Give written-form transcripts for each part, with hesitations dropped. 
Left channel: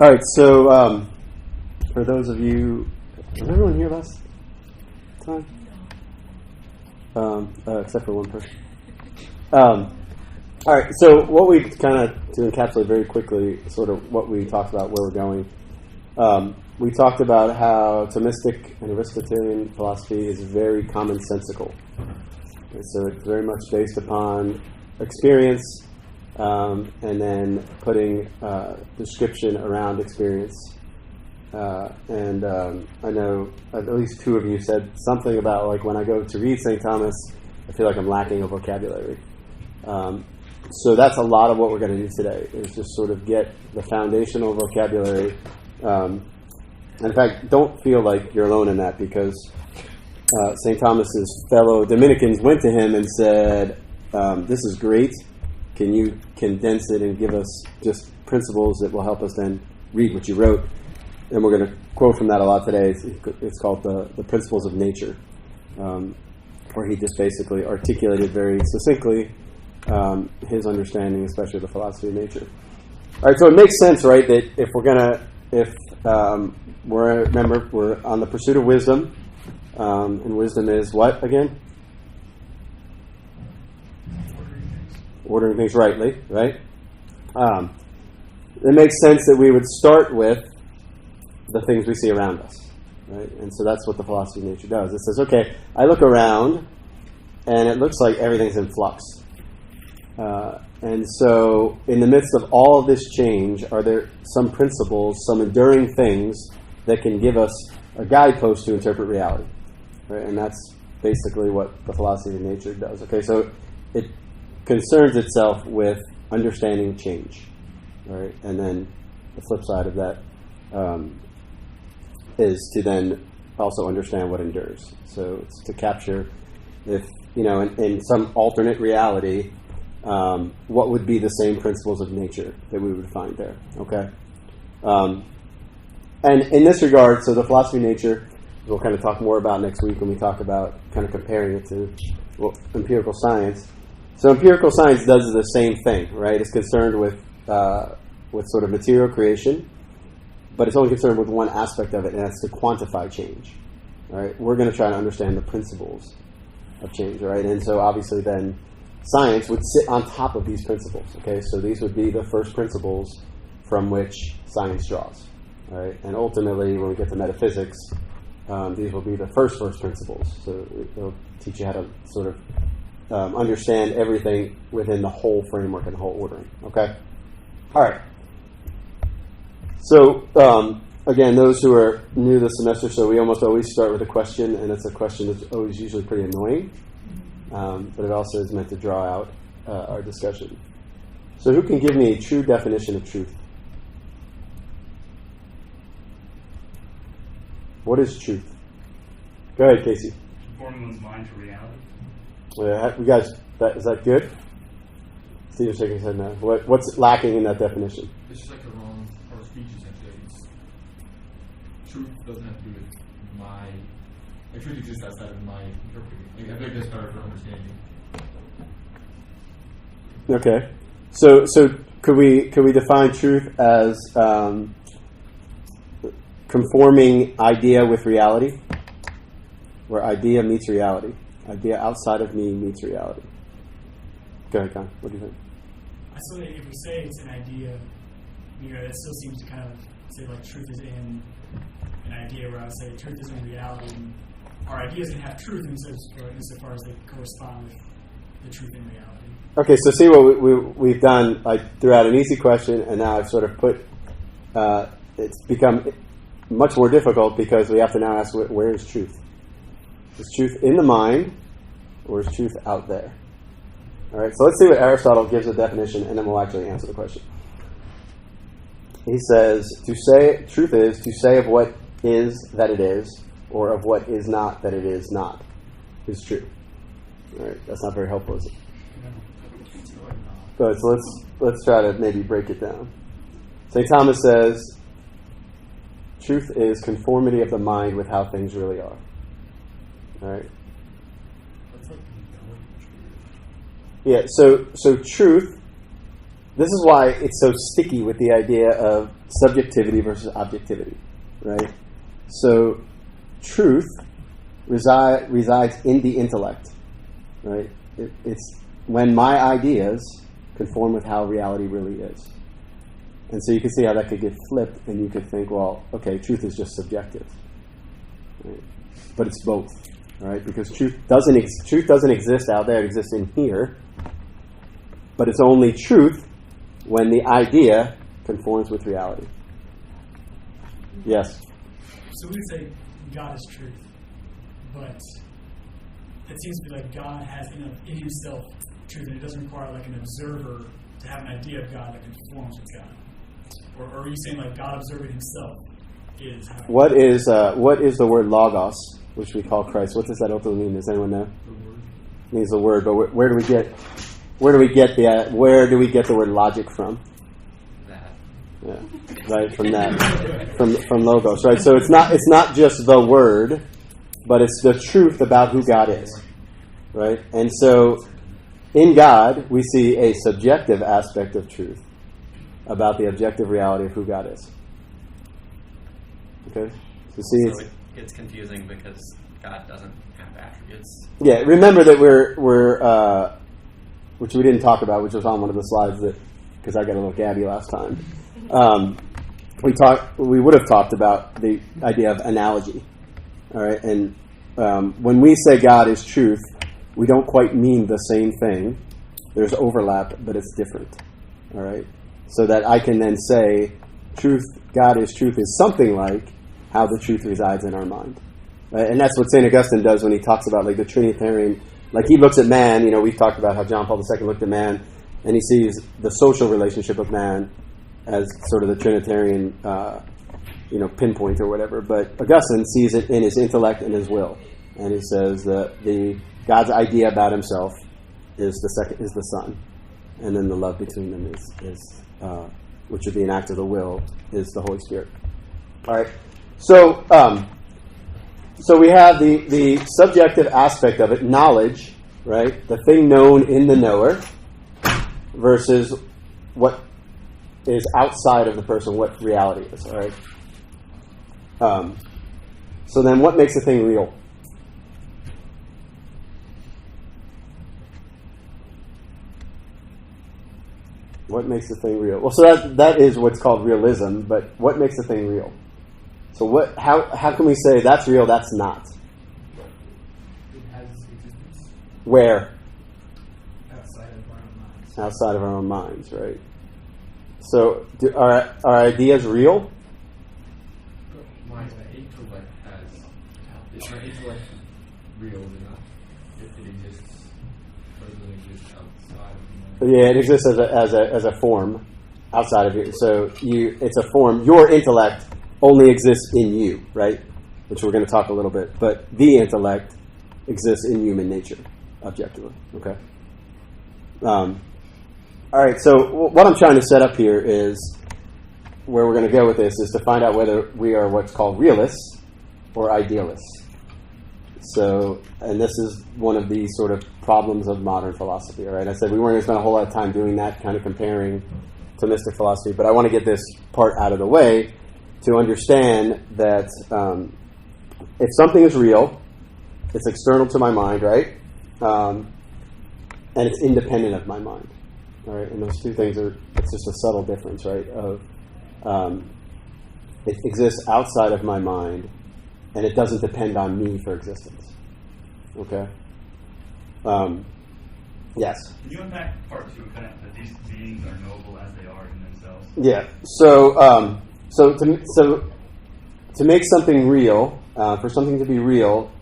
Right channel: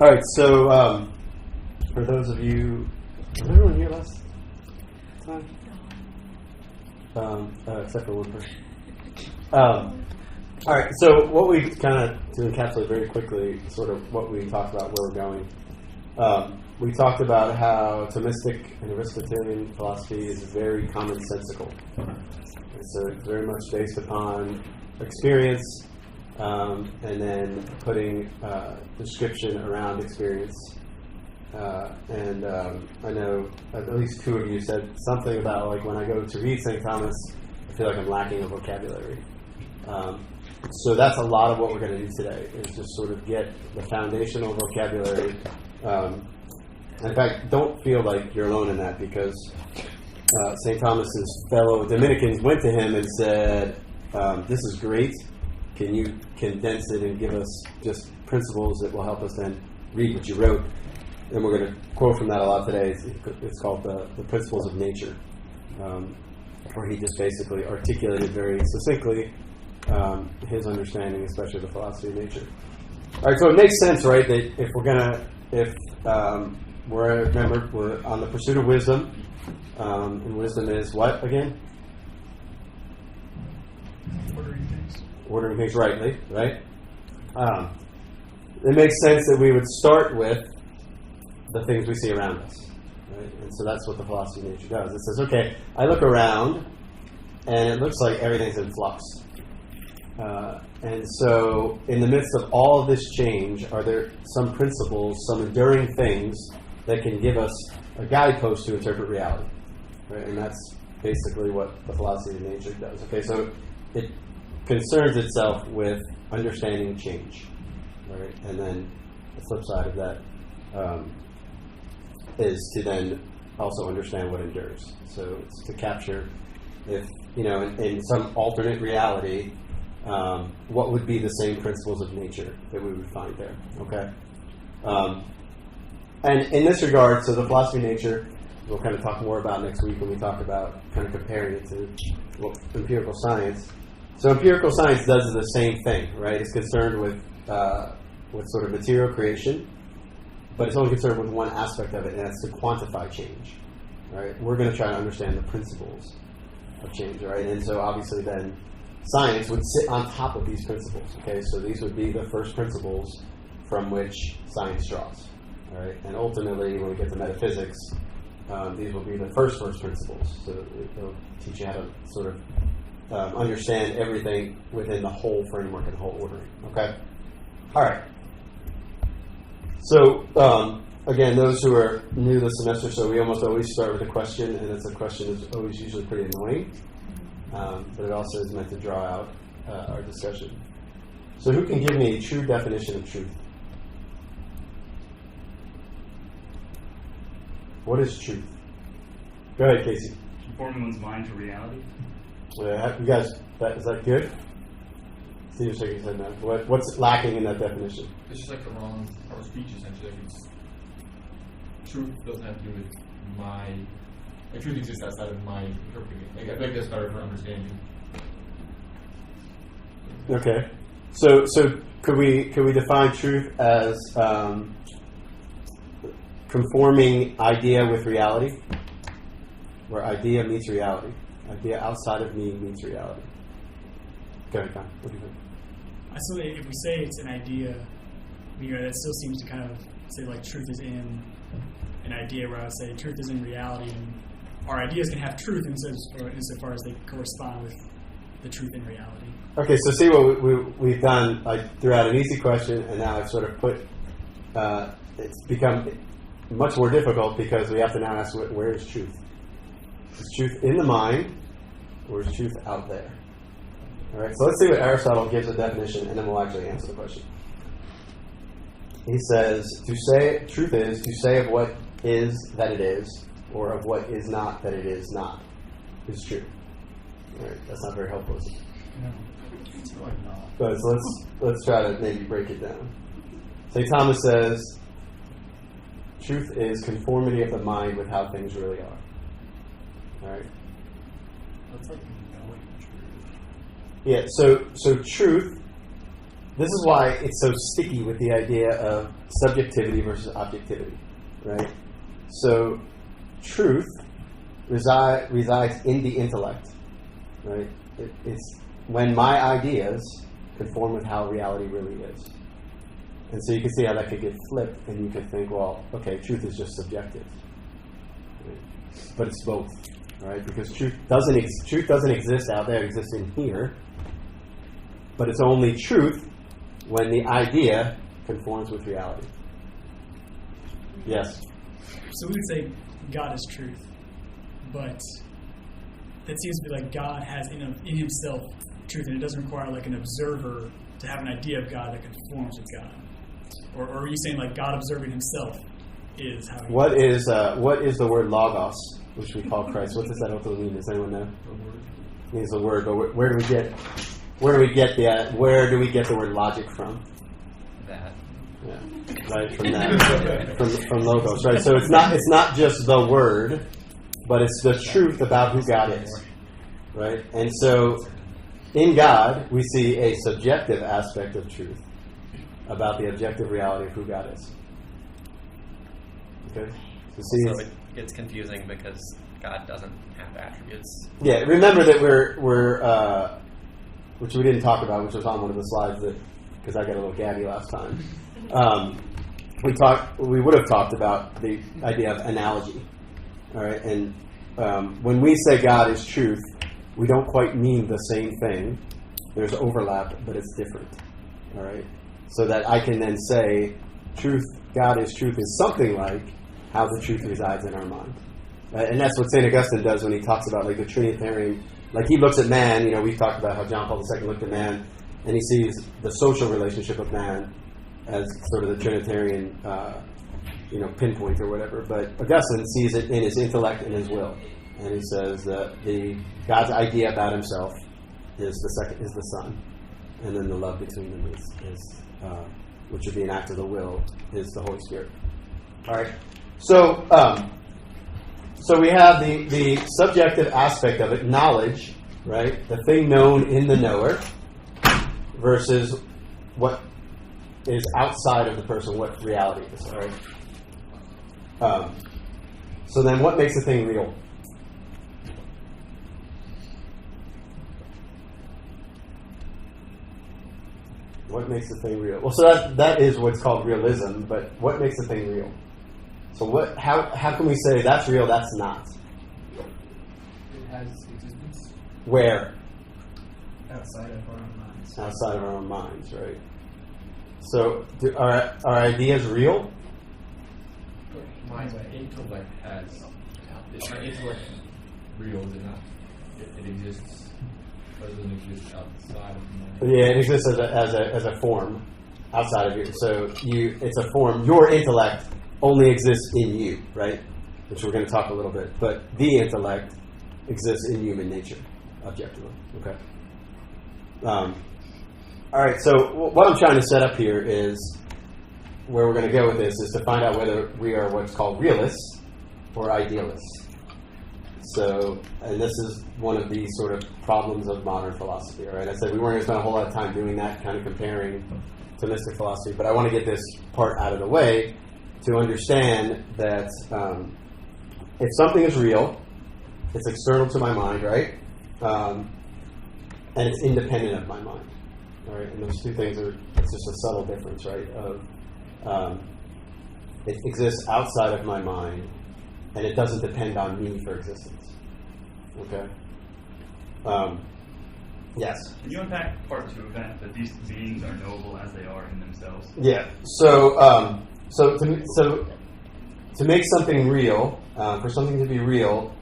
All right, so for those of you, was everyone here last time? Except for one person. All right, so what we kind of, to encapsulate very quickly, sort of what we talked about, where we're going. We talked about how Thomistic and Aristotelian philosophy is very commonsensical. Okay, so it's very much based upon experience, and then putting description around experience. And I know at least two of you said something about, like, when I go to read St. Thomas, I feel like I'm lacking a vocabulary. So that's a lot of what we're going to do today, is just sort of get the foundational vocabulary. In fact, don't feel like you're alone in that, because St. Thomas's fellow Dominicans went to him and said, this is great. Can you condense it and give us just principles that will help us then read what you wrote? And we're going to quote from that a lot today. It's called the Principles of Nature, where he just basically articulated very succinctly his understanding, especially of the philosophy of nature. All right, so it makes sense, right, that if we're going to, remember, we're on the pursuit of wisdom, and wisdom is what, again? Ordering things rightly, right? It makes sense that we would start with the things we see around us, right? And so that's what the philosophy of nature does. It says, okay, I look around, and it looks like everything's in flux. And so in the midst of all of this change, are there some principles, some enduring things that can give us a guidepost to interpret reality? Right? And that's basically what the philosophy of nature does. Okay, so it concerns itself with understanding change. Right? And then the flip side of that is to then also understand what endures. So it's to capture, if, in some alternate reality, what would be the same principles of nature that we would find there. Okay? And in this regard, so the philosophy of nature, we'll kind of talk more about next week when we talk about kind of comparing it to empirical science. So empirical science does the same thing, right? It's concerned with sort of material creation, but it's only concerned with one aspect of it, and that's to quantify change. Right? We're going to try to understand the principles of change, right? And so obviously then science would sit on top of these principles. Okay, so these would be the first principles from which science draws. All right, and ultimately, when we get to metaphysics, these will be the first principles. So it'll teach you how to sort of understand everything within the whole framework and the whole ordering. Okay, all right. So again, those who are new this semester, so we almost always start with a question, and it's a question that's always usually pretty annoying. But it also is meant to draw out our discussion. So who can give me a true definition of truth? What is truth? Go ahead, Casey. Conforming one's mind to reality. You guys, is that good? Steve shaking his head now. What's lacking in that definition? It's just like the wrong part of speech, essentially. Truth doesn't have to do with my... Like, truth exists outside of my interpretation. Like, I think that's better for understanding. Okay, so could we define truth as conforming idea with reality, where idea meets reality, idea outside of me meets reality? Go ahead, Con. What do you think? So if we say it's an idea, that still seems to kind of say like truth is in an idea, where I would say truth is in reality. And our ideas can have truth insofar as they correspond with the truth in reality. Okay, so see what we've done. I threw out an easy question, and now I've sort of put, it's become much more difficult because we have to now ask, where is truth? Is truth in the mind, or is truth out there? All right, so let's see what Aristotle gives a definition, and then we'll actually answer the question. He says, truth is to say of what is that it is, or of what is not that it is not, is true. All right, that's not very helpful, is it? No. Good, so let's try to maybe break it down. St. Thomas says, truth is conformity of the mind with how things really are. All right. Yeah. So truth this is why it's so sticky with the idea of subjectivity versus objectivity, right? So truth resides in the intellect, right? It's when my ideas conform with how reality really is. And so you can see how that could get flipped, and you could think, well, okay, truth is just subjective. Right? But it's both, right? Because truth doesn't exist out there, it exists in here. But it's only truth when the idea conforms with reality. Yes? So we would say God is truth, but it seems to be like God has in himself truth, and it doesn't require like an observer to have an idea of God that conforms with God. Or are you saying like God observing himself is how? What is the word logos, which we call Christ? What does that ultimately mean? Does anyone know? It means the word, but where do we get the word logic from? That. Yeah, right, from that, from logos, right? So it's not just the word, but it's the truth about who God is, right? And so in God, we see a subjective aspect of truth about the objective reality of who God is. Okay? So it gets confusing because God doesn't have attributes. Yeah, remember that we're which we didn't talk about, which was on one of the slides because I got a little gabby last time. We would have talked about the idea of analogy. All right, and when we say God is truth, we don't quite mean the same thing. There's overlap, but it's different. All right, so that I can then say, God is truth is something like how the truth resides in our mind. Right? And that's what St. Augustine does when he talks about like the Trinitarian. Like he looks at man, we've talked about how John Paul II looked at man, and he sees the social relationship of man as sort of the Trinitarian, pinpoint or whatever. But Augustine sees it in his intellect and his will, and he says that God's idea about himself is the Son, and then the love between them is which would be an act of the will, is the Holy Spirit. All right, so we have the subjective aspect of it, knowledge, right? The thing known in the knower versus what is outside of the person, what reality is, all right? So then what makes a thing real? What makes a thing real? Well, so that is what's called realism, but what makes a thing real? So how can we say that's real, that's not? It has existence. Where? Outside of our own minds. Outside of our own minds, right? So are ideas real? My intellect is my intellect real enough? It exists, but it doesn't exist outside of my. Yeah, it exists as a form outside of you. So it's a form. Your intellect only exists in you, right? Which we're going to talk a little bit. But the intellect exists in human nature, objectively. Okay. All right. So what I'm trying to set up here is where we're going to go with this is to find out whether we are what's called realists or idealists. So, and this is one of the sort of problems of modern philosophy. All right. I said we weren't going to spend a whole lot of time doing that, kind of comparing to mystic philosophy, but I want to get this part out of the way to understand that if something is real, it's external to my mind, right? And it's independent of my mind, all right? And those two things it's just a subtle difference, right? Of it exists outside of my mind, and it doesn't depend on me for existence, okay? Yes? Can you unpack part two, kind of that these beings are knowable as they are in themselves? Yeah. So to make something real, for something to be real,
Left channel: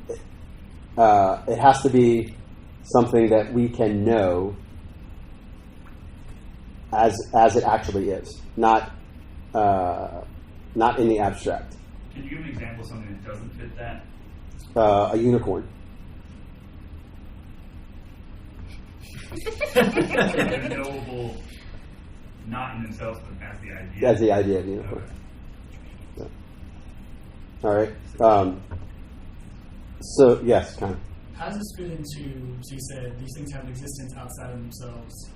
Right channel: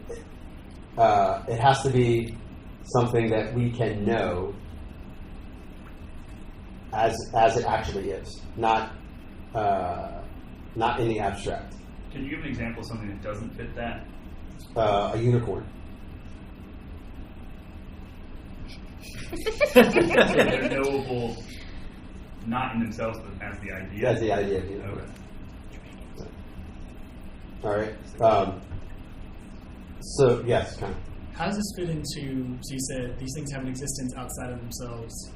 it has to be something that we can know as it actually is, not in the abstract. Can you give an example of something that doesn't fit that? A unicorn. They're knowable, not in themselves, but as the idea. That's the idea of the unicorn. Okay. All right. So yes, kind of. How does this fit into? So you said these things have an existence outside of themselves.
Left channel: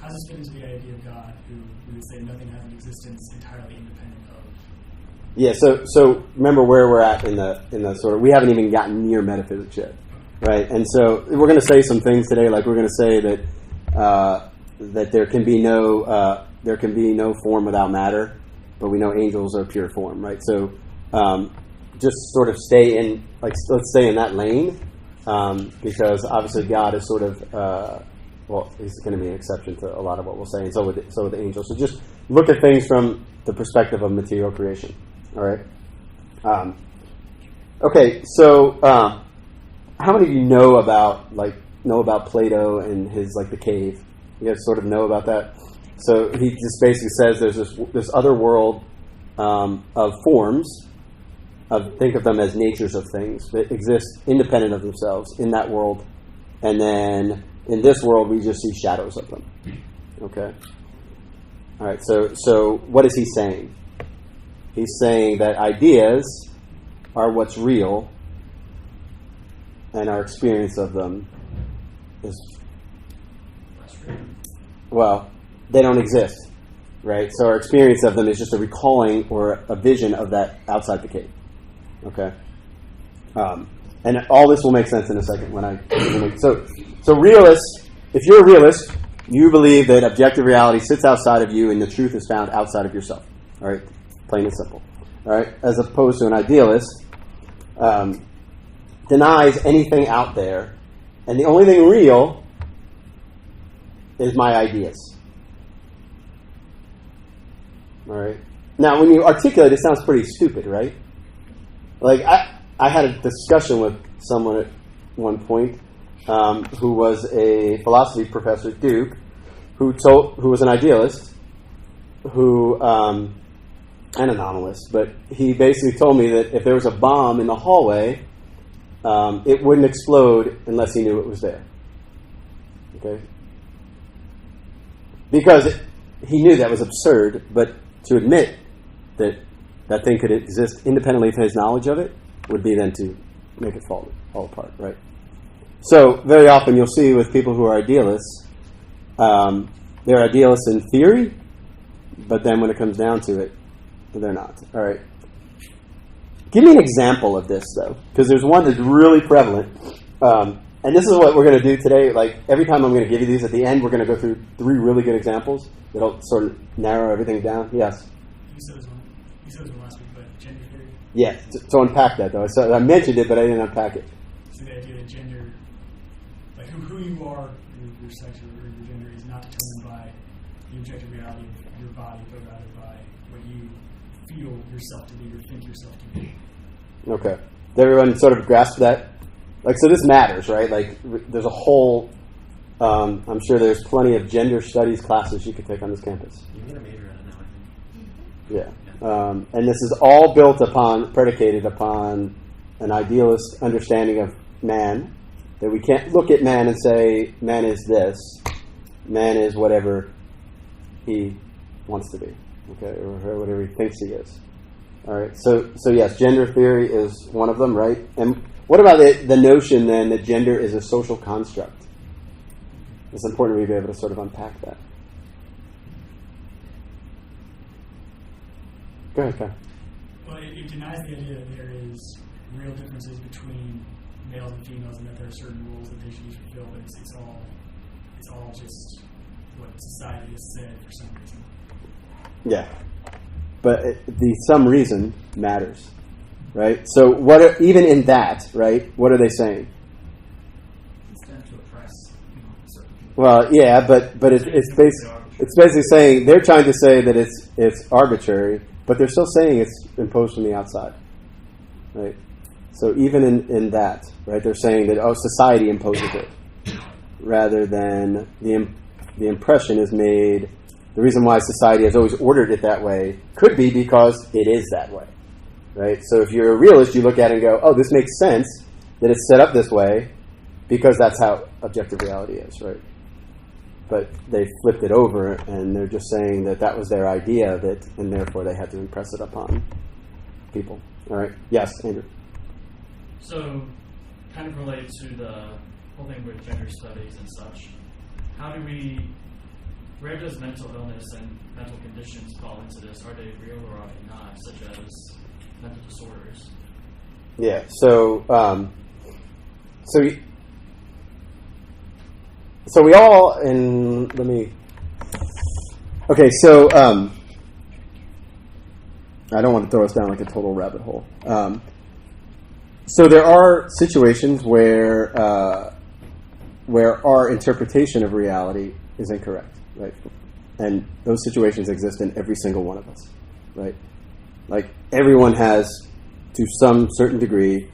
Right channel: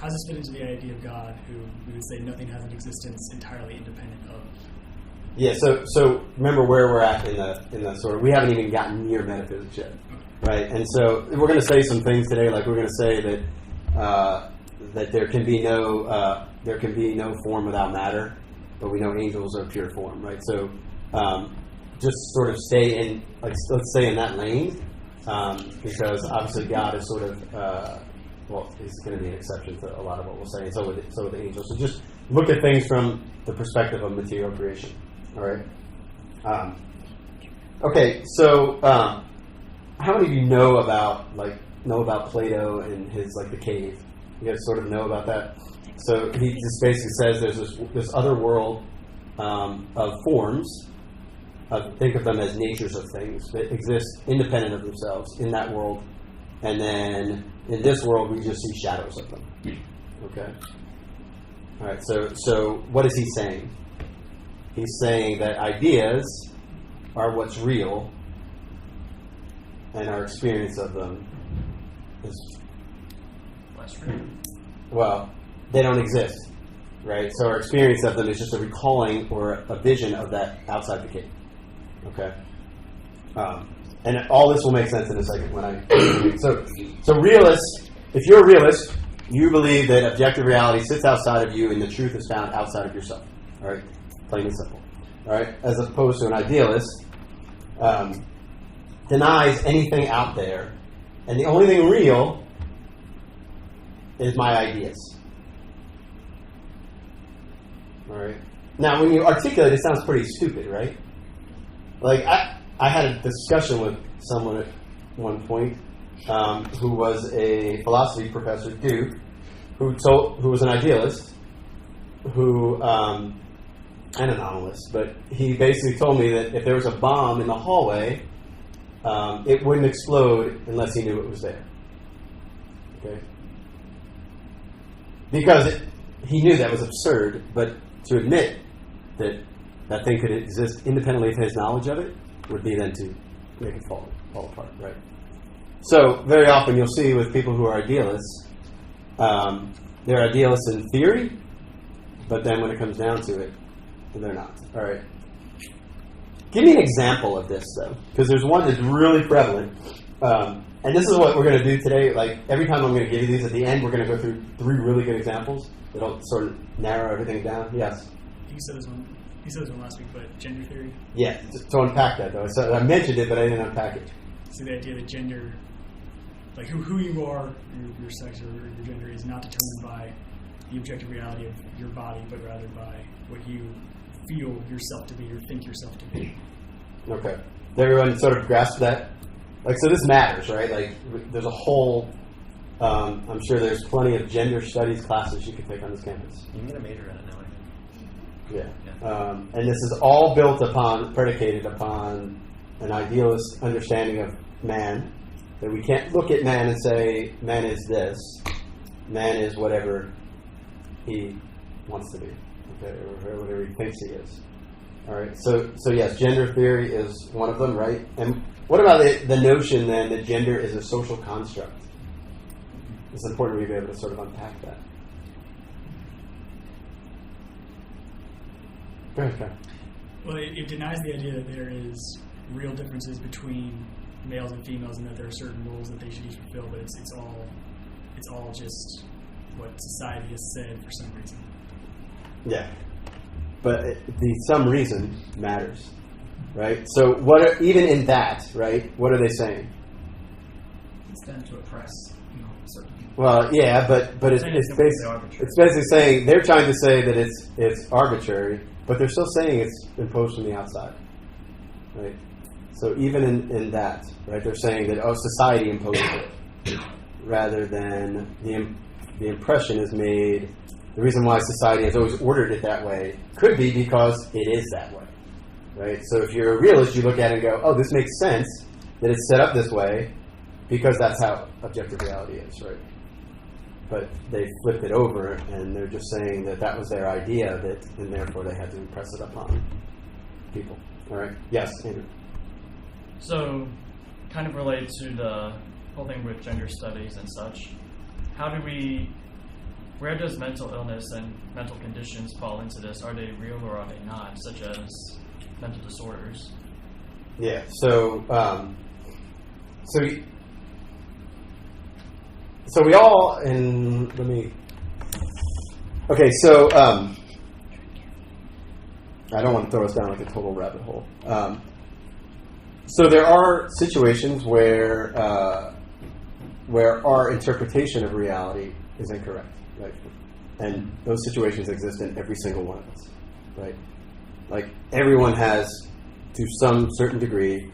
how does this fit into the idea of God, who we would say nothing has an existence entirely independent of? Yeah. So remember where we're at in the sort of, we haven't even gotten near metaphysics yet, right? And so we're going to say some things today, like we're going to say that there can be no form without matter, but we know angels are pure form, right? So just sort of stay in, like, let's stay in that lane, because obviously God is sort of he's going to be an exception to a lot of what we'll say, and so with the angels. So just look at things from the perspective of material creation. All right. Okay. So how many of you know about Plato and his, like, the cave? You guys sort of know about that. So he just basically says there's this other world of forms. Think of them as natures of things that exist independent of themselves in that world, and then in this world we just see shadows of them. Okay. All right. So what is he saying? He's saying that ideas are what's real, and our experience of them is, well, they don't exist, right? So our experience of them is just a recalling or a vision of that outside the cave. Okay, and all this will make sense in a second when I. So realists, if you're a realist, you believe that objective reality sits outside of you and the truth is found outside of yourself. All right, plain and simple. All right, as opposed to an idealist, denies anything out there, and the only thing real is my ideas. All right. Now, when you articulate, it sounds pretty stupid, right? Like, I had a discussion with someone at one point who was a philosophy professor at Duke, who was an idealist, an anomalist, but he basically told me that if there was a bomb in the hallway, it wouldn't explode unless he knew it was there. Okay? Because he knew that was absurd, but to admit that that thing could exist independently of his knowledge of it would be then to make it fall apart, right? So very often you'll see with people who are idealists, they're idealists in theory, but then when it comes down to it, they're not. All right. Give me an example of this, though, because there's one that's really prevalent. And this is what we're going to do today. Like, every time I'm going to give you these, at the end, we're going to go through 3 really good examples that'll sort of narrow everything down. Yes? You said this one last week, but gender theory? Yeah, to unpack that, though. So I mentioned it, but I didn't unpack it. So the idea that gender, like who you are, your sex or your gender, is not determined by the objective reality of your body, but rather by what you feel yourself to be or think yourself to be. Okay. Does everyone sort of grasp that? Like, so this matters, right? Like, there's a whole, I'm sure there's plenty of gender studies classes you could take on this campus. You can get a major in it now, I think. Yeah. And this is all predicated upon an idealist understanding of man, that we can't look at man and say, man is this, man is whatever he wants to be, okay, or whatever he thinks he is. All right, so yes, gender theory is one of them, right? And what about the notion, then, that gender is a social construct? It's important we be able to sort of unpack that. Go ahead, Kyle. Well, it denies the idea that there is real differences between males and females and that there are certain roles that they should each fulfill, but it's all just what society has said for some reason. Yeah. But the some reason matters, right? So even in that, right, what are they saying? It's done to oppress, certain people. Well, yeah, but it's basically saying, they're trying to say that it's arbitrary, but they're still saying it's imposed from the outside, right? So even in that, right, they're saying that, society imposes it, rather than the impression is made. The reason why society has always ordered it that way could be because it is that way, right? So if you're a realist, you look at it and go, this makes sense that it's set up this way because that's how objective reality is, right? But they flipped it over, and they're just saying that was their idea, and therefore they had to impress it upon people. All right? Yes, Andrew. So, kind of related to the whole thing with gender studies and such, how do we where does mental illness and mental conditions fall into this? Are they real or are they not, such as mental disorders? Yeah. So we all Okay. So I don't want to throw us down like a total rabbit hole. So there are situations where our interpretation of reality is incorrect, right? And those situations exist in every single one of us, right? Like everyone has, to some certain degree,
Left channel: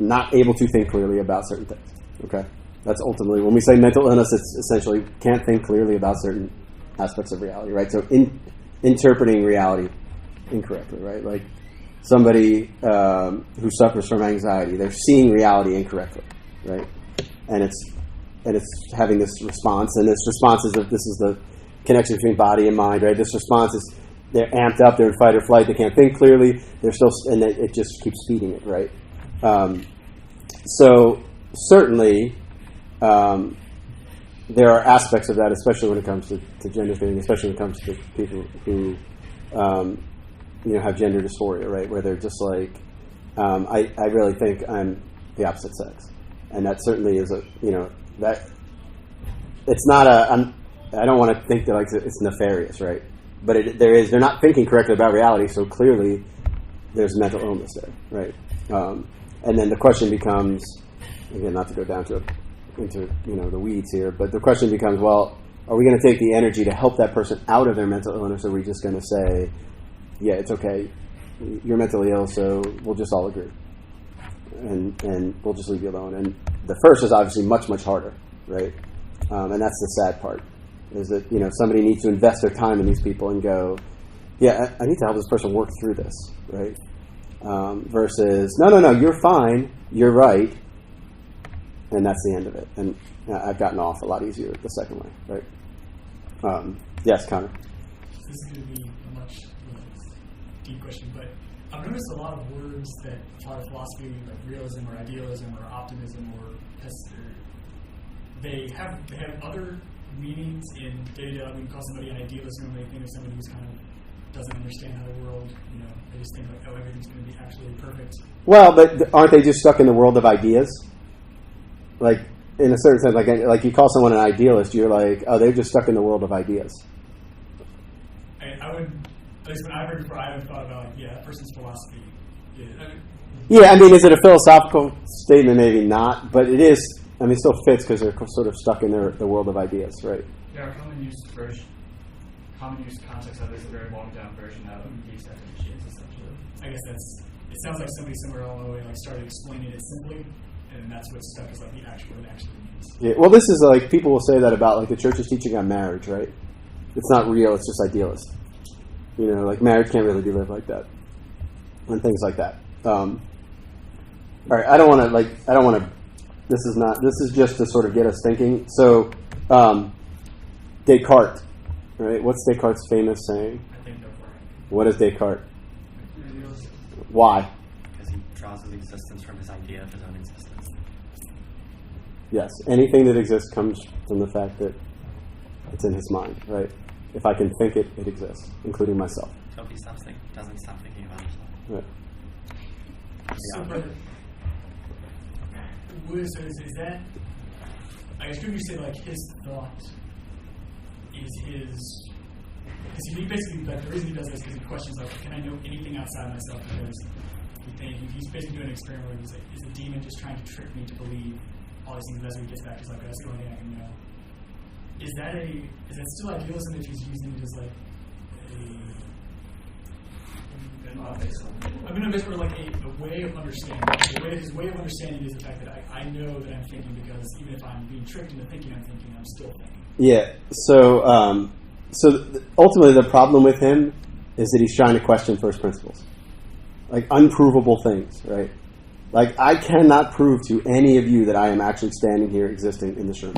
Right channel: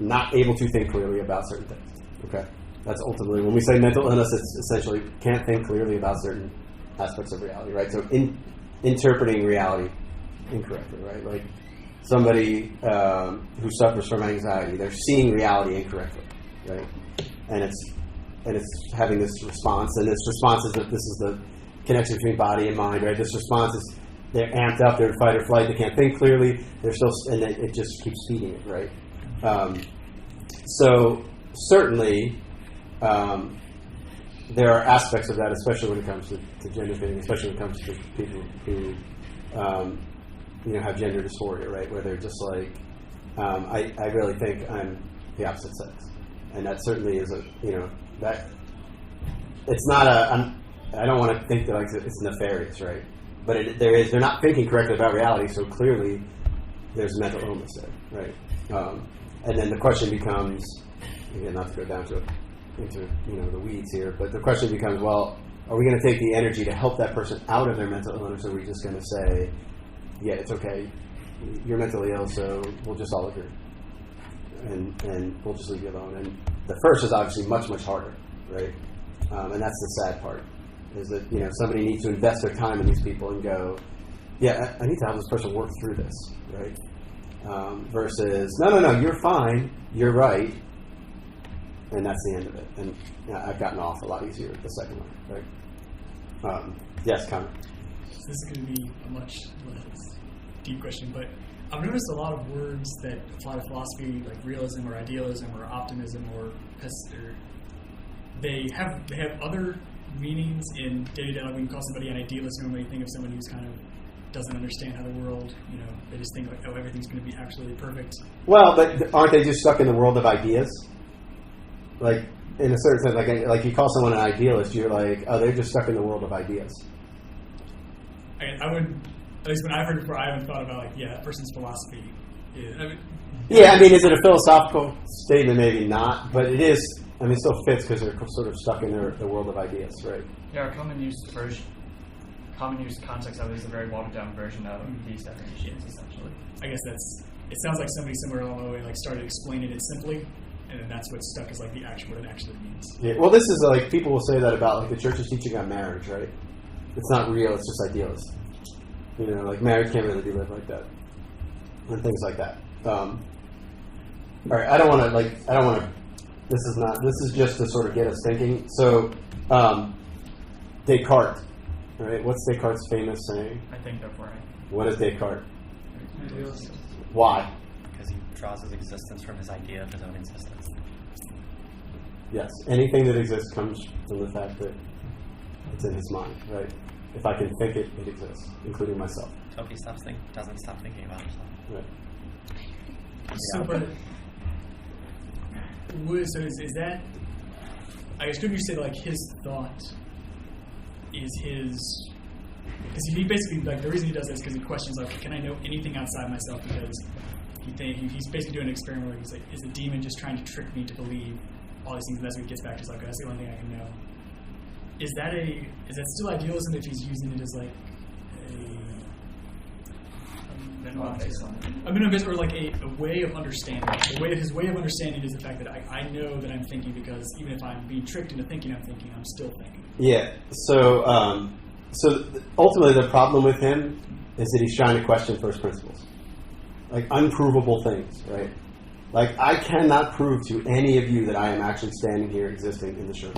not able to think clearly about certain things. Okay, that's ultimately when we say mental illness, it's essentially can't think clearly about certain aspects of reality, right? So interpreting reality incorrectly, right? Like somebody who suffers from anxiety, they're seeing reality incorrectly, right? And it's having this response, and this response is that this is the connection between body and mind, right? This response is they're amped up, they're in fight or flight, they can't think clearly, they're still, and it just keeps feeding it, right? So certainly there are aspects of that, especially when it comes to gender theory, especially when it comes to people who have gender dysphoria, right? Where they're just like, I really think I'm the opposite sex, and that certainly is that it's not I don't want to think that like it's nefarious, right? But they're not thinking correctly about reality, so clearly there's mental illness there, right? And then the question becomes, again, not to go down into the weeds here, but the question becomes, well, are we going to take the energy to help that person out of their mental illness, or are we just going to say, yeah, it's okay, you're mentally ill, so we'll just all agree, and we'll just leave you alone? And the first is obviously much, much harder, right? And that's the sad part, is that somebody needs to invest their time in these people and go, yeah, I need to help this person work through this, right? Versus, no, you're fine, you're right, and that's the end of it. And I've gotten off a lot easier the second way, right? Yes, Connor. This is going to be a much less deep question, but I've noticed a lot of words that apply to philosophy, like realism or idealism or optimism or they have other meanings in day-to-day. Like when you call somebody an idealist, normally think of somebody who's kind of doesn't understand how the world, they just think like, oh, everything's going to be absolutely perfect. Well, but aren't they just stuck in the world of ideas? Like, in a certain sense, like you call someone an idealist, you're like, oh, they're just stuck in the world of ideas. I would, at least when I've heard it before, I haven't thought about, like, yeah, that person's philosophy is, is it a philosophical statement? Maybe not, but it is. I mean, it still fits because they're sort of stuck in the world of ideas, right? Yeah, our common use context of it is a very watered down version of these definitions, essentially. I guess it sounds like somebody somewhere along the way started explaining it simply, and then that's what's stuck as like the actual what it actually means. Yeah, well, this is like people will say that about like the church's teaching on marriage, right? It's not real; it's just idealist. Like marriage can't really be lived like that, and things like that. All right, I don't want to. This is just to sort of get us thinking. So, Descartes, right? What's Descartes' famous saying? I think that's right. What is Descartes? Why? Because he draws his existence from his idea of his own existence. Yes, anything that exists comes from the fact that it's in his mind, right? If I can think it, it exists, including myself. So if he doesn't stop thinking about himself. Right. So is that, I guess, couldn't you say like his thought is his, because he basically, like the reason he does this is because he questions like, can I know anything outside myself? Because he's basically doing an experiment where he's like, is a demon just trying to trick me to believe all these things? And that's when he gets back to his like, that's the only thing I can know. Is that still idealism if he's using it as like or like a way of understanding. His way of understanding is the fact that I know that I'm thinking because even if I'm being tricked into thinking I'm thinking, I'm still thinking. Yeah. So ultimately the problem with him is that he's trying to question first principles, like unprovable things, right? Like I cannot prove to any of you that I am actually standing here existing in this room,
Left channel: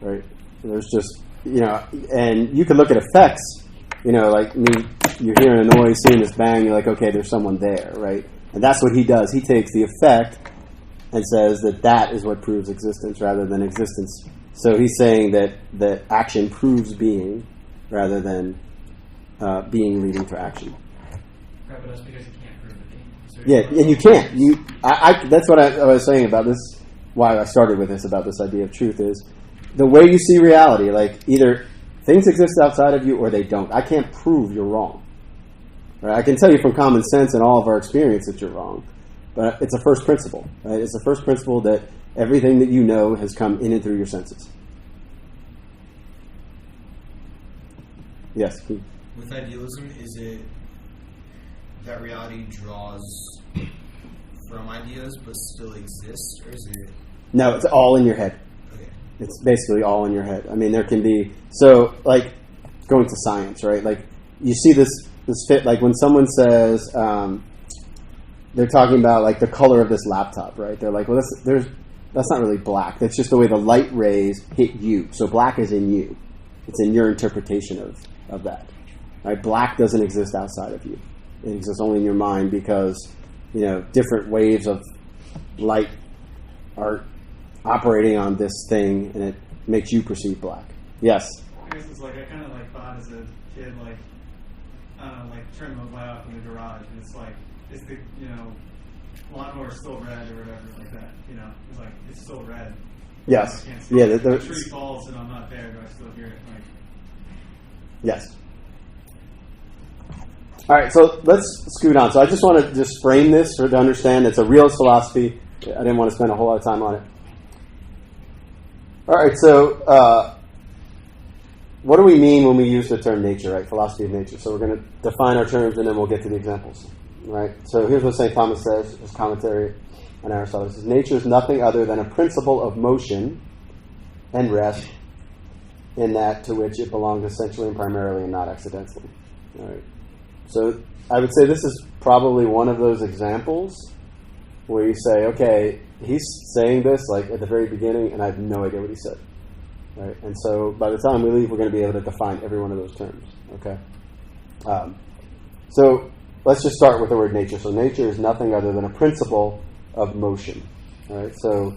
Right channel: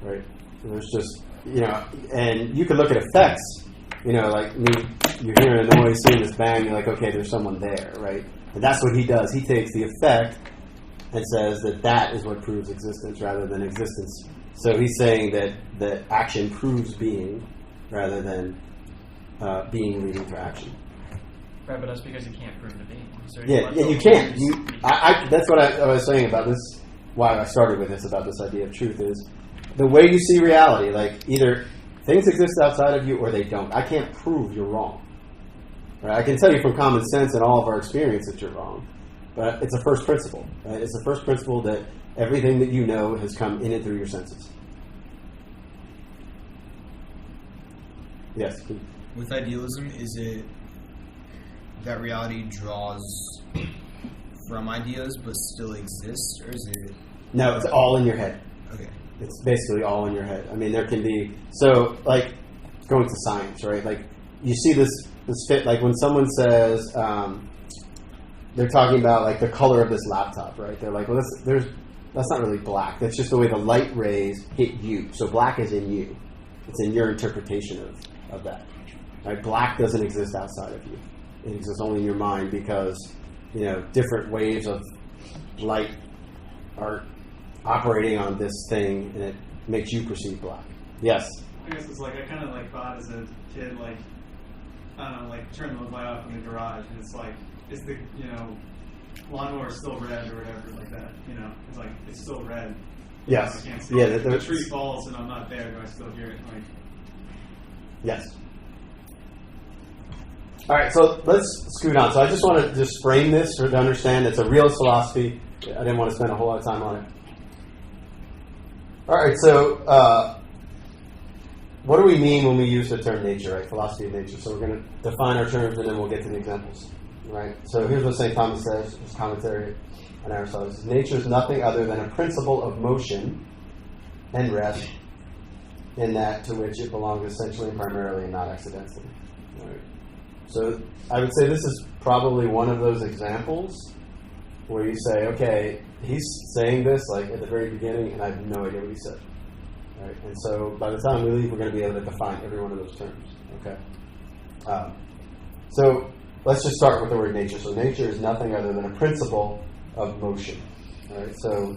right? There's just and you can look at effects. Like me, you're hearing a noise, seeing this bang, you're like, okay, there's someone there, right? And that's what he does. He takes the effect and says that is what proves existence rather than existence So he's saying that action proves being rather than being leading to action. Right, but that's because you can't prove the being. So Yeah, and you can't. That's what I was saying about this, why I started with this, about this idea of truth, is the way you see reality, like either things exist outside of you or they don't. I can't prove you're wrong. Right? I can tell you from common sense and all of our experience that you're wrong, but it's a first principle. Right? It's the first principle that everything that you know has come in and through your senses. Yes, Pete. With idealism, is it that reality draws from ideas but still exists, or is it... No, it's all in your head. Okay. It's basically all in your head. I mean, there can be... So, like, going to science, right? Like, you see this fit, like when someone says, they're talking about, like, the color of this laptop, right? They're like, well, that's not really black. That's just the way the light rays hit you. So black is in you. It's in your interpretation of that. Right? Black doesn't exist outside of you. It exists only in your mind because, different waves of light are operating on this thing, and it makes you perceive black. Yes? I guess it's like, I kind of like thought as a kid, like, I don't know, like turn the light off in the garage, and it's like, is the, lawnmower still red or whatever, like that, it's like, it's still red. Yes. I can't see Yeah. it. The tree falls and I'm not there, do I still hear it? Like, yes. All right, so let's scoot on. So I just want to just frame this to understand it's a realist philosophy. I didn't want to spend a whole lot of time on it. All right, so what do we mean when we use the term nature, right? Philosophy of nature. So we're going to define our terms and then we'll get to the examples, right? So here's what St. Thomas says, his commentary on Aristotle. It says, nature is nothing other than a principle of motion and rest in that to which it belongs essentially and primarily and not accidentally. All right. So I would say this is probably one of those examples where you say, okay, he's saying this like at the very beginning and I have no idea what he said. Right? And so by the time we leave, we're going to be able to define every one of those terms. Okay. So let's just start with the word nature. So nature is nothing other than a principle of motion. All right. So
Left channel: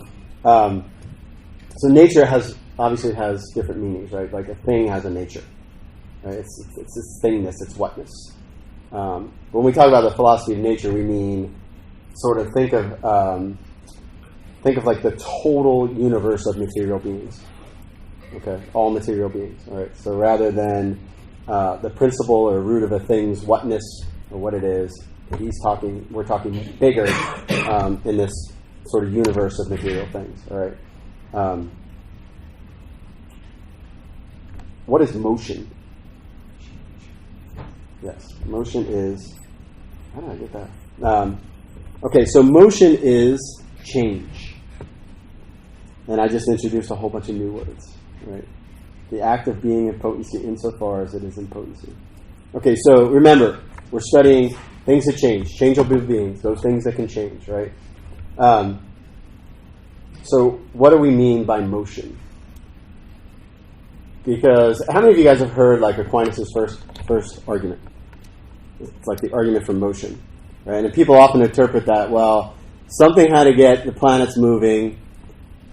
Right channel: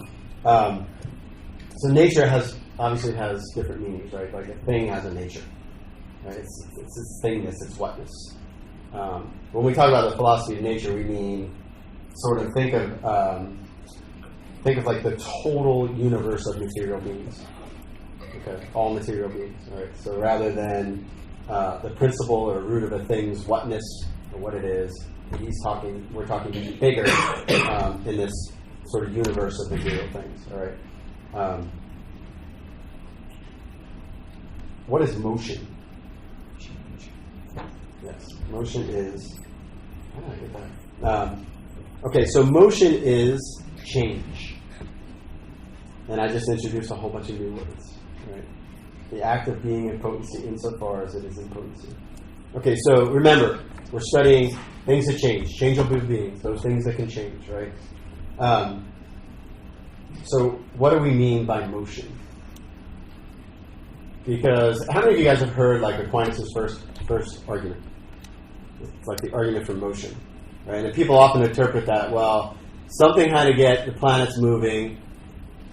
nature obviously has different meanings, right? Like a thing has a nature. Right? It's its thingness, its whatness. When we talk about the philosophy of nature, we mean sort of think of like the total universe of material beings. Okay, all material beings. All right. So rather than the principle or root of a thing's whatness or what it is, we're talking bigger in this sort of universe of material things. All right. What is motion? Yes, motion is... How did I get that? Okay, so motion is change. And I just introduced a whole bunch of new words. Right? The act of being in potency insofar as it is in potency. Okay, so remember, we're studying things that change. Changeable beings, those things that can change, right? So what do we mean by motion? Because how many of you guys have heard like Aquinas' first argument? It's like the argument for motion, right? And people often interpret that, well, something had to get the planets moving,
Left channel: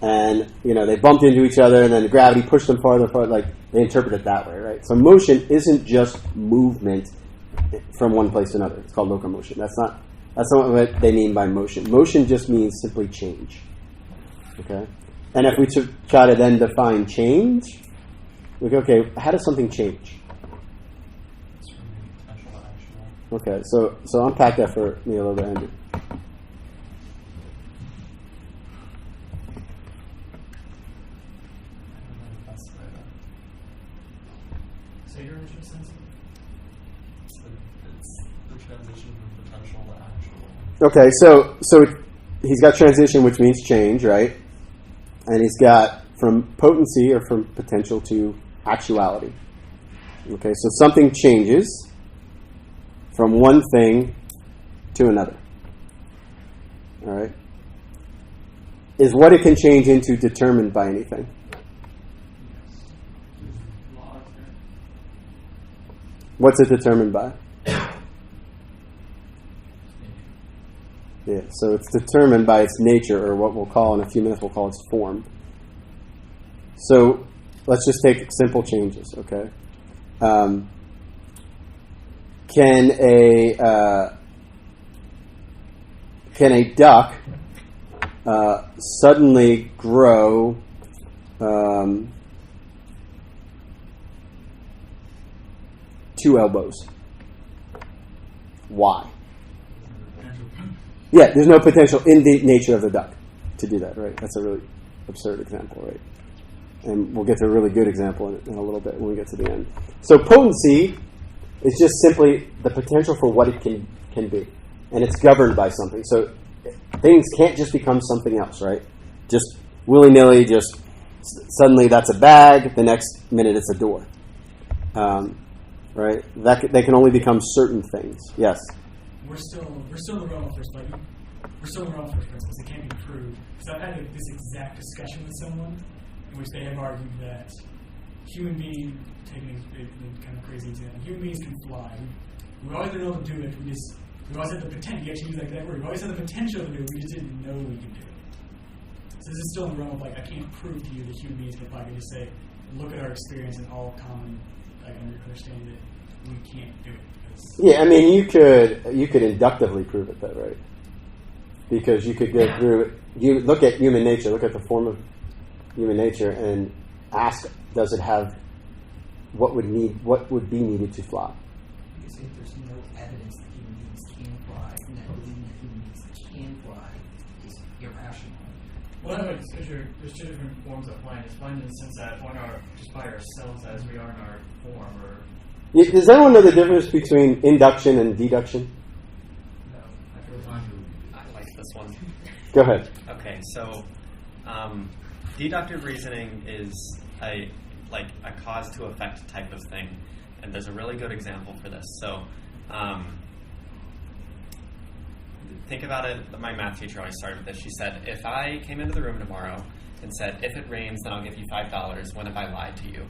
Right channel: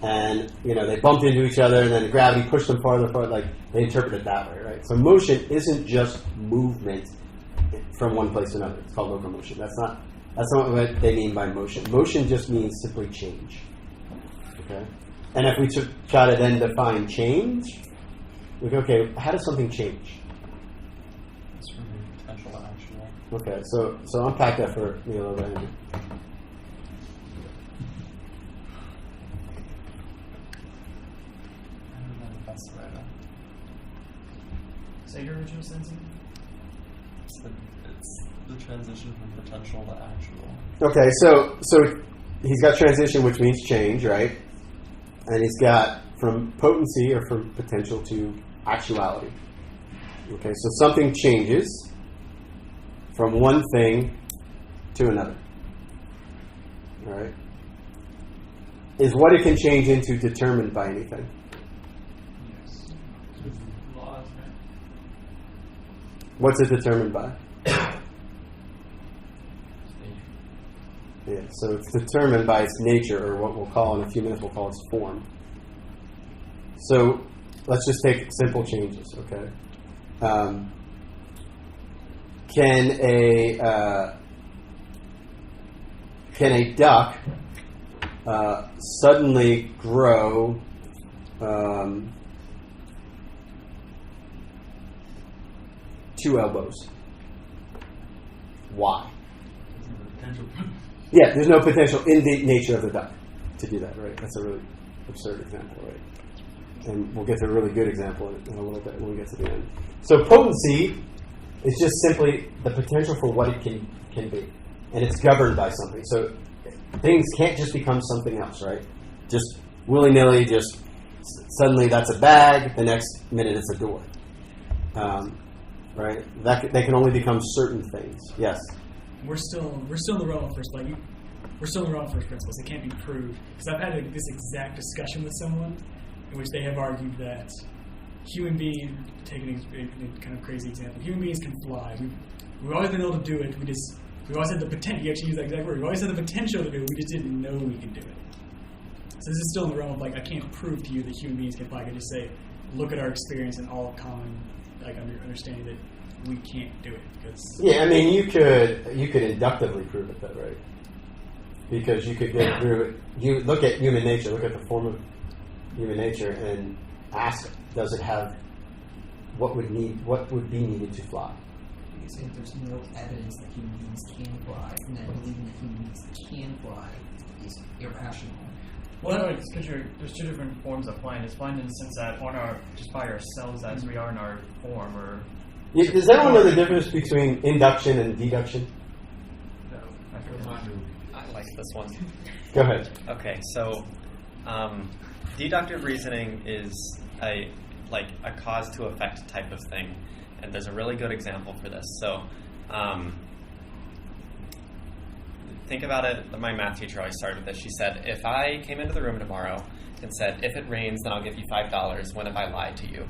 and they bumped into each other, and then gravity pushed them farther. Like they interpret it that way, right? So motion isn't just movement from one place to another. It's called locomotion. That's not what they mean by motion. Motion just means simply change. Okay, and if we try to then define change, we go, okay, how does something change? It's from potential to actual. Okay, so unpack that for me a little bit, Andrew. I don't know the best way to... Say your original sentence. It's the transition from potential to actual. Okay, so he's got transition, which means change, right? And he's got from potency or from potential to actuality. Okay, so something changes from one thing to another. All right? Is what it can change into determined by anything? yes. Laws, right? What's it determined by? Yeah, so it's determined by its nature, or what we'll call in a few minutes, we'll call its form. So let's just take simple changes, okay? Can a duck suddenly grow 2 elbows? Why? Yeah, there's no potential in the nature of the duck to do that, right? That's a really absurd example, right? And we'll get to a really good example in a little bit when we get to the end. So potency is just simply the potential for what it can be. And it's governed by something. So things can't just become something else, right? Just willy-nilly, just suddenly that's a bag, the next minute it's a door. Right? They can only become certain things. Yes? We're still in the realm of first, like, we're still in the realm of first principles. It can't be proved. Because I've had this exact discussion with someone in which they have argued that human beings, taking a kind of crazy example, human beings can fly. We've always been able to do it. We always had the potential. You actually use that exact word. We always had the potential to do it. We just didn't know we could do it. So this is still in the realm of, like, I can't prove to you that human beings can fly. I can just say, look at our experience and all common, like, understanding that we can't do it. Yeah, I mean, you could inductively prove it, though, right? Because you could go through it. You look at human nature, look at the form of human nature, and ask, does it have what would be needed to fly? You say there's no evidence that human beings can fly, and that believing that human beings can fly is irrational. Well, no, it's because there's 2 different forms of flying. It's flying in the sense that we're just by ourselves as we are in our form, or... Does anyone know the difference between induction and deduction? No. I like this one. Go ahead. Okay, so deductive reasoning is a cause to effect type of thing, and there's a really good example for this. So think about it. My math teacher always started with this. She said, if I came into the room tomorrow and said, if it rains, then I'll give you $5, when have I lied to you?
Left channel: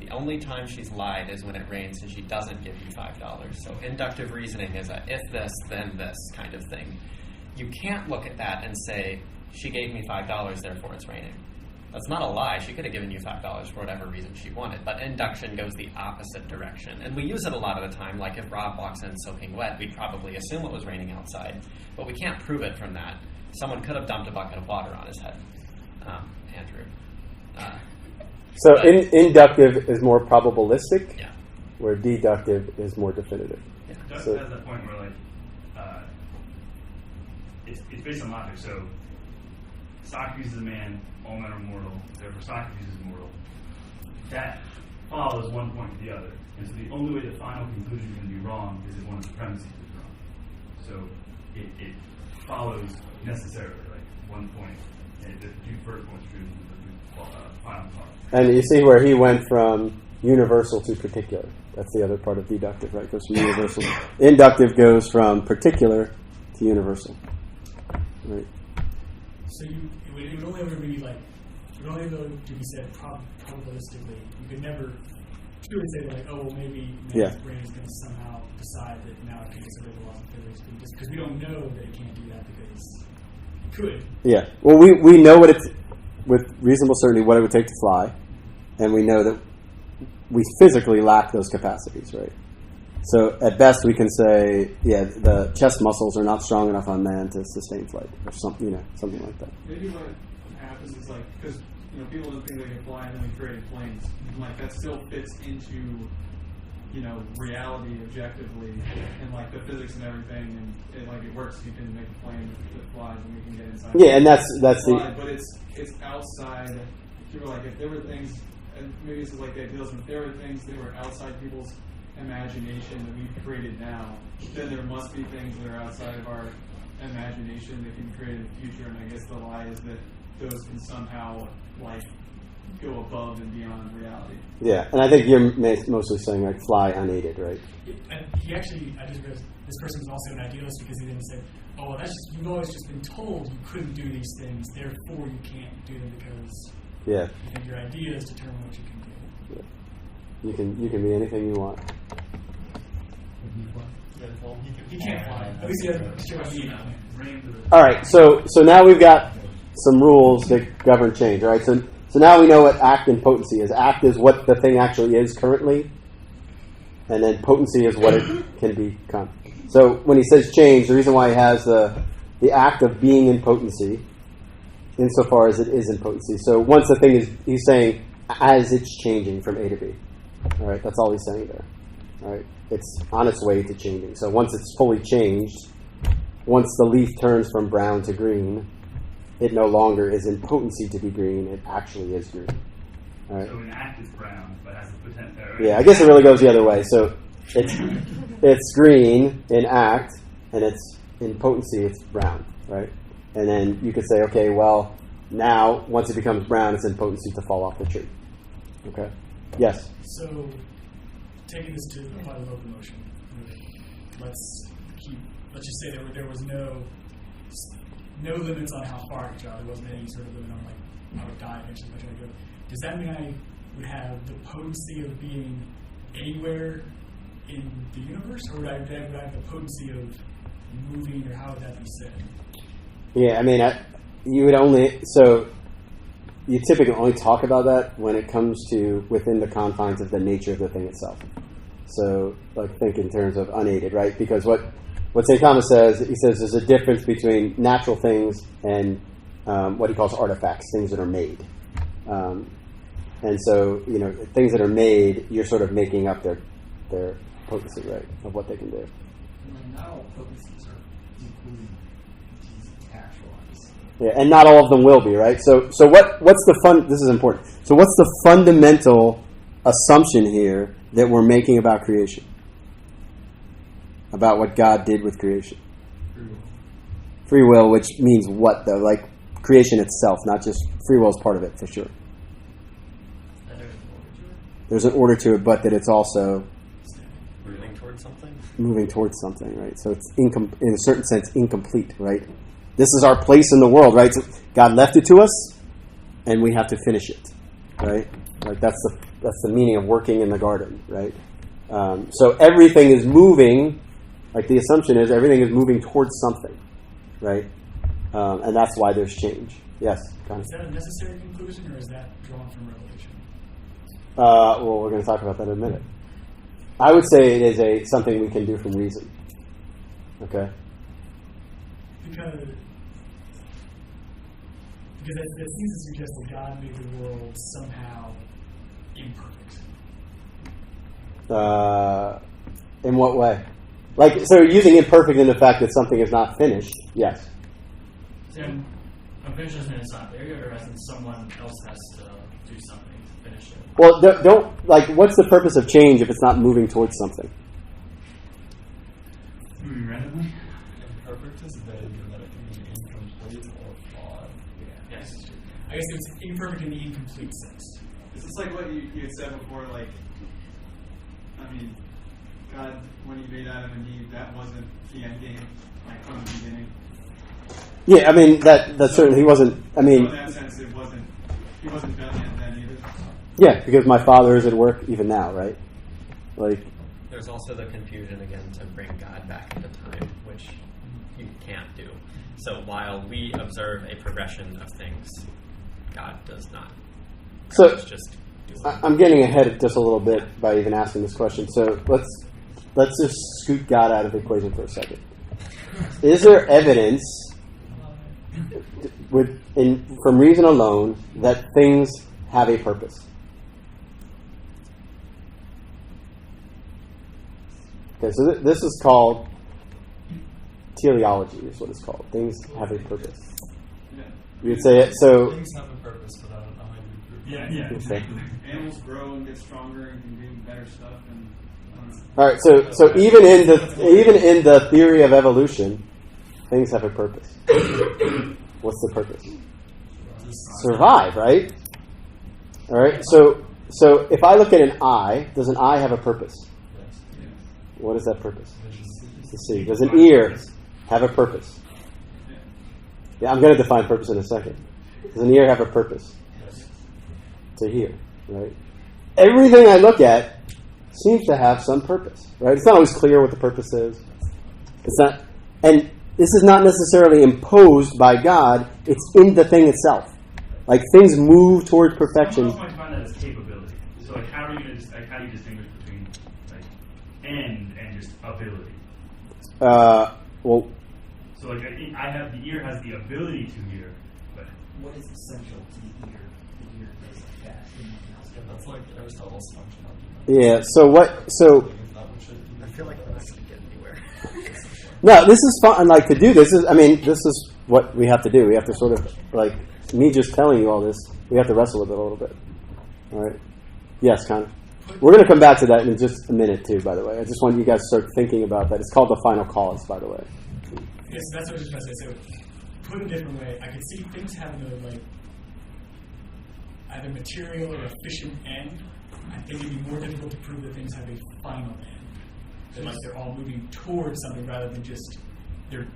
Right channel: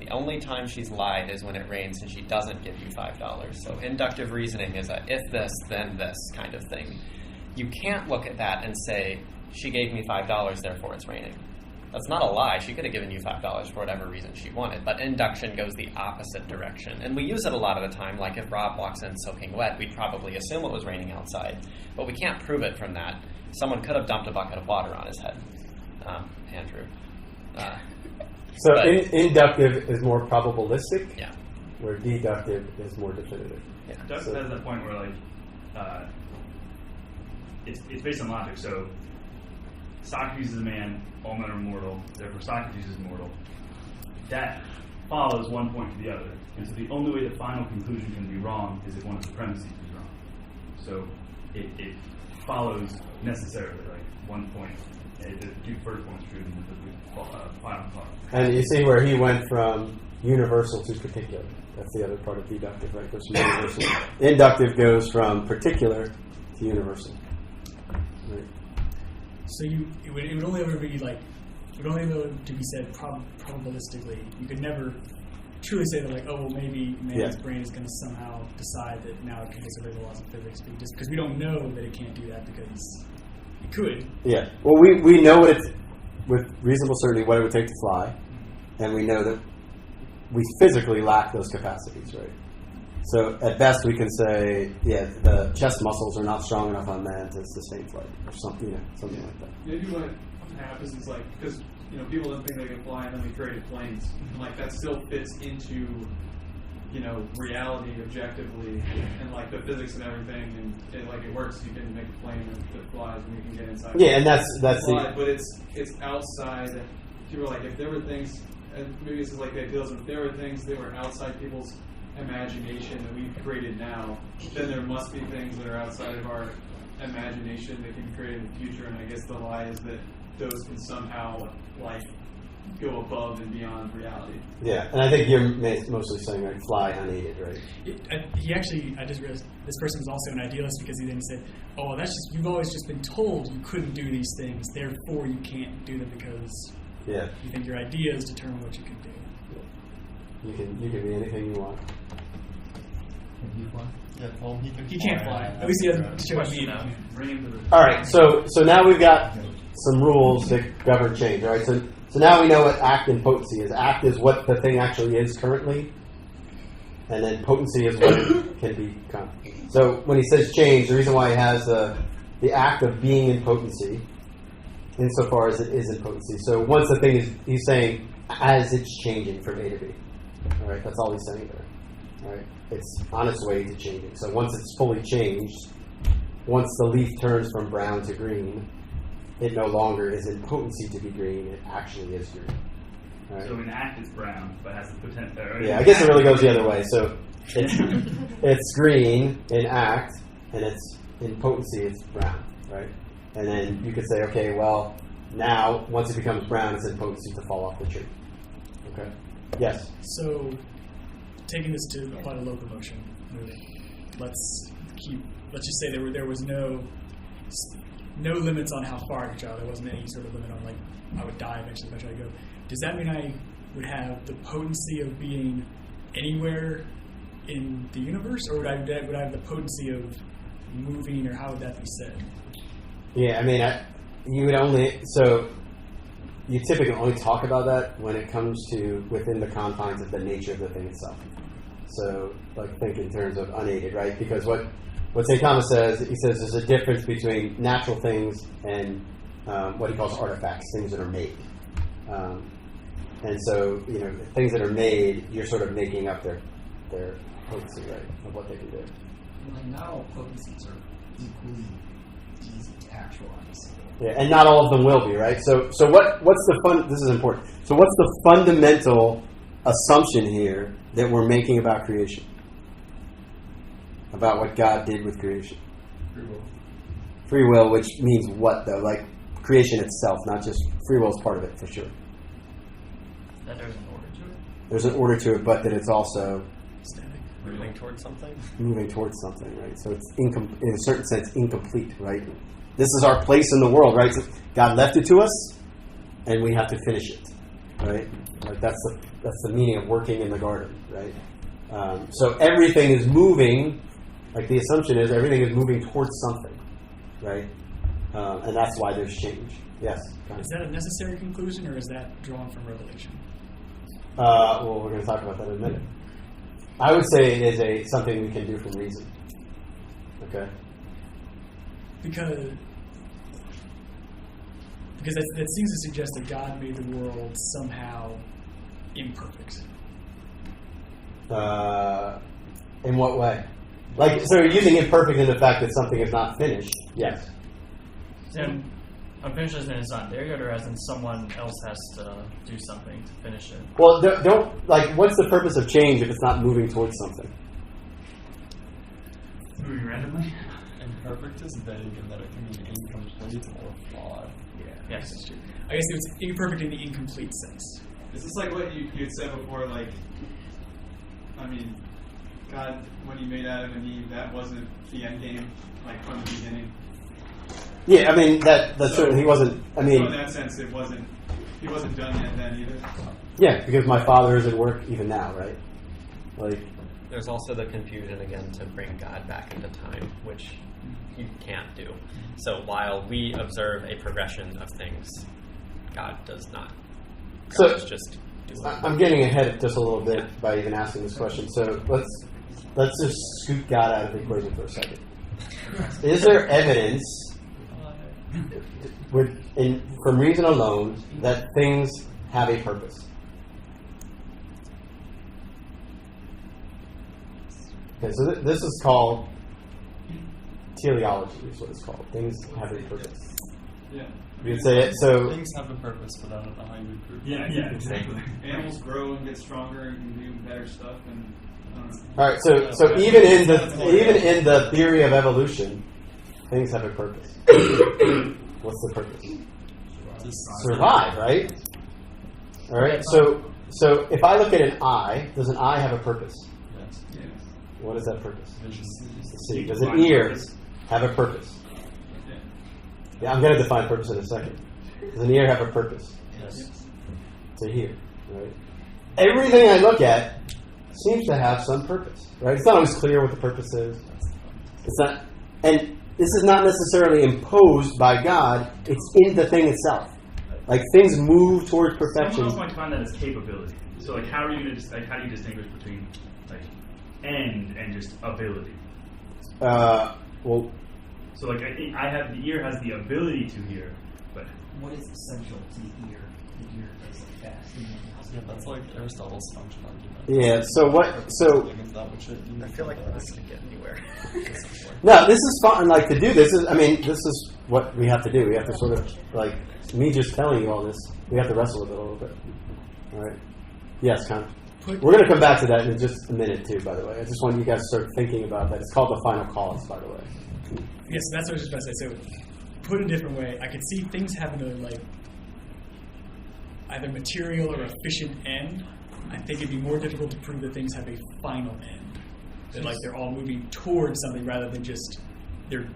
The only time she's lied is when it rains and she doesn't give you $5. So inductive reasoning is a if this, then this kind of thing. You can't look at that and say, she gave me $5, therefore it's raining. That's not a lie. She could have given you $5 for whatever reason she wanted. But induction goes the opposite direction. And we use it a lot of the time. Like if Rob walks in soaking wet, we'd probably assume it was raining outside. But we can't prove it from that. Someone could have dumped a bucket of water on his head. Andrew. So inductive is more probabilistic, yeah, where deductive is more definitive. Yeah. That's the point where, like, it's based on logic. So Socrates is a man, all men are mortal, therefore Socrates is mortal. That follows one point to the other. And so the only way the final conclusion is going to be wrong is if one of the premises is wrong. So it follows necessarily, like, one point. The first point's true, and the final part. And you see where he went from universal to particular. That's the other part of deductive, right? Goes from universal. Inductive goes from particular to universal. Right. So it would only ever be like, it would only ever to be said probabilistically. You could never truly say that, like, oh, well, maybe man's brain is going to somehow decide that now it can disobey the laws of physics, just because we don't know that it can't do that because it could. Yeah. Well, we know what it's, with reasonable certainty, what it would take to fly, and we know that we physically lack those capacities, right? So at best, we can say, the chest muscles are not strong enough on man to sustain flight, or something like that. Maybe what happens is, like, because people don't think they can fly, and then we created planes, and like that still fits into reality objectively, and like the physics and everything, and it works. You can make a plane that flies, and we can get inside. Yeah, and that's But it's outside. If you were like, if there were things, and maybe this is like the ideals, if there were things that were outside people's imagination that we've created now, then there must be things that are outside of our imagination that can be created in the future. And I guess the lie is that those can somehow go above and beyond reality. Yeah, and I think you're mostly saying like fly unaided, right? I just realized this person was also an idealist because he then said, "Oh, well, that's just you've always just been told you couldn't do these things, therefore you can't do them because you think your ideas determine what you can do." Yeah. You can be anything you want. He can't fly. At least he doesn't show up All right, so now we've got some rules that govern change. All right, so So now we know what act and potency is. Act is what the thing actually is currently, and then potency is what it can become. So when he says change, the reason why he has the act of being in potency, insofar as it is in potency. So once the thing is, he's saying as it's changing from A to B. All right, that's all he's saying there. All right, it's on its way to changing. So once it's fully changed, once the leaf turns from brown to green, it no longer is in potency to be green. It actually is green. All right. So an act is brown, but has the potential. Yeah, I guess it really goes the other way. So it's green in act, and it's in potency, it's brown, right? And then you could say, okay, well, now once it becomes brown, it's in potency to fall off the tree. Okay. Yes. So, taking this to apply to locomotion, let's just say there was no limits on how far I could travel. There wasn't any sort of limit on like I would die eventually if I tried to go. Does that mean I would have the potency of being anywhere in the universe, or would I have the potency of moving, or how would that be said? Yeah, I mean, you typically only talk about that when it comes to within the confines of the nature of the thing itself. So, like, think in terms of unaided, right? Because what St. Thomas says, he says there's a difference between natural things and what he calls artifacts, things that are made. And so, things that are made, you're sort of making up their potency, right, of what they can do. And not all potencies are equally easy to actualize. Yeah, and not all of them will be, right? So what's the this is important. So what's the fundamental assumption here that we're making about creation? About what God did with creation? Free will. Free will, which means what, though? Like creation itself, not just free will is part of it, for sure. That there's an order to it. There's an order to it, but that it's also Moving towards something? moving towards something, right? So it's in a certain sense incomplete, right? This is our place in the world, right? So God left it to us, and we have to finish it, right? Like that's the meaning of working in the garden, right? So everything is moving. Like the assumption is everything is moving towards something, right? And that's why there's change. Yes. Is that a necessary conclusion, or is that drawn from Revelation? Well, we're going to talk about that in a minute. I would say it is something we can do from reason. Okay. Because that seems to suggest that God made the world somehow imperfect. In what way? Like, so you're using imperfect in the fact that something is not finished. Yes. So unfinished as in it's not there yet, or as in someone else has to do something to finish it? Well, don't like. What's the purpose of change if it's not moving towards something? Moving randomly? Imperfect is vague in that it can be incomplete or flawed. Yes, it's true. I guess it's imperfect in the incomplete sense. Is this like what you had said before? Like, I mean, God, when He made Adam and Eve, that wasn't the end game, like from the beginning. Yeah, I mean that's certainly he wasn't. I mean, So in that sense, He wasn't done yet then either. yeah, because my Father is at work even now, right? Like, There's also the confusion again to bring God back into time, which you can't do. So while we observe a progression of things, God does not. So, God is just doing. I'm getting ahead just a little bit by even asking this question. So let's just scoot God out of the equation for a second. Is there evidence from reason alone that things have a purpose? Okay, so this is called teleology, is what it's called. Things have a purpose. Yeah. You'd say it. So Things have a purpose, but I don't know how you would prove it. Yeah, exactly. Animals grow and get stronger and can do better stuff, and I don't know. all right. So even in the theory of evolution, things have a purpose. What's the purpose? Survive, right? All right. So if I look at an eye, does an eye have a purpose? Yes. Yeah. What is that purpose? Vision. To see. Does an ear have a purpose? Yeah, I'm going to define purpose in a second. Does an ear have a purpose? Yes. To hear, right? Everything I look at seems to have some purpose, right? It's not always clear what the purpose is. It's not, and this is not necessarily imposed by God. It's in the thing itself. Like things move towards perfection. Someone else might define that as capability. So like how do you distinguish between like end and just ability? Well, so like I have the ear has the ability to hear, but What is essential to the ear? The ear is like that. Yeah, that's like Aristotle's function argument. yeah. So what? So I feel like we're not going to get anywhere. no, this is fun. Like to do this is. I mean, this is what we have to do. We have to sort of like me just telling you all this. We have to wrestle with it a little bit. All right. Yes, Connor. We're going to come back to that in just a minute too. By the way, I just want you guys to start thinking about that. It's called the final cause. By the way. Yes, that's what I was just about to say. So, put a different way, I could see things having a like either material or efficient end. I think it'd be more difficult to prove that things have a final end. That like they're all moving towards something rather than just they're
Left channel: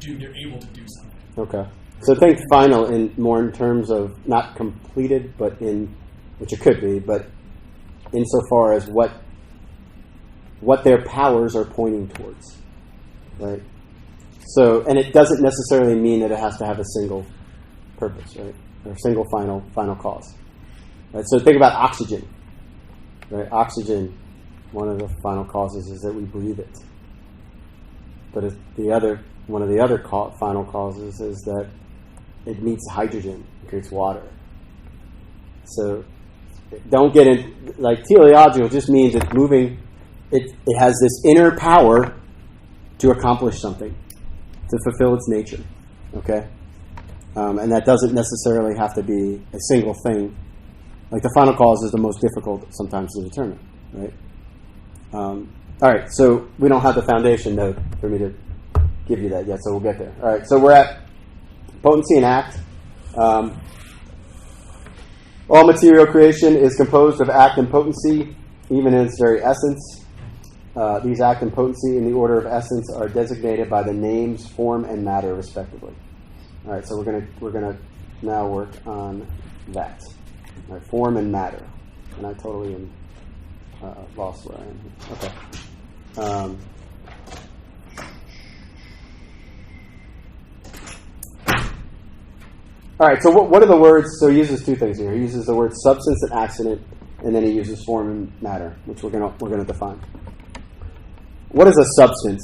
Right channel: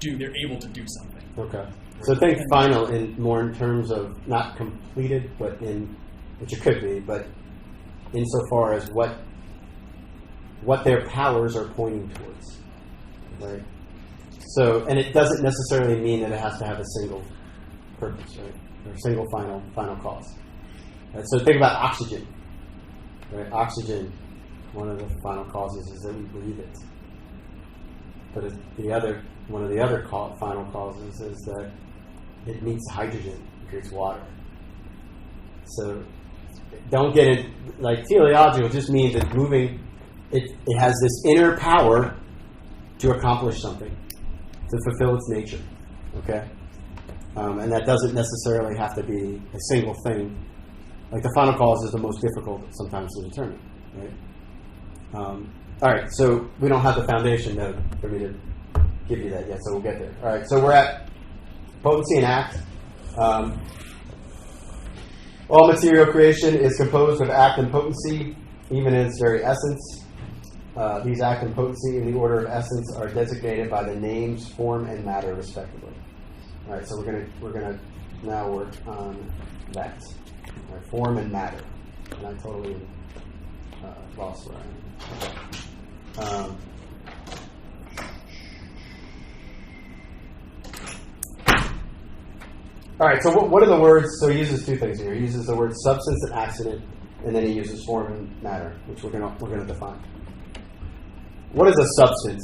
able to do something. Okay. So think final in more in terms of not completed, but in which it could be, but insofar as what their powers are pointing towards, right? So, and it doesn't necessarily mean that it has to have a single purpose, right, or a single final cause. Right? So think about oxygen, right? Oxygen, one of the final causes is that we breathe it, but one of the other final causes is that it meets hydrogen, creates water. So don't get in, like teleological just means it's moving, it has this inner power to accomplish something, to fulfill its nature, okay? And that doesn't necessarily have to be a single thing. Like the final cause is the most difficult sometimes to determine, right? All right, so we don't have the foundation node for me to give you that yet, so we'll get there. All right, so we're at Potency and Act. All material creation is composed of act and potency, even in its very essence. These act and potency in the order of essence are designated by the names form and matter, respectively. All right, so we're gonna now work on that. All right, form and matter, and I totally am lost where I am. Okay. All right, so what are the words? So he uses two things here. He uses the word substance and accident, and then he uses form and matter, which we're gonna define. What is a substance?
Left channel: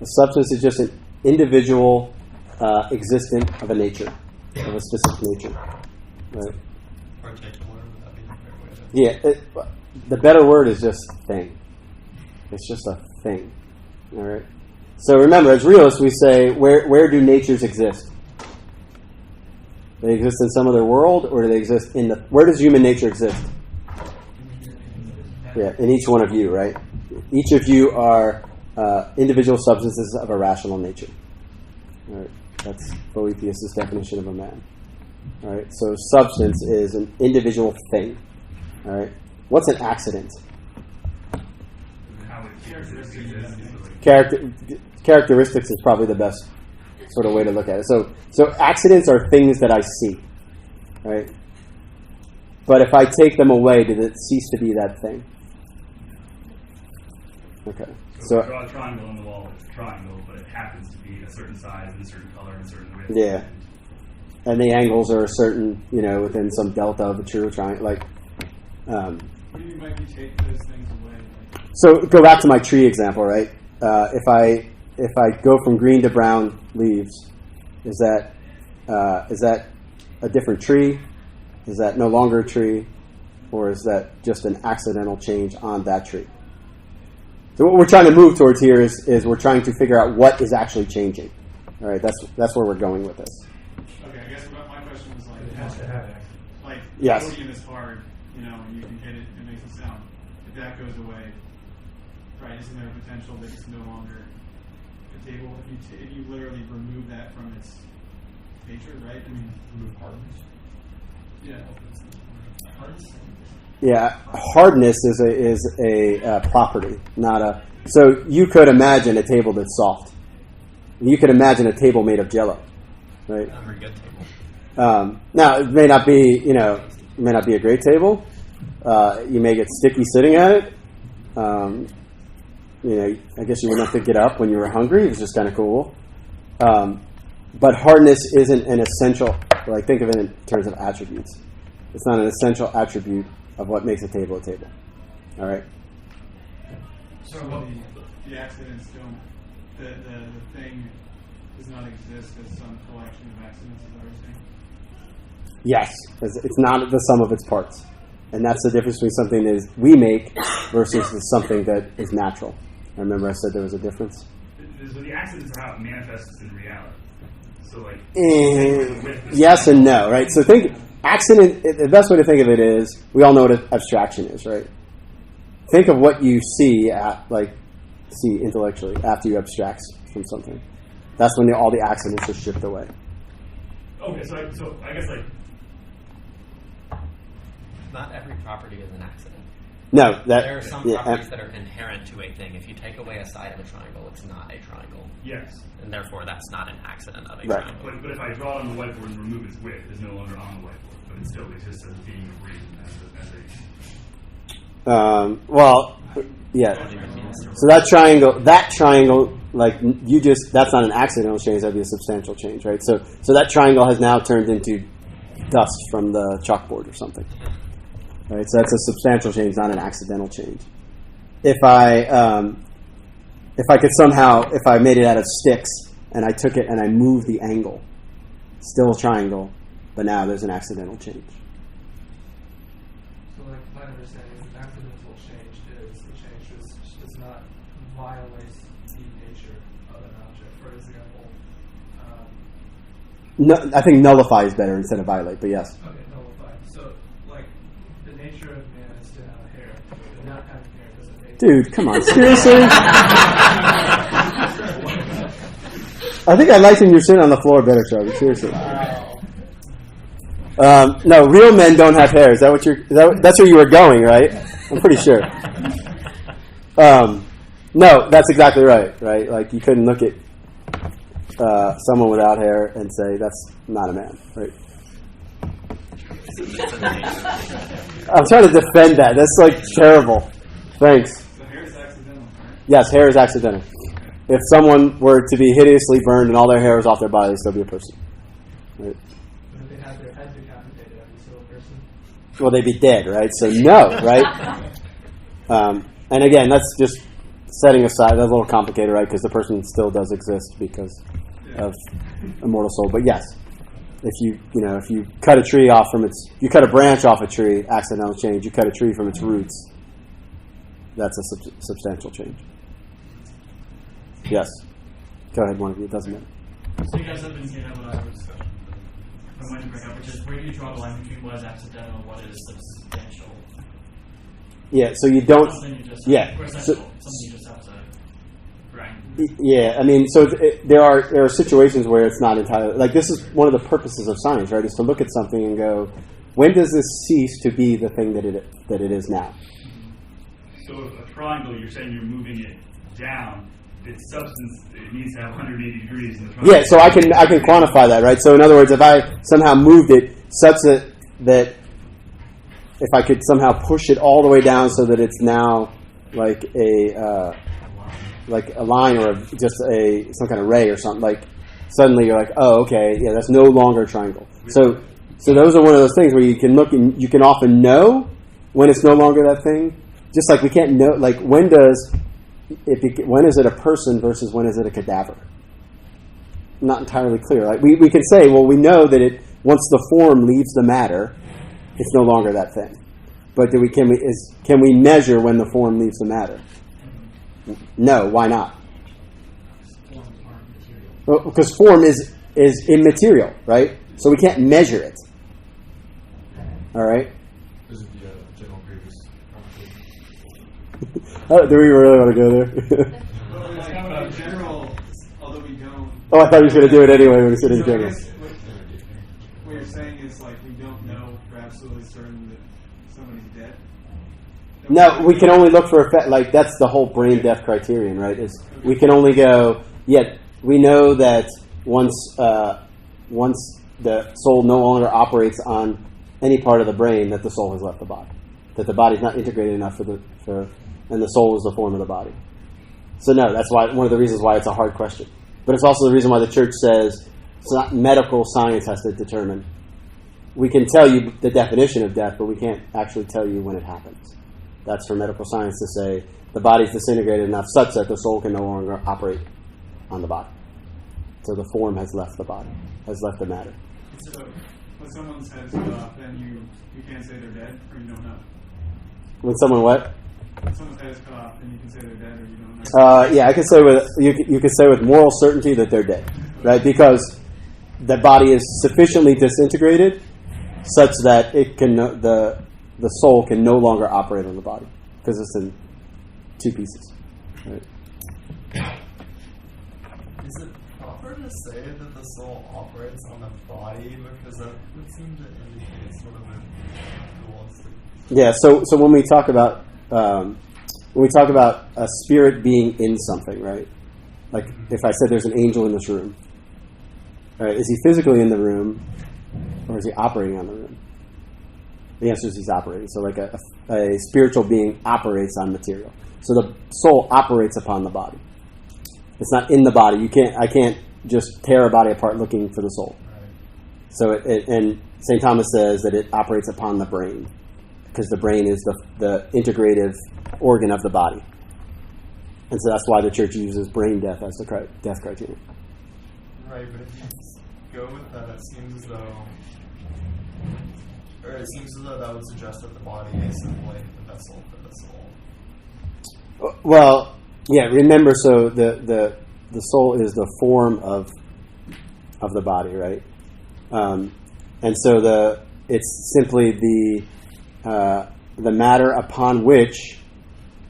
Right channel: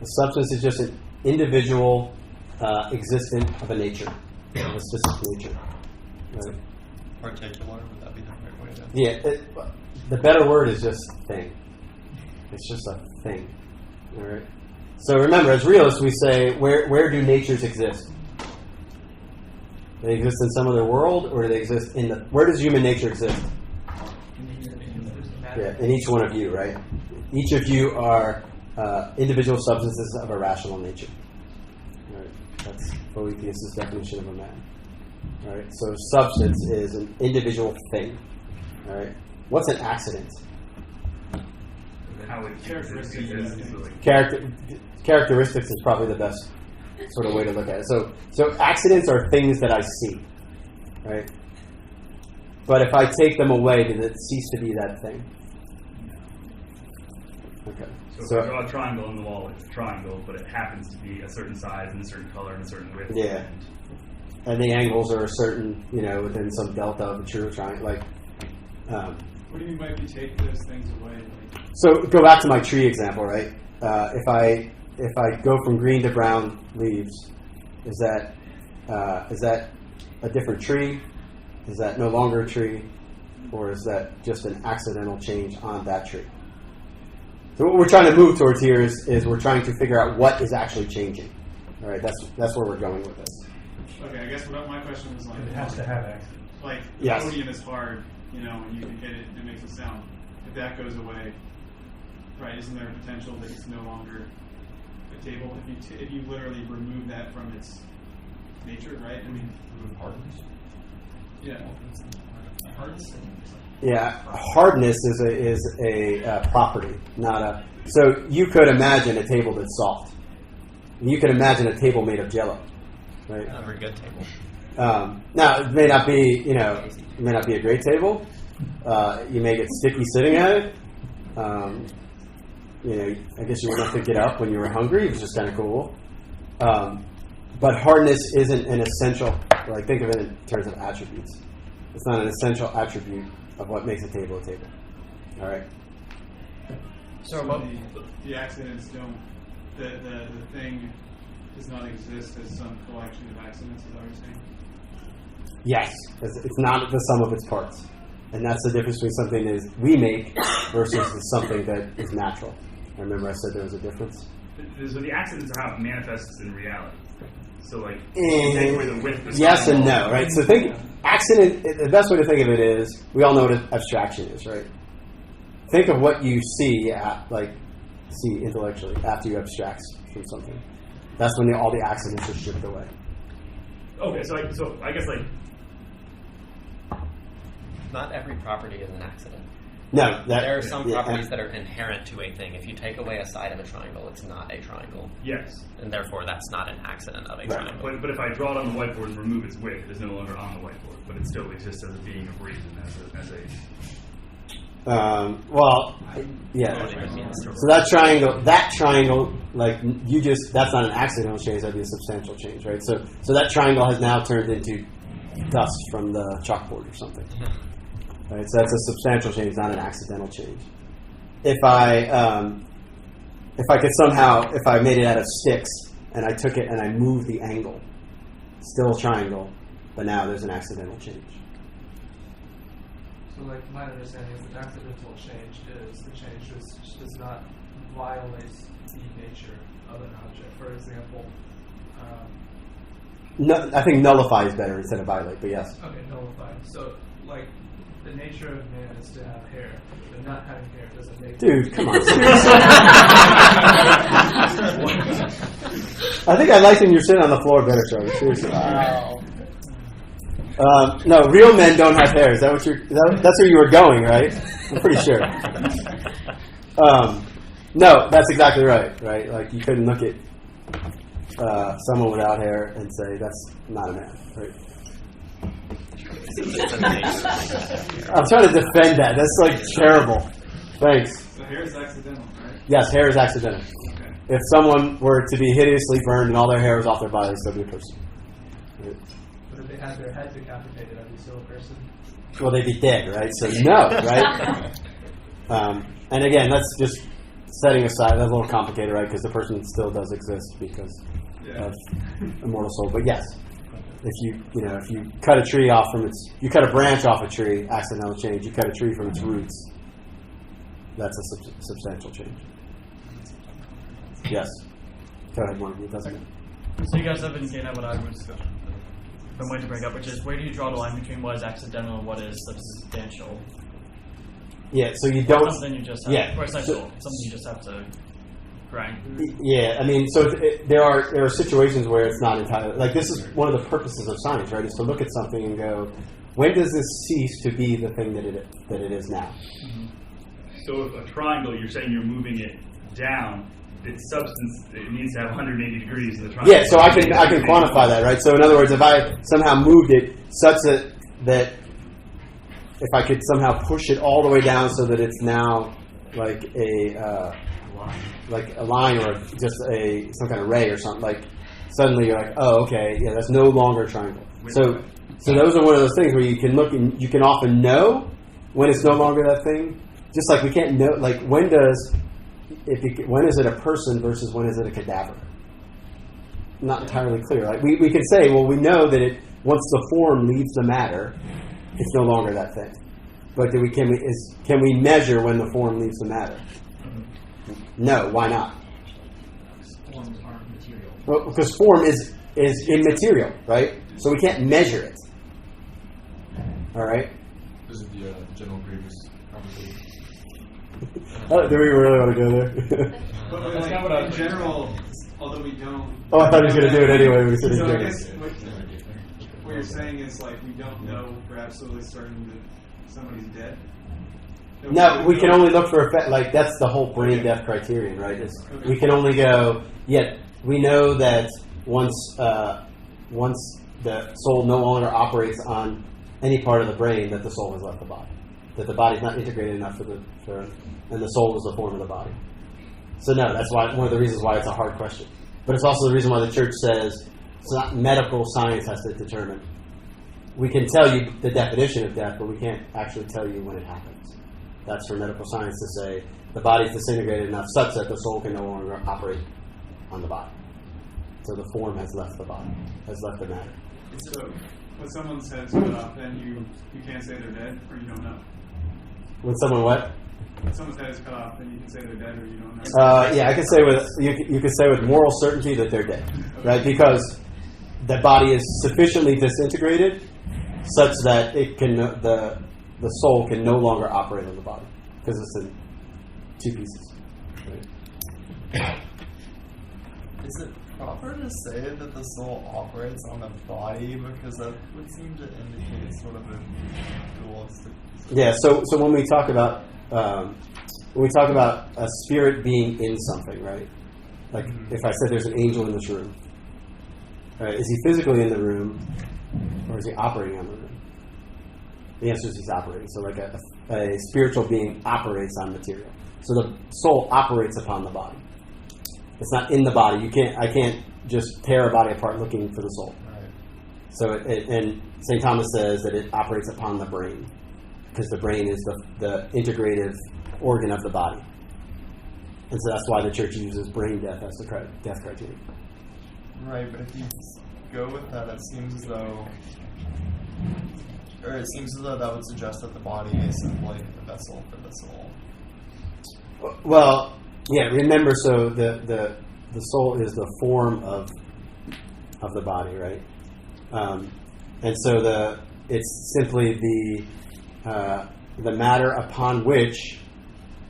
A substance is just an individual existent of a nature, of a specific nature. Right? Particular, would that be the right way to? Yeah, the better word is just thing. It's just a thing. All right. So remember, as realists, we say, where do natures exist? Do they exist in some other world, or do they exist in the? Where does human nature exist? Yeah, in each one of you, right? Each of you are individual substances of a rational nature. All right, that's Boethius' definition of a man. All right, so substance is an individual thing. All right, what's an accident? how it Characteristics is probably the best sort of way to look at it. So accidents are things that I see, right? But if I take them away, does it cease to be that thing? Okay. So if I draw a triangle on the wall, it's a triangle, but it happens to be a certain size and a certain color and a certain width. Yeah. And the angles are a certain, within some delta of a true triangle. Like, What do you mean by if you take those things away? so go back to my tree example, right? If I go from green to brown leaves, is that a different tree? Is that no longer a tree, or is that just an accidental change on that tree? So what we're trying to move towards here is we're trying to figure out what is actually changing. All right, that's where we're going with this. Okay, I guess my question was like, It has to have action. like Yes. the podium is hard, and you can hit it and it makes a sound. If that goes away, right? Isn't there a potential that it's no longer a table? If you literally remove that from its nature, right? I mean, Remove hardness. yeah. Yeah, hardness is a property, not a. So you could imagine a table that's soft. You could imagine a table made of Jell-O, right? Not a very good table. Now it may not be, it may not be a great table. You may get sticky sitting at it. I guess you wouldn't have to get up when you were hungry. It was just kind of cool. But hardness isn't an essential, like think of it in terms of attributes. It's not an essential attribute of what makes a table a table. All right? So the accidents don't, the thing does not exist as some collection of accidents, is that what you're saying? Yes. It's not the sum of its parts. And that's the difference between something that is we make versus something that is natural. Remember I said there was a difference? So the accidents are how it manifests in reality. So like, yes and no, right? So think accident. The best way to think of it is we all know what abstraction is, right? Think of what you see intellectually after you abstract from something. That's when all the accidents are stripped away. Okay, so I guess like not every property is an accident. No, there are some properties that are inherent to a thing. If you take away a side of a triangle, it's not a triangle. Yes. And therefore, that's not an accident of a right. triangle. But if I draw it on the whiteboard and remove its width, it's no longer on the whiteboard, but it still exists as being a reason, yeah. So that triangle, like that's not an accidental change. That'd be a substantial change, right? So that triangle has now turned into dust from the chalkboard or something. Right, so that's a substantial change, not an accidental change. If I could somehow, if I made it out of sticks and I took it and I moved the angle, still a triangle, but now there's an accidental change. So, like my understanding is an accidental change is the change does not violate the nature of an object. For example, no, I think nullify is better instead of violate, but yes. Okay, nullify. So, like, the nature of man is to have hair, but not having hair doesn't make. Dude, come on, seriously? I think I liked when you're sitting on the floor better, Charlie. Seriously. Wow. No, real men don't have hair. Is that what that's where you were going, right? I'm pretty sure. No, that's exactly right. Right? Like you couldn't look at someone without hair and say that's not a man, right? I'm trying to defend that. That's like terrible. Thanks. So hair is accidental, right? Yes, hair is accidental. Okay. If someone were to be hideously burned and all their hair was off their body, they'd still be a person. Right? But if they had their head decapitated, I'd be still a person. Well, they'd be dead, right? So no, right? And again, that's just setting aside. That's a little complicated, right? Because the person still does exist because of immortal soul. But yes, if you cut a tree off from you cut a branch off a tree, accidental change. You cut a tree from its roots, that's a substantial change. Yes. Go ahead, one of you. It doesn't matter. So you guys have indicated what I was I'm going to bring up, which is where do you draw the line between what is accidental and what is substantial? Yeah, so you don't. Something you just have, or essential. Something you just have to grind. Yeah, I mean, so there are situations where it's not entirely like this is one of the purposes of science, right? Is to look at something and go, when does this cease to be the thing that it is now? Mm-hmm. So if a triangle, you're saying you're moving it down. Its substance, it needs to have 180 degrees in the triangle. Yeah, so I can quantify that, right? So in other words, if I somehow moved it such that if I could somehow push it all the way down so that it's now like a line or just some kind of ray or something, like suddenly you're like, oh, okay, yeah, that's no longer a triangle. So those are one of those things where you can look and you can often know when it's no longer that thing. Just like we can't know, like when is it a person versus when is it a cadaver? Not entirely clear. Like we can say, well, we know that once the form leaves the matter, it's no longer that thing. But can we measure when the form leaves the matter? No. Why not? Forms aren't material. Well, because form is immaterial, right? So we can't measure it. All right. This is the general previous conversation. Oh, do we really want to go there? Well, it's kind of a general, although we don't. Oh, I thought he was going to do it anyway when he said So it's I general. guess what you're saying is like we don't know for absolutely certain that somebody's dead. No, we can only look for effect. Like that's the whole brain death criterion, right? We can only go. Yet we know that once the soul no longer operates on any part of the brain, that the soul has left the body. That the body's not integrated enough and the soul is the form of the body. So no, that's why one of the reasons why it's a hard question. But it's also the reason why the church says It's not medical science has to determine. We can tell you the definition of death, but we can't actually tell you when it happens. That's for medical science to say the body's disintegrated enough such that the soul can no longer operate on the body. So the form has left the body, has left the matter. So when someone's head's cut off, then you can't say they're dead, or you don't know. When someone what? When someone's head is cut off, then you can say they're dead, or you don't know. Yeah, I can say with you can say with moral certainty that they're dead, right? Because the body is sufficiently disintegrated such that it can the soul can no longer operate on the body because it's in two pieces. Right? Is it proper to say that the soul operates on the body, because that would seem to indicate sort of a dualistic? Yeah. So when we talk about a spirit being in something, right? Like if I said there's an angel in this room, right? Is he physically in the room, or is he operating on the room? The answer is he's operating. So like a spiritual being operates on material. So the soul operates upon the body. It's not in the body. I can't just tear a body apart looking for the soul. Right. So and St. Thomas says that it operates upon the brain, because the brain is the integrative organ of the body. And so that's why the church uses brain death as the death criteria. Right, but if you go with that, it seems as though that would suggest that the body is simply the vessel for the soul. Well, yeah. Remember, so the soul is the form of the body, right? And so it's simply the matter upon which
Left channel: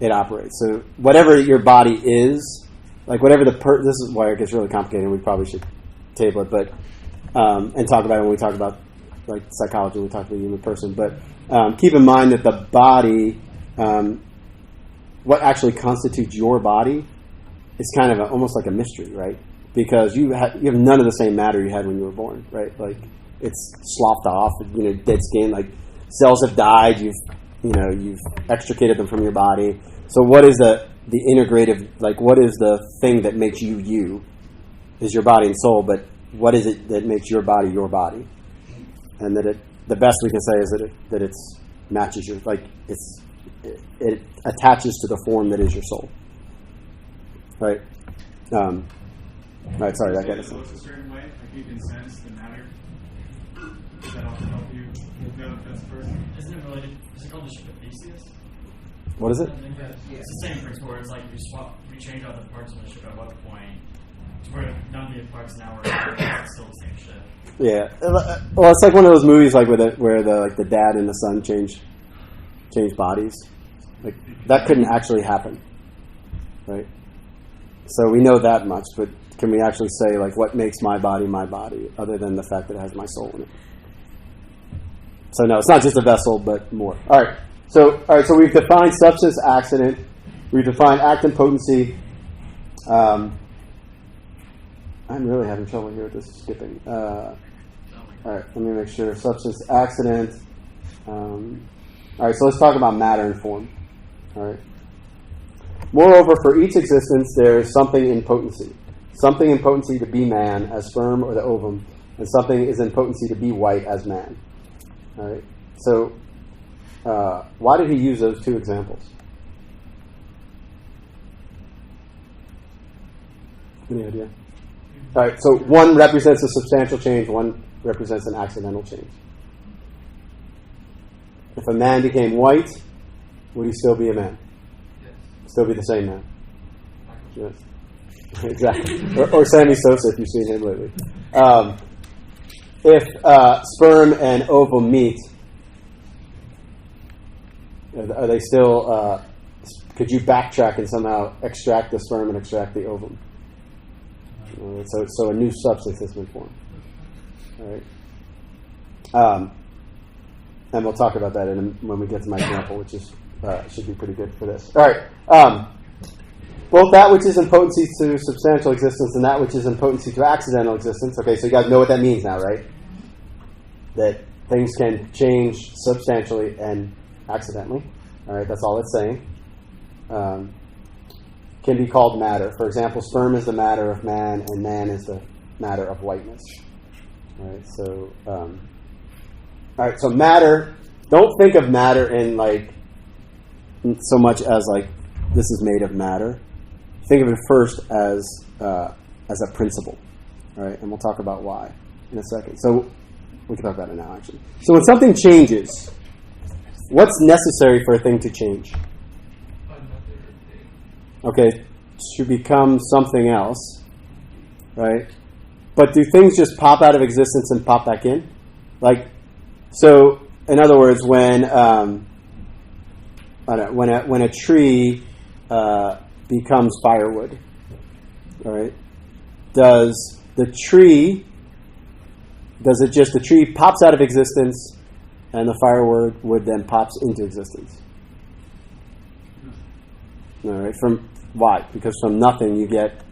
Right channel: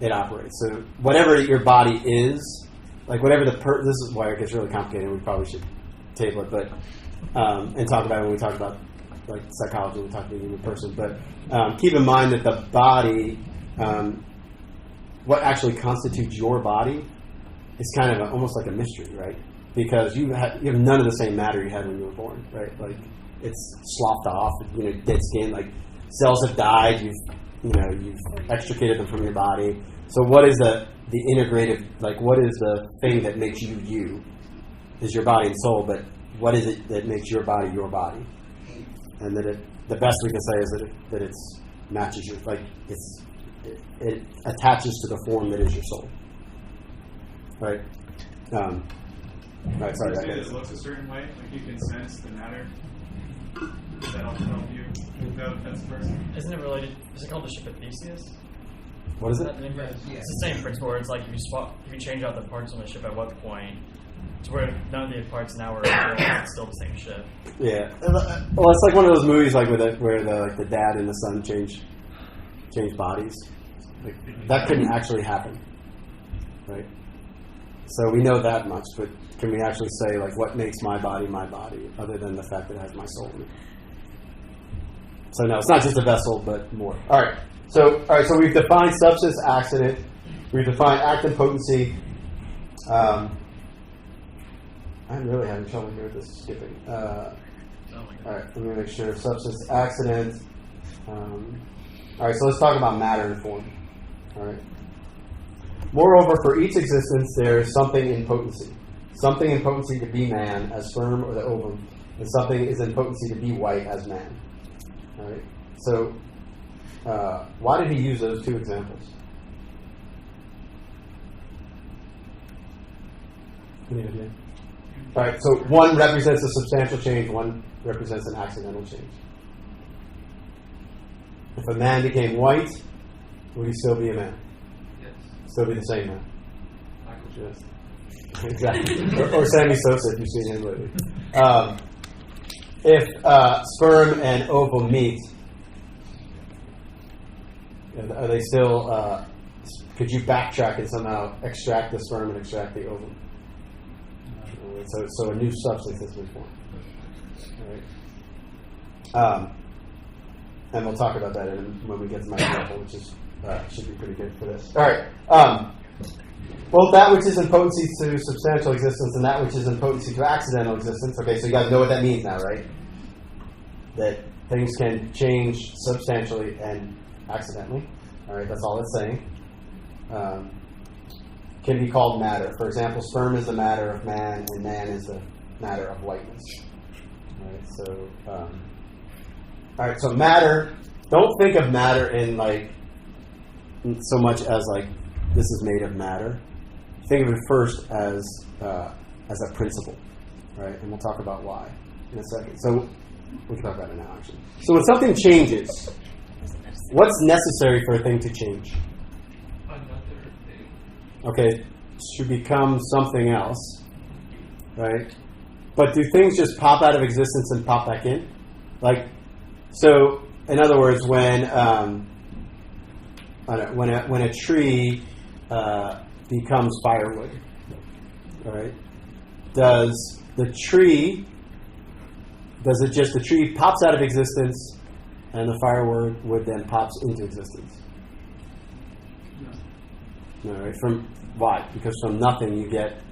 it operates. So whatever your body is, like whatever this is why it gets really complicated. We probably should table it, but and talk about it when we talk about like psychology. When we talk about the human person, but keep in mind that the body. What actually constitutes your body is kind of almost like a mystery, right? Because you have none of the same matter you had when you were born, right? Like it's sloughed off, dead skin. Like cells have died. You've extricated them from your body. So what is the integrative? Like what is the thing that makes you you? Is your body and soul, but what is it that makes your body your body? And that the best we can say is that it matches your it attaches to the form that is your soul. Right? Right, sorry, that it looks a certain way, like you can sense the matter. Does that also help you know that that's the person? Isn't it related? Is it called the ship of Theseus? What is it? It's the same principle where it's like if you change out the parts on the ship at what point, to where none of the parts now are it's still the same ship. Yeah. Well, it's like one of those movies like where the dad and the son change bodies. Like that couldn't actually happen, right? So we know that much, but can we actually say like what makes my body, other than the fact that it has my soul in it? So no, it's not just a vessel, but more. All right. So we've defined substance, accident. We've defined act and potency. I'm really having trouble here with this skipping. All right, let me make sure. Substance, accident. All right, so let's talk about matter and form. All right. Moreover, for each existence, there is something in potency. Something in potency to be man, as sperm or the ovum, and something is in potency to be white, as man. All right. So, why did he use those two examples? Any idea? All right. So one represents a substantial change. One represents an accidental change. If a man became white, would he still be a man? Yes. Still be the same man? Yes. Exactly. or Sammy Sosa, if you've seen him lately. If sperm and ovum meet, are they still, could you backtrack and somehow extract the sperm and extract the ovum? So a new substance has been formed. All right. And we'll talk about that when we get to my example, which is should be pretty good for this. All right. Both that which is in potency to substantial existence and that which is in potency to accidental existence. Okay, so you guys know what that means now, right? That things can change substantially and accidentally. All right, that's all it's saying. Can be called matter. For example, sperm is the matter of man, and man is the matter of whiteness. All right, so all right, so matter. Don't think of matter in like so much as like this is made of matter. Think of it first as a principle, right? And we'll talk about why in a second. So we can talk about it now, actually. So when something changes, what's necessary for a thing to change? Another thing. Okay, to become something else, right? But do things just pop out of existence and pop back in? Like, so in other words, when a tree becomes firewood, all right? Does the tree pops out of existence and the firewood then pops into existence? No. All right. From why? Because from nothing you get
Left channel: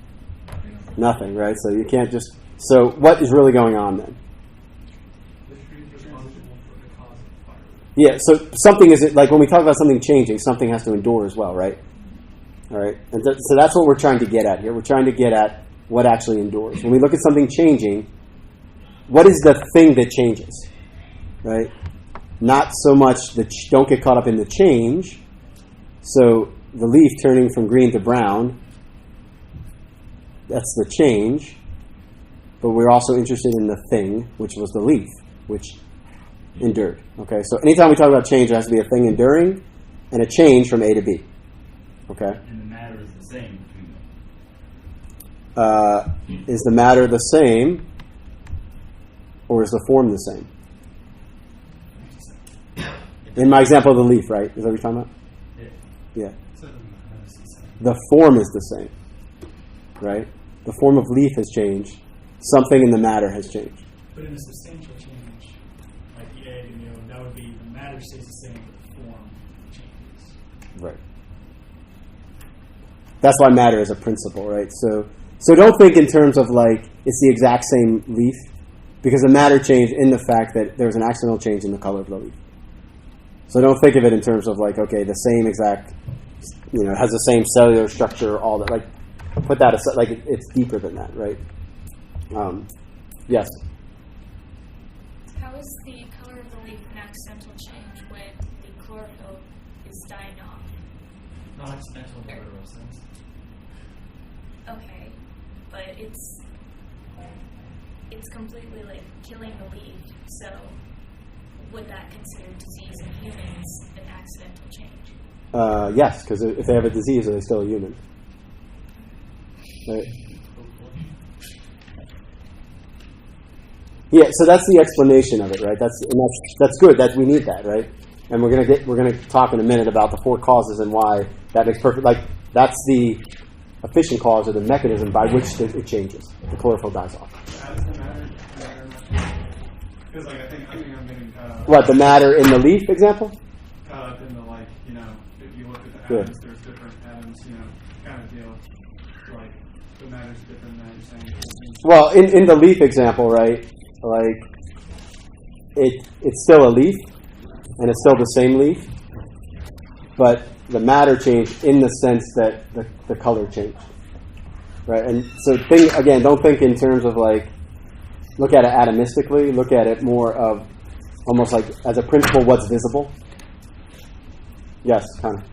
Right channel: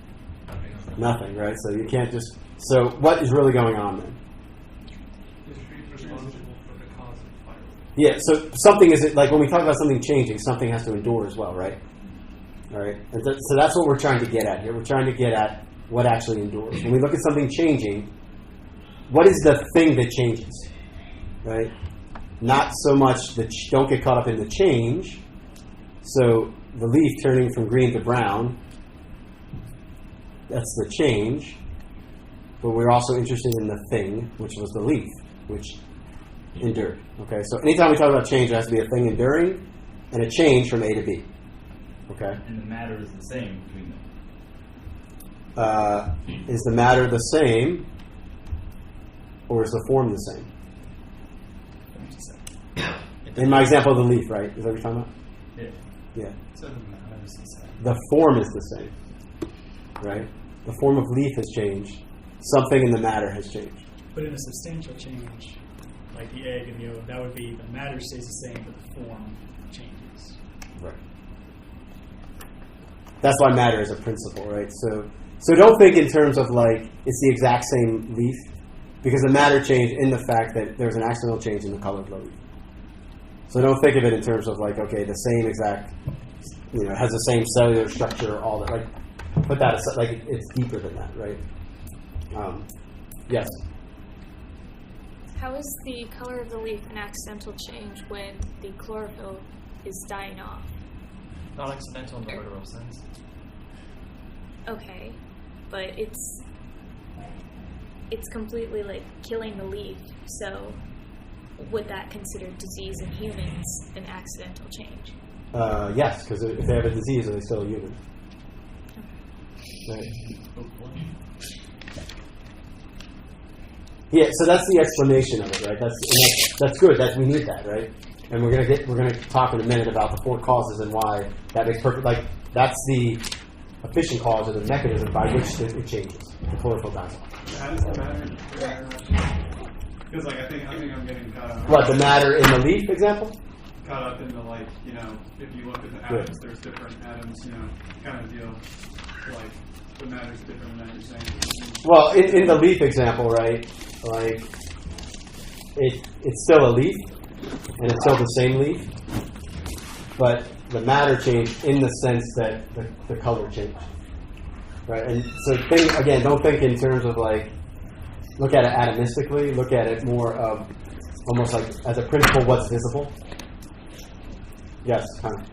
nothing, right? So you can't just. So what is really going on then? The tree is responsible for the cause of fire. Yeah. So something is like when we talk about something changing, something has to endure as well, right? All right. And so that's what we're trying to get at here. We're trying to get at what actually endures. When we look at something changing, what is the thing that changes, right? Not so much don't get caught up in the change. So the leaf turning from green to brown, that's the change. But we're also interested in the thing, which was the leaf, which endured. Okay, so anytime we talk about change, there has to be a thing enduring and a change from A to B. Okay? And the matter is the same between them. Is the matter the same, or is the form the same? In my example of the leaf, right? Is that what you're talking about? Yeah. So the matter is the same. The form is the same, right? The form of leaf has changed. Something in the matter has changed. But in a substantial change, like the egg and the yolk, that would be the matter stays the same, but the form changes. Right. That's why matter is a principle, right? So don't think in terms of like it's the exact same leaf, because the matter changed in the fact that there's an accidental change in the color of the leaf. So don't think of it in terms of like, okay, the same exact, has the same cellular structure, all that. Like, put that aside. Like, it's deeper than that, right? Yes. How is the color of the leaf an accidental change when the chlorophyll is dying off? Not accidental in the literal sense. Okay, but it's completely like killing the leaf. So would that consider disease in humans an accidental change? Yes, because if they have a disease, are they still a human? Right. Yeah, so that's the explanation of it, right? That's good. That we need that, right? And we're gonna talk in a minute about the four causes and why that makes perfect. Like that's the efficient cause or the mechanism by which it changes. The chlorophyll dies off. How does the matter? Because like I think I'm getting caught up. What, the matter in the leaf example? Caught up in the if you look at the atoms, there's different atoms, kind of deal. Like the matter's different than you're saying. Well, in the leaf example, right? Like it's still a leaf, and it's still the same leaf, but the matter changed in the sense that the color changed, right? And so don't think in terms of like look at it atomistically. Look at it more of almost like as a principle, what's visible. Yes, kind of.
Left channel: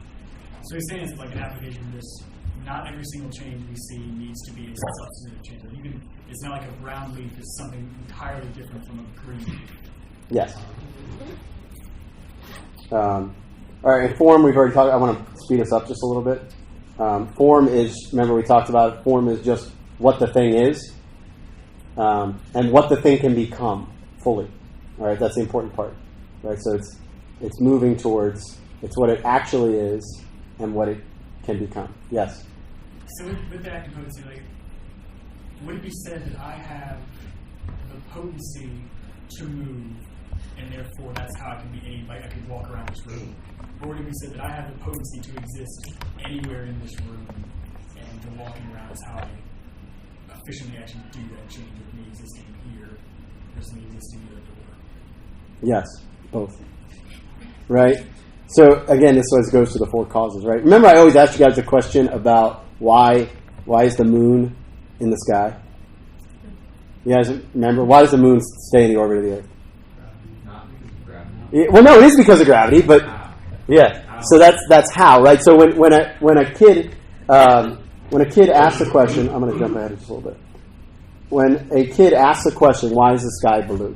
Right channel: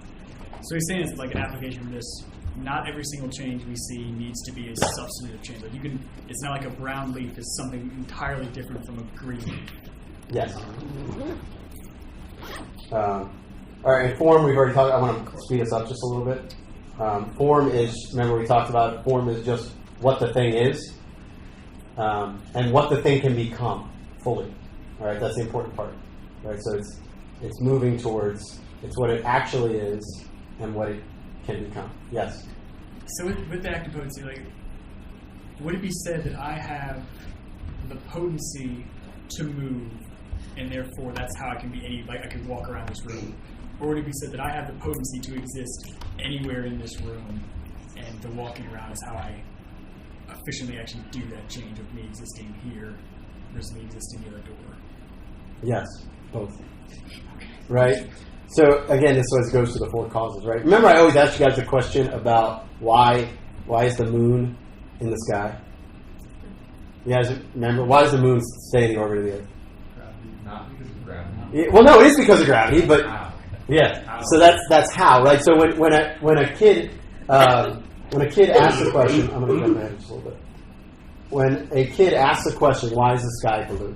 So he's saying it's like an application of this. Not every single change we see needs to be a substantive change. Like it's not like a brown leaf is something entirely different from a green leaf. Yes. All right, and form we've already talked. I want to speed us up just a little bit. Form is, remember we talked about it, form is just what the thing is and what the thing can become fully. All right, that's the important part. Right, so it's moving towards, it's what it actually is and what it can become. Yes? So with the act of potency, like, would it be said that I have the potency to move, and therefore that's how I can be I could walk around this room? Or would it be said that I have the potency to exist anywhere in this room, and the walking around is how I efficiently actually do that change of me existing here versus me existing near a door? Yes, both. Right? So again, this always goes to the four causes, right? Remember I always ask you guys a question about why is the moon in the sky? You guys remember? Why does the moon stay in the orbit of the Earth? Not because of gravity. Well, no, it is because of gravity, but yeah. So that's how, right? So when a kid asks a question, I'm going to jump ahead just a little bit. When a kid asks a question, why is the sky blue?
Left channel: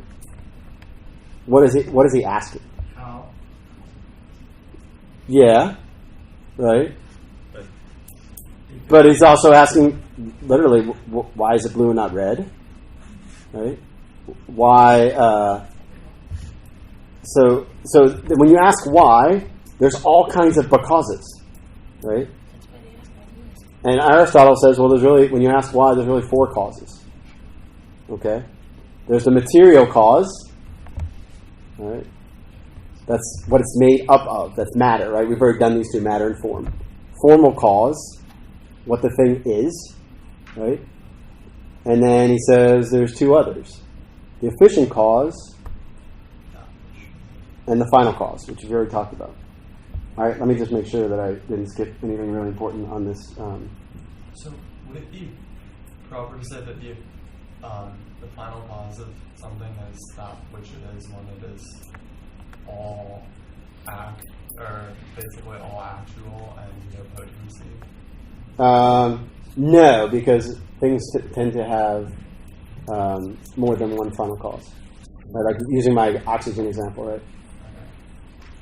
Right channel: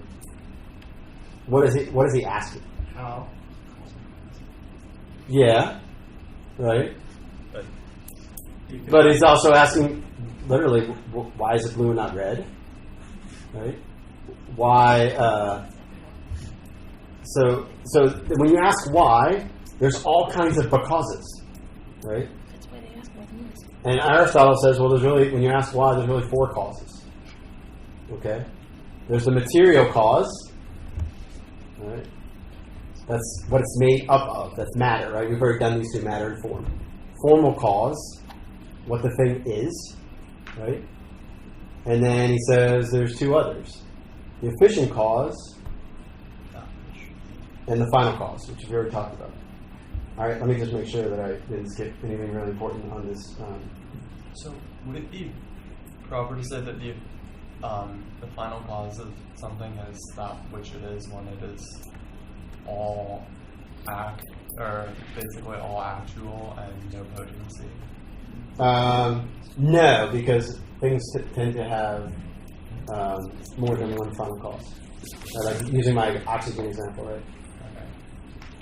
What is he asking? How? Yeah, right. But he's also asking, literally, why is it blue and not red? Right? Why? So when you ask why, there's all kinds of becauses, right? That's why they ask why the moon is. And Aristotle says, well, when you ask why, there's really 4 causes. Okay? There's the material cause, right? That's what it's made up of. That's matter, right? We've already done these two, matter and form. Formal cause, what the thing is, right? And then he says there's 2 others. The efficient cause and the final cause, which we've already talked about. All right, let me just make sure that I didn't skip anything really important on this. So would it be proper to say that the final cause of something is that which it is when it is all or basically all actual and no potency? No, because things tend to have more than one final cause. Like using my oxygen example, right? Okay.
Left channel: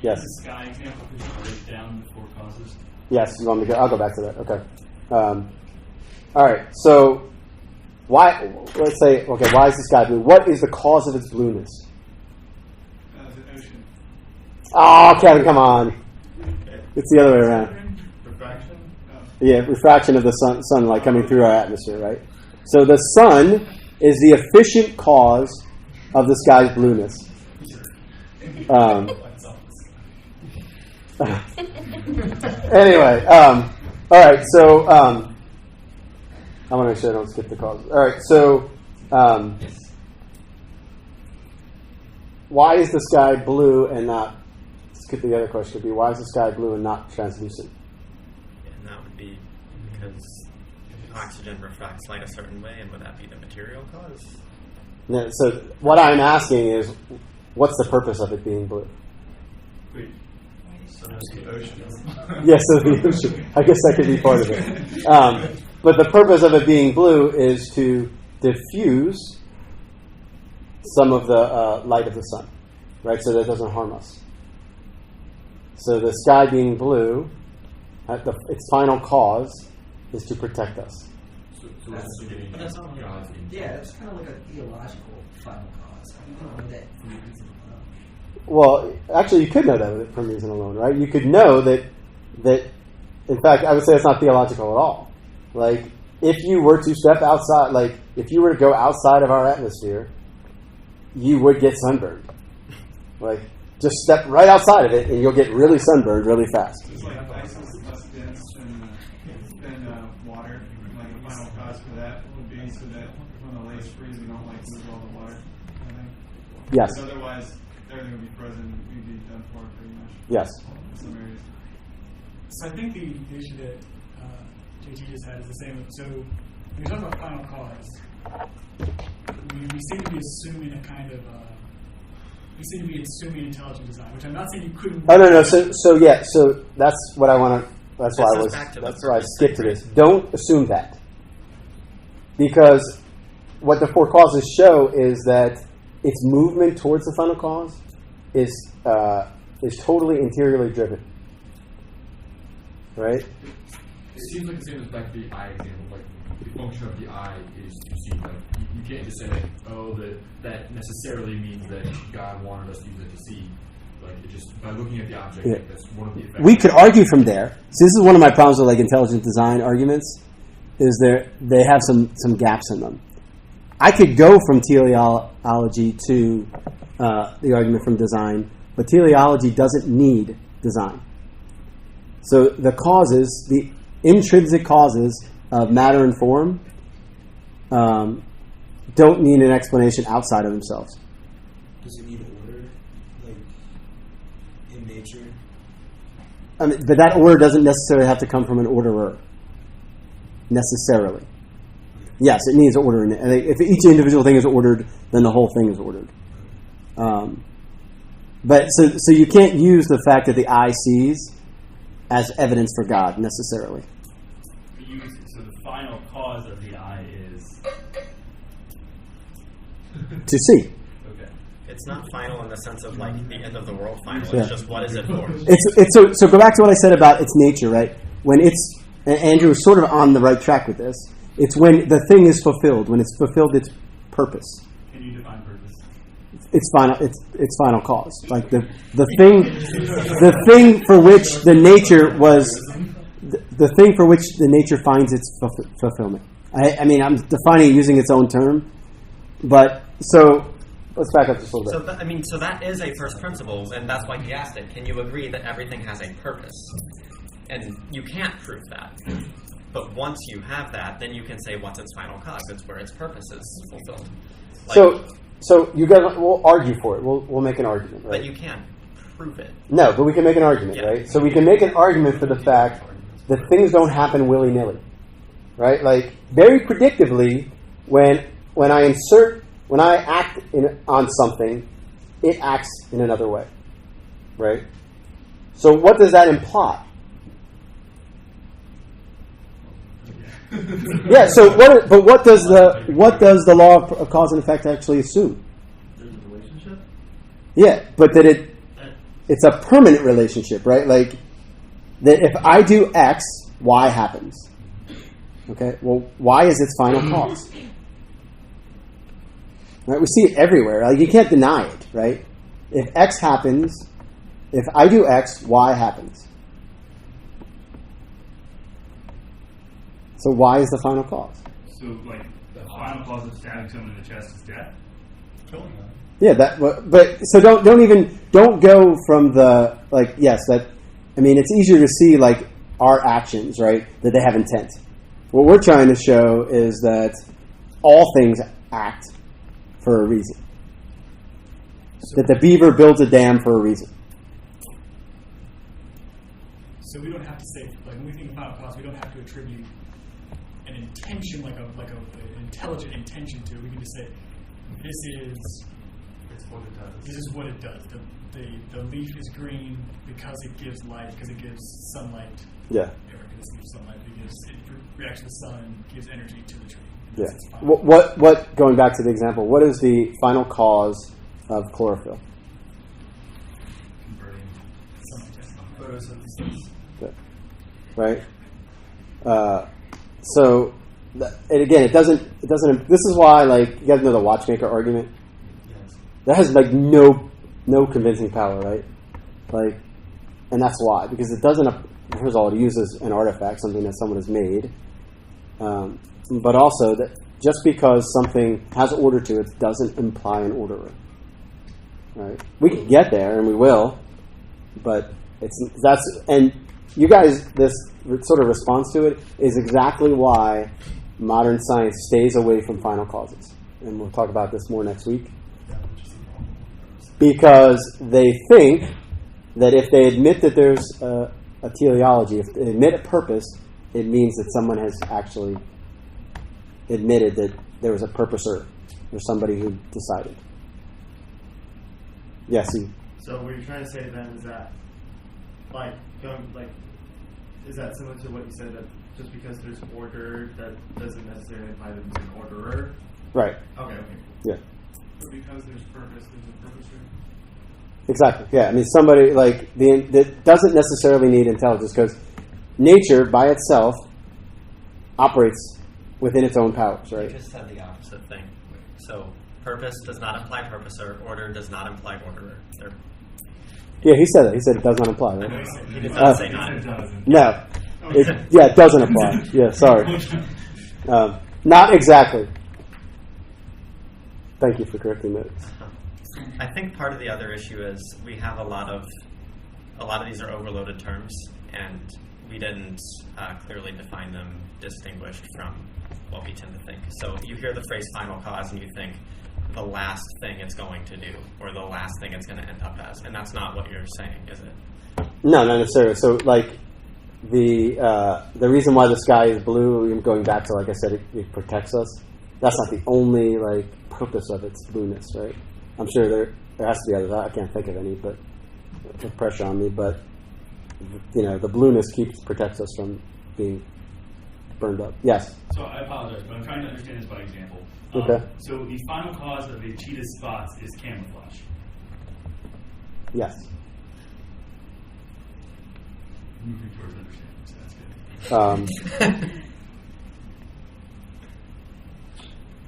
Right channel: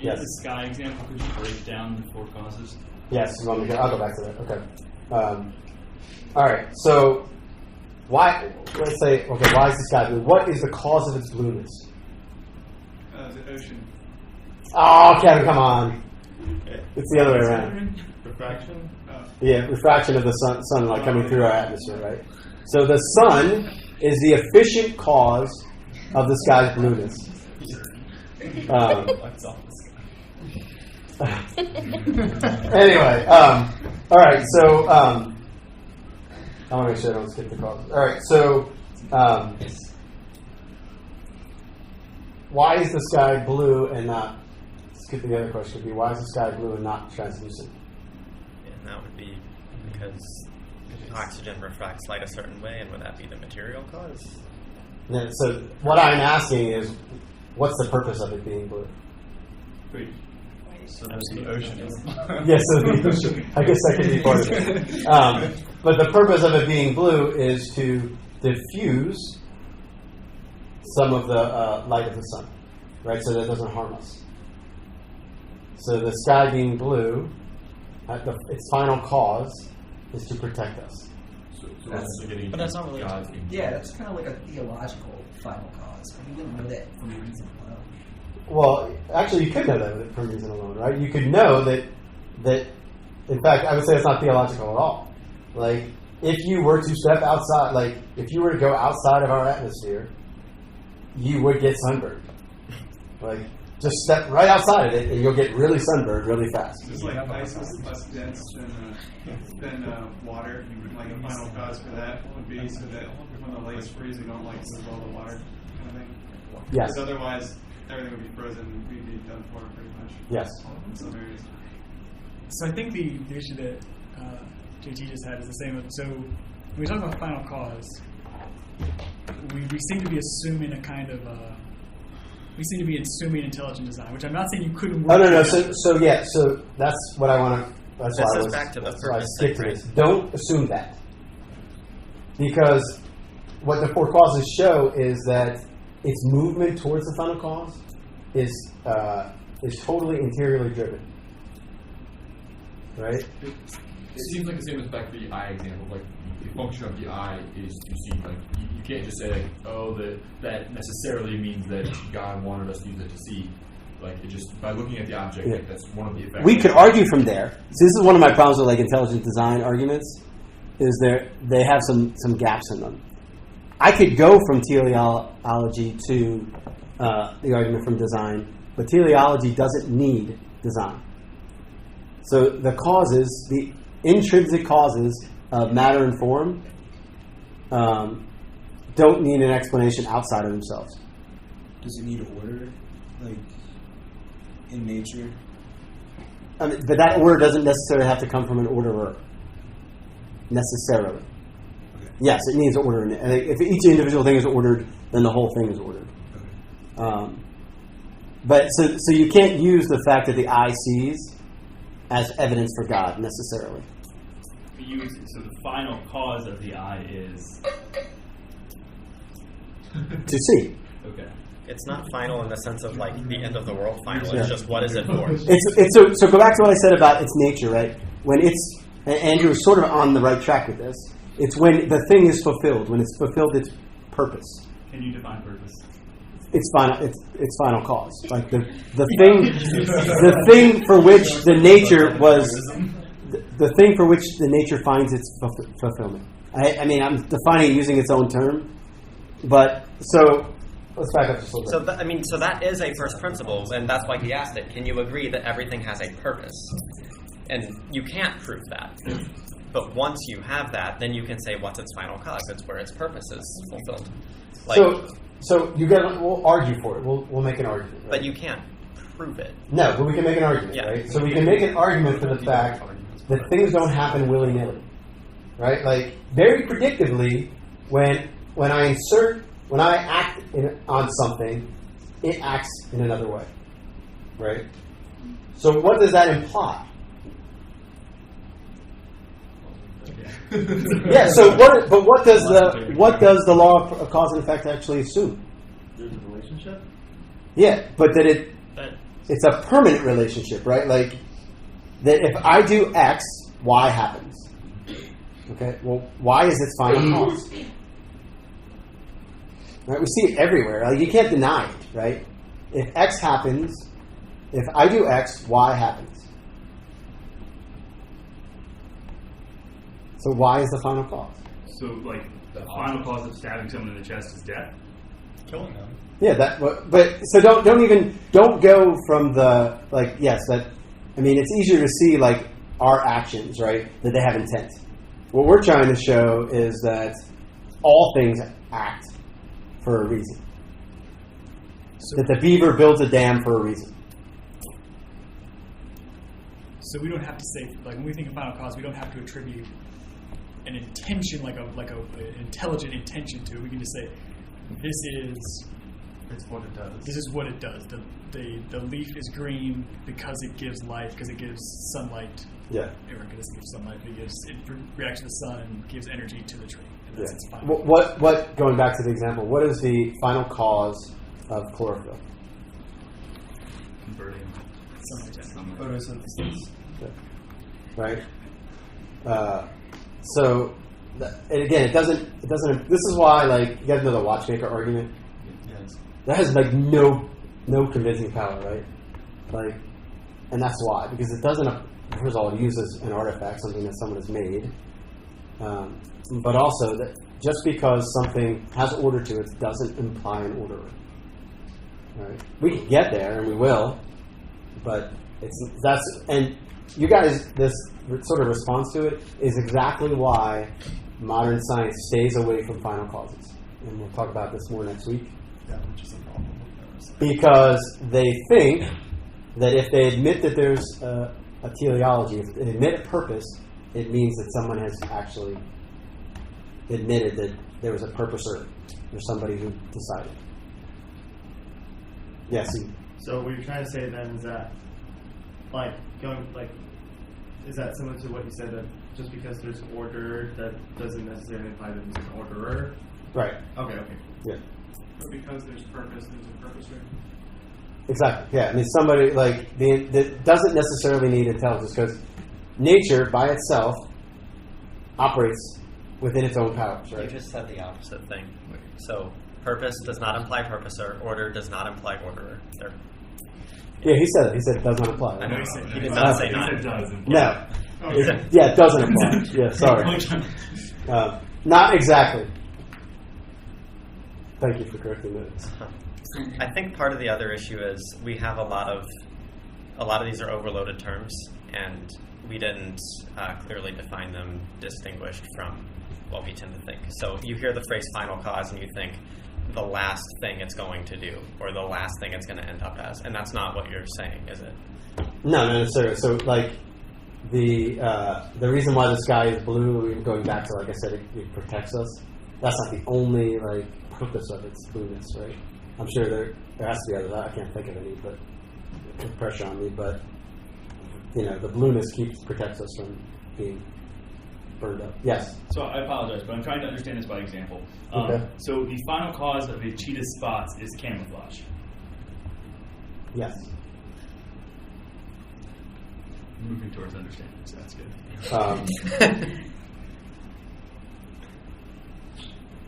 Yes. The sky example, could you break down the 4 causes? Yes, you want me to go? I'll go back to that. Okay. All right. So, why? Let's say, okay, why is the sky blue? What is the cause of its blueness? The ocean. Oh, Kevin, come on. It's the other way around. Refraction? Yeah, refraction of the sunlight coming through our atmosphere, right? So the sun is the efficient cause of the sky's blueness. Anyway, all right. So I want to make sure I don't skip the cause. All right. So why is the sky blue and not? Skip the other question. Would be why is the sky blue and not translucent? And that would be because oxygen refracts light a certain way, and would that be the material cause? Yeah, so what I'm asking is, what's the purpose of it being blue? Wait. So there's the ocean. Yes, so the ocean. I guess that could be part of it. But the purpose of it being blue is to diffuse some of the light of the sun, right? So that it doesn't harm us. So the sky being blue, its final cause is to protect us. So but that's not really. Yeah, that's kind of like a theological final cause. We don't know that for a reason alone. Well, actually, you could know that from reason alone, right? You could know that. In fact, I would say it's not theological at all. Like, if you were to step outside, like, if you were to go outside of our atmosphere, you would get sunburned. Like, just step right outside of it, and you'll get really sunburned really fast. It's like ice is less dense than water. Like a final cause for that would be so that when the lakes freeze, we don't like lose all the water. Kind of thing. Yes. Because otherwise, everything would be frozen. We'd be done for pretty much. Yes. In some areas. So I think the issue that JT just had is the same. So when we talk about final cause, we seem to be assuming a kind of assuming intelligent design, which I'm not saying you couldn't. Oh no. So that's what I want to. That's why I skipped to this. Don't assume that, because what the 4 causes show is that its movement towards the final cause is totally interiorly driven. Right? It seems like the same as back to the eye example. Like the function of the eye is to see. Like you can't just say like, oh, that necessarily means that God wanted us to use it to see. Like it just by looking at the object, like, that's one of the effects. We could argue from there. So this is one of my problems with like intelligent design arguments. Is they have some gaps in them. I could go from teleology to the argument from design, but teleology doesn't need design. So the causes, the intrinsic causes of matter and form, don't need an explanation outside of themselves. Does it need order, like in nature? I mean, but that order doesn't necessarily have to come from an orderer. Necessarily. Yes, it needs order in it. And if each individual thing is ordered, then the whole thing is ordered. But so you can't use the fact that the eye sees as evidence for God necessarily. So the final cause of the eye is To see. okay. It's not final in the sense of like the end of the world final. Yeah. It's just what is it for? So go back to what I said about its nature, right? When it's, and Andrew is sort of on the right track with this. It's when the thing is fulfilled, when it's fulfilled its purpose. Can you define purpose? It's final. It's final cause. Like the thing for which the nature was, the thing for which the nature finds its fulfillment. I mean, I'm defining it using its own term, but so let's back up just a little bit. So that is a first principles, and that's why he asked it. Can you agree that everything has a purpose? And you can't prove that. But once you have that, then you can say what's its final cause. It's where its purpose is fulfilled. So you guys, we'll argue for it. We'll make an argument. Right? But you can't prove it. No, but we can make an argument, Yeah. right? So we can make an argument for the fact that things don't happen willy-nilly, right? Like very predictably, when I act on something, it acts in another way, right? So what does that imply? Yeah. So what does the law of cause and effect actually assume? There's a relationship. Yeah, but that it's a permanent relationship, right? Like that if I do X, Y happens. Okay. Well, Y is its final cause. Right? We see it everywhere. Like you can't deny it, right? If X happens, if I do X, Y happens. So why is the final cause? So, like, the final cause of stabbing someone in the chest is death? Killing them. Yeah, but so don't go from the, like, yes, that, I mean, it's easier to see, like, our actions, right, that they have intent. What we're trying to show is that all things act for a reason. That the beaver builds a dam for a reason. So we don't have to say, like, when we think of final cause, we don't have to attribute an intention, like an intelligent intention to it. We can just say, It's what it does. this is what it does. The leaf is green because it gives life, because it gives sunlight. Yeah. It gives sunlight. It reacts to the sun and gives energy to the tree. And Yeah. that's its final What? Going back to the example, what is the final cause of chlorophyll? Converting sunlight. Photosynthesis. Okay. Right. And again, it doesn't. This is why, like, you guys know the watchmaker argument. Yes. That has like no convincing power, right? Like, and that's why, because it doesn't. First of all, it uses an artifact, something that someone has made, but also that just because something has order to it doesn't imply an orderer. Right? We can get there, and we will, but and you guys, this sort of response to it is exactly why modern science stays away from final causes, and we'll talk about this more next week. Yeah, which is a problem. Because they think that if they admit that there's a teleology, if they admit a purpose, it means that someone has actually admitted that there was a purposer. There's somebody who decided. Yes. So what you're trying to say then is that, is that similar to what you said, that just because there's order, that doesn't necessarily imply that there's an orderer? Right. Okay. Yeah. But because there's purpose, there's a purpose, right? Exactly. Yeah. I mean, somebody that doesn't necessarily need intelligence, because nature by itself operates within its own powers. Right. You just said the opposite thing. So purpose does not imply purposer. Order does not imply orderer. Yeah, he said it. He said it does not apply. Right? I know he did not say not. No. It doesn't apply. Yeah, sorry. Not exactly. Thank you for correcting that. I think part of the other issue is we have a lot of these are overloaded terms, and we didn't clearly define them distinguished from what we tend to think. So you hear the phrase final cause and you think the last thing it's going to do, or the last thing it's going to end up as, and that's not what you're saying, is it? No, not necessarily. So, like, the reason why the sky is blue, going back to, like I said, it protects us. That's not the only like purpose of its blueness, right? I'm sure there has to be others. I can't think of any, but with pressure on me. But the blueness protects us from being burned up. Yes. So I apologize, but I'm trying to understand this by example. Okay. So the final cause of a cheetah's spots is camouflage. Yes. Moving towards understanding, so that's good.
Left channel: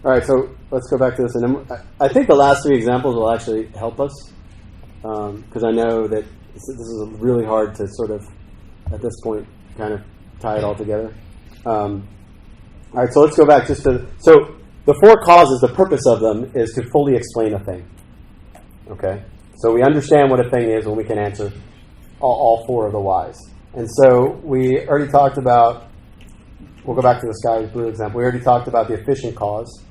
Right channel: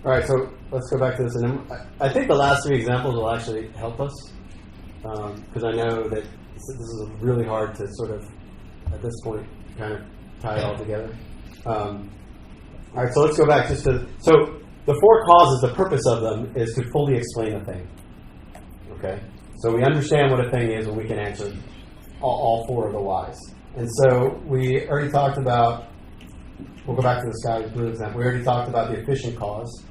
All right, so let's go back to this. And then I think the last three examples will actually help us, because I know that this is really hard to sort of, at this point, kind of tie it all together. All right, so let's go back just to... So the four causes, the purpose of them is to fully explain a thing. Okay? So we understand what a thing is when we can answer all four of the whys. And so we already talked about... We'll go back to the sky blue example. We already talked about the efficient cause.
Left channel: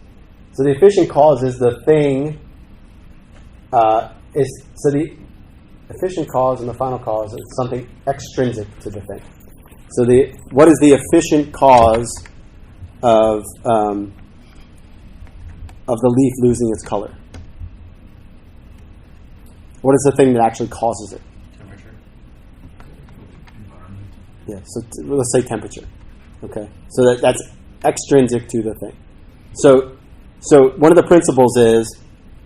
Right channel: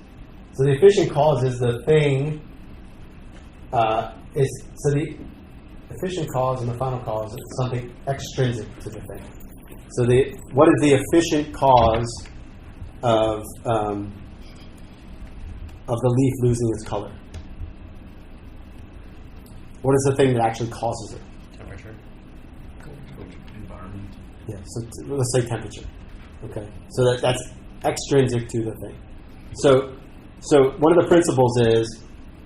So the efficient cause is the thing... So the efficient cause and the final cause is something extrinsic to the thing. So what is the efficient cause of the leaf losing its color? What is the thing that actually causes it? Temperature. Environment. Yeah, so let's say temperature. Okay, so that's extrinsic to the thing. So one of the principles is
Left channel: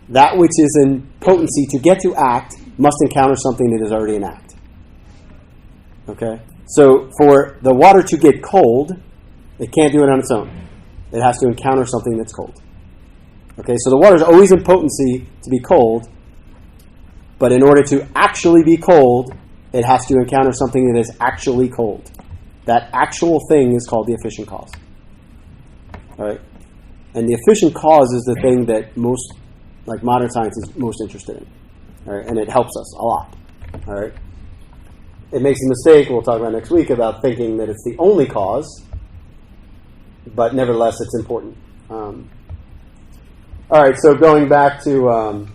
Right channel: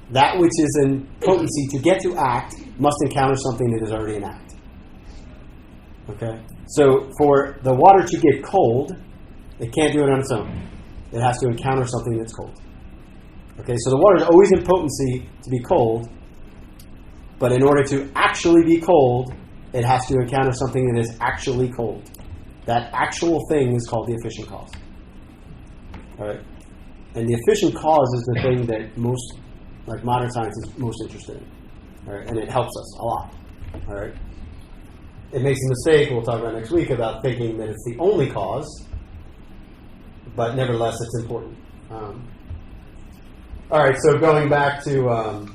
that which is in potency to get to act must encounter something that is already in act. Okay? So for the water to get cold, it can't do it on its own. It has to encounter something that's cold. Okay, so the water is always in potency to be cold, but in order to actually be cold, it has to encounter something that is actually cold. That actual thing is called the efficient cause. All right? And the efficient cause is the thing that most, like modern science, is most interested in. All right? And it helps us a lot. All right? It makes a mistake, we'll talk about next week, about thinking that it's the only cause, but nevertheless, it's important. All right, so going back to,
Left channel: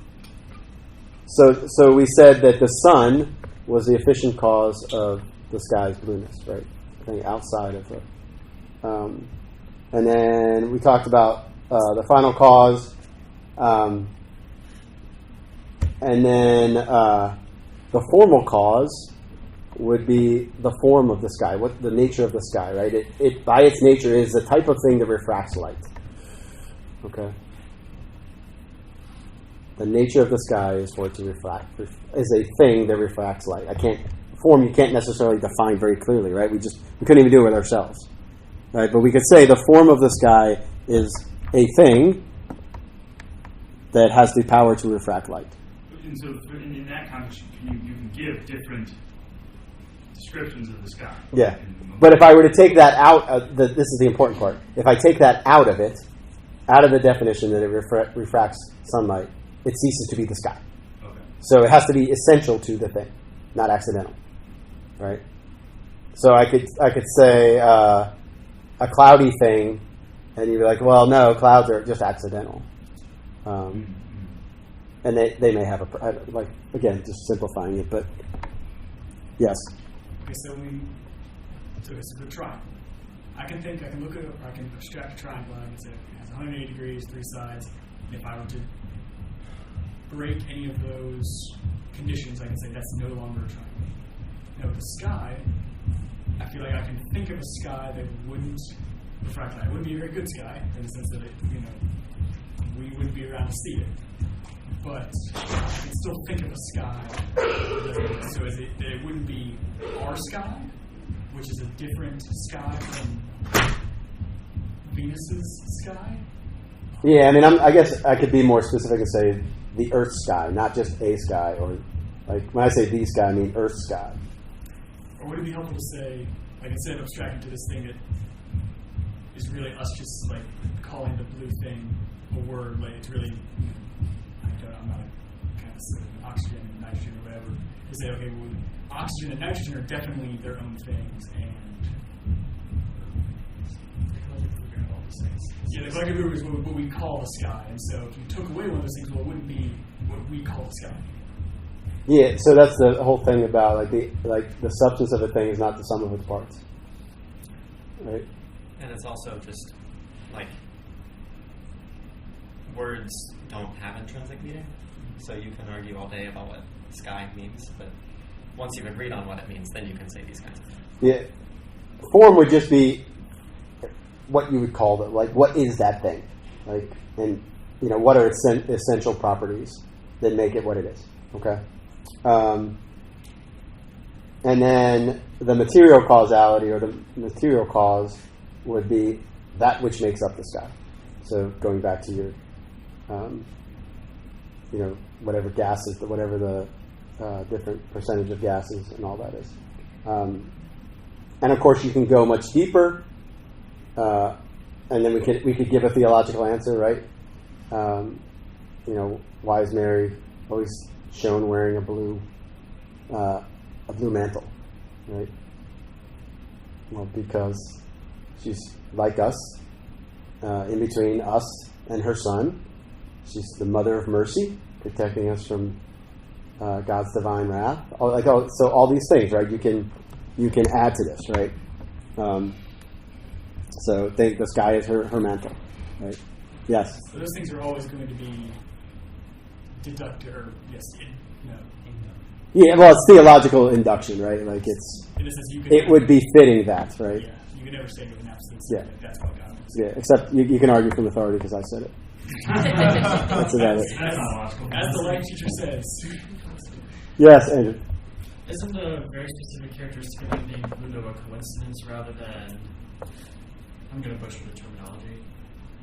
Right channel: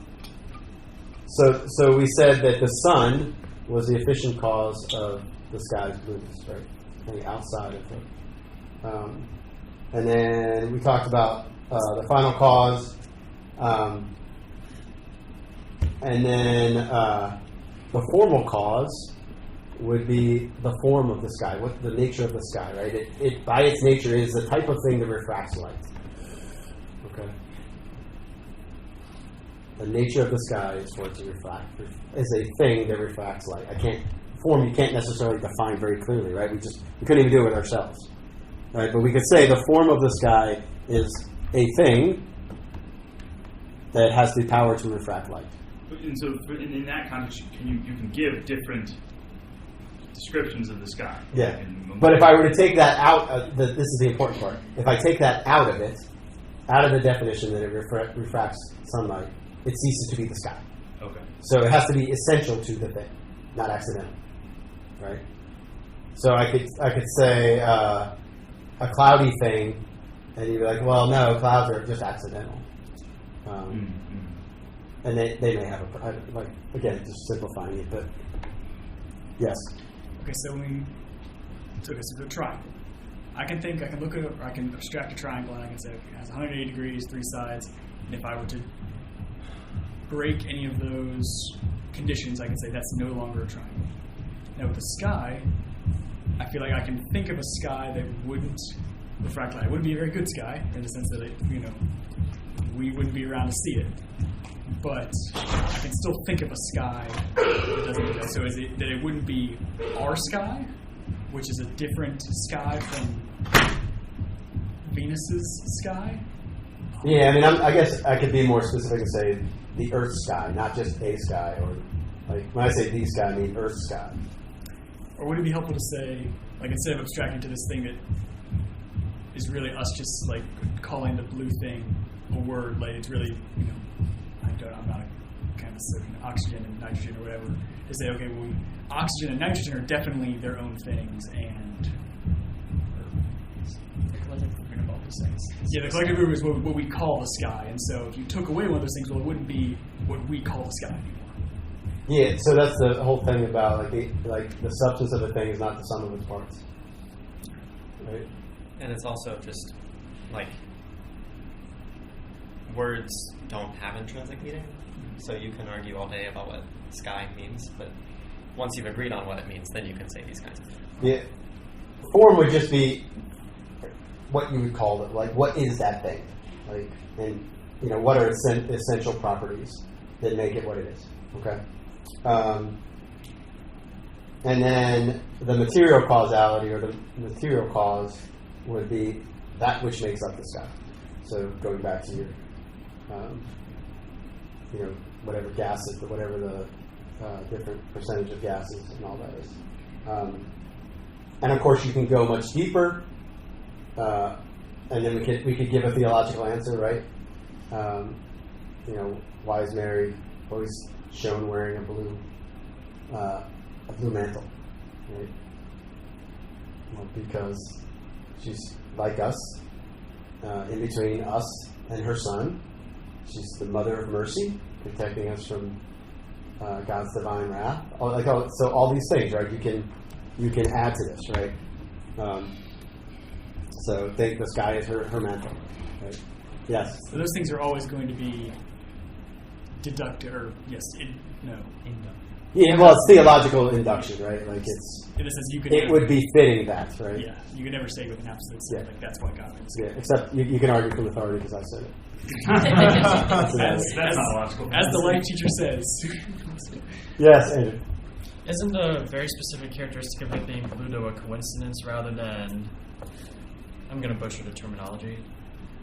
so we said that the sun was the efficient cause of the sky's blueness, right? Something outside of it. And then we talked about the final cause, and then the formal cause would be the form of the sky, what the nature of the sky, right? It by its nature is the type of thing that refracts light. Okay. The nature of the sky is for it to refract, is a thing that refracts light. Form you can't necessarily define very clearly, right? We couldn't even do it ourselves, right? But we could say the form of the sky is a thing that has the power to refract light. And so, in that context, you can give different descriptions of the sky. Yeah, but if I were to take that out, this is the important part. If I take that out of it, out of the definition that it refracts sunlight, it ceases to be the sky. Okay. So it has to be essential to the thing, not accidental, right? So I could say a cloudy thing, and you'd be like, well, no, clouds are just accidental. And they may have again, just simplifying it, but yes. Okay, so it's a triangle. I can look at it, or I can abstract a triangle, and I can say it has 180 degrees, three sides, and if I were to break any of those conditions, I can say that's no longer a triangle. Now with the sky, I feel like I can think of a sky that wouldn't refract light. It wouldn't be a very good sky, in the sense that we wouldn't be around to see it. But I can still think of a sky that doesn't do that. So is it that it wouldn't be our sky, which is a different sky from Venus's sky? Yeah, I mean, I guess I could be more specific and say the Earth's sky, not just a sky, or like when I say the sky, I mean Earth's sky. Or would it be helpful to say, like, instead of abstracting to this thing that is really us just like calling the blue thing a word, like it's really, I'm not a kind of oxygen and nitrogen or whatever, to say, okay, well, oxygen and nitrogen are definitely their own things, and the collective group is what we call the sky, and so if you took away one of those things, well, it wouldn't be what we call the sky anymore. Yeah, so that's the whole thing about the substance of a thing is not the sum of its parts, right? And it's also just like words don't have intrinsic meaning, so you can argue all day about what sky means, but once you've agreed on what it means, then you can say these kinds of things. Yeah, form would just be what you would call it, like what is that thing, like, and what are its essential properties that make it what it is, okay? And then the material causality or the material cause would be that which makes up the stuff. So going back to your, whatever gases, whatever the different percentage of gases and all that is. And of course, you can go much deeper, and then we could give a theological answer, right? Why is Mary always shown wearing a blue mantle, right? Well, because she's like us, in between us and her Son. She's the mother of mercy, protecting us from God's divine wrath. So all these things, right? You can add to this, right? So think the sky is her mantle, right? Yes. So those things are always going to be deducted, or Yeah, well, it's theological induction, right? Like it's. In a sense, it would be fitting that, right? Yeah, you can never say with an absolute. Yeah. That's what God is. Yeah, except you can argue from authority because I said it. That's not logical. As the life teacher says. Yes, Andrew. Isn't a very specific characteristic of it being Ludo a coincidence rather than, I'm going to butcher the terminology,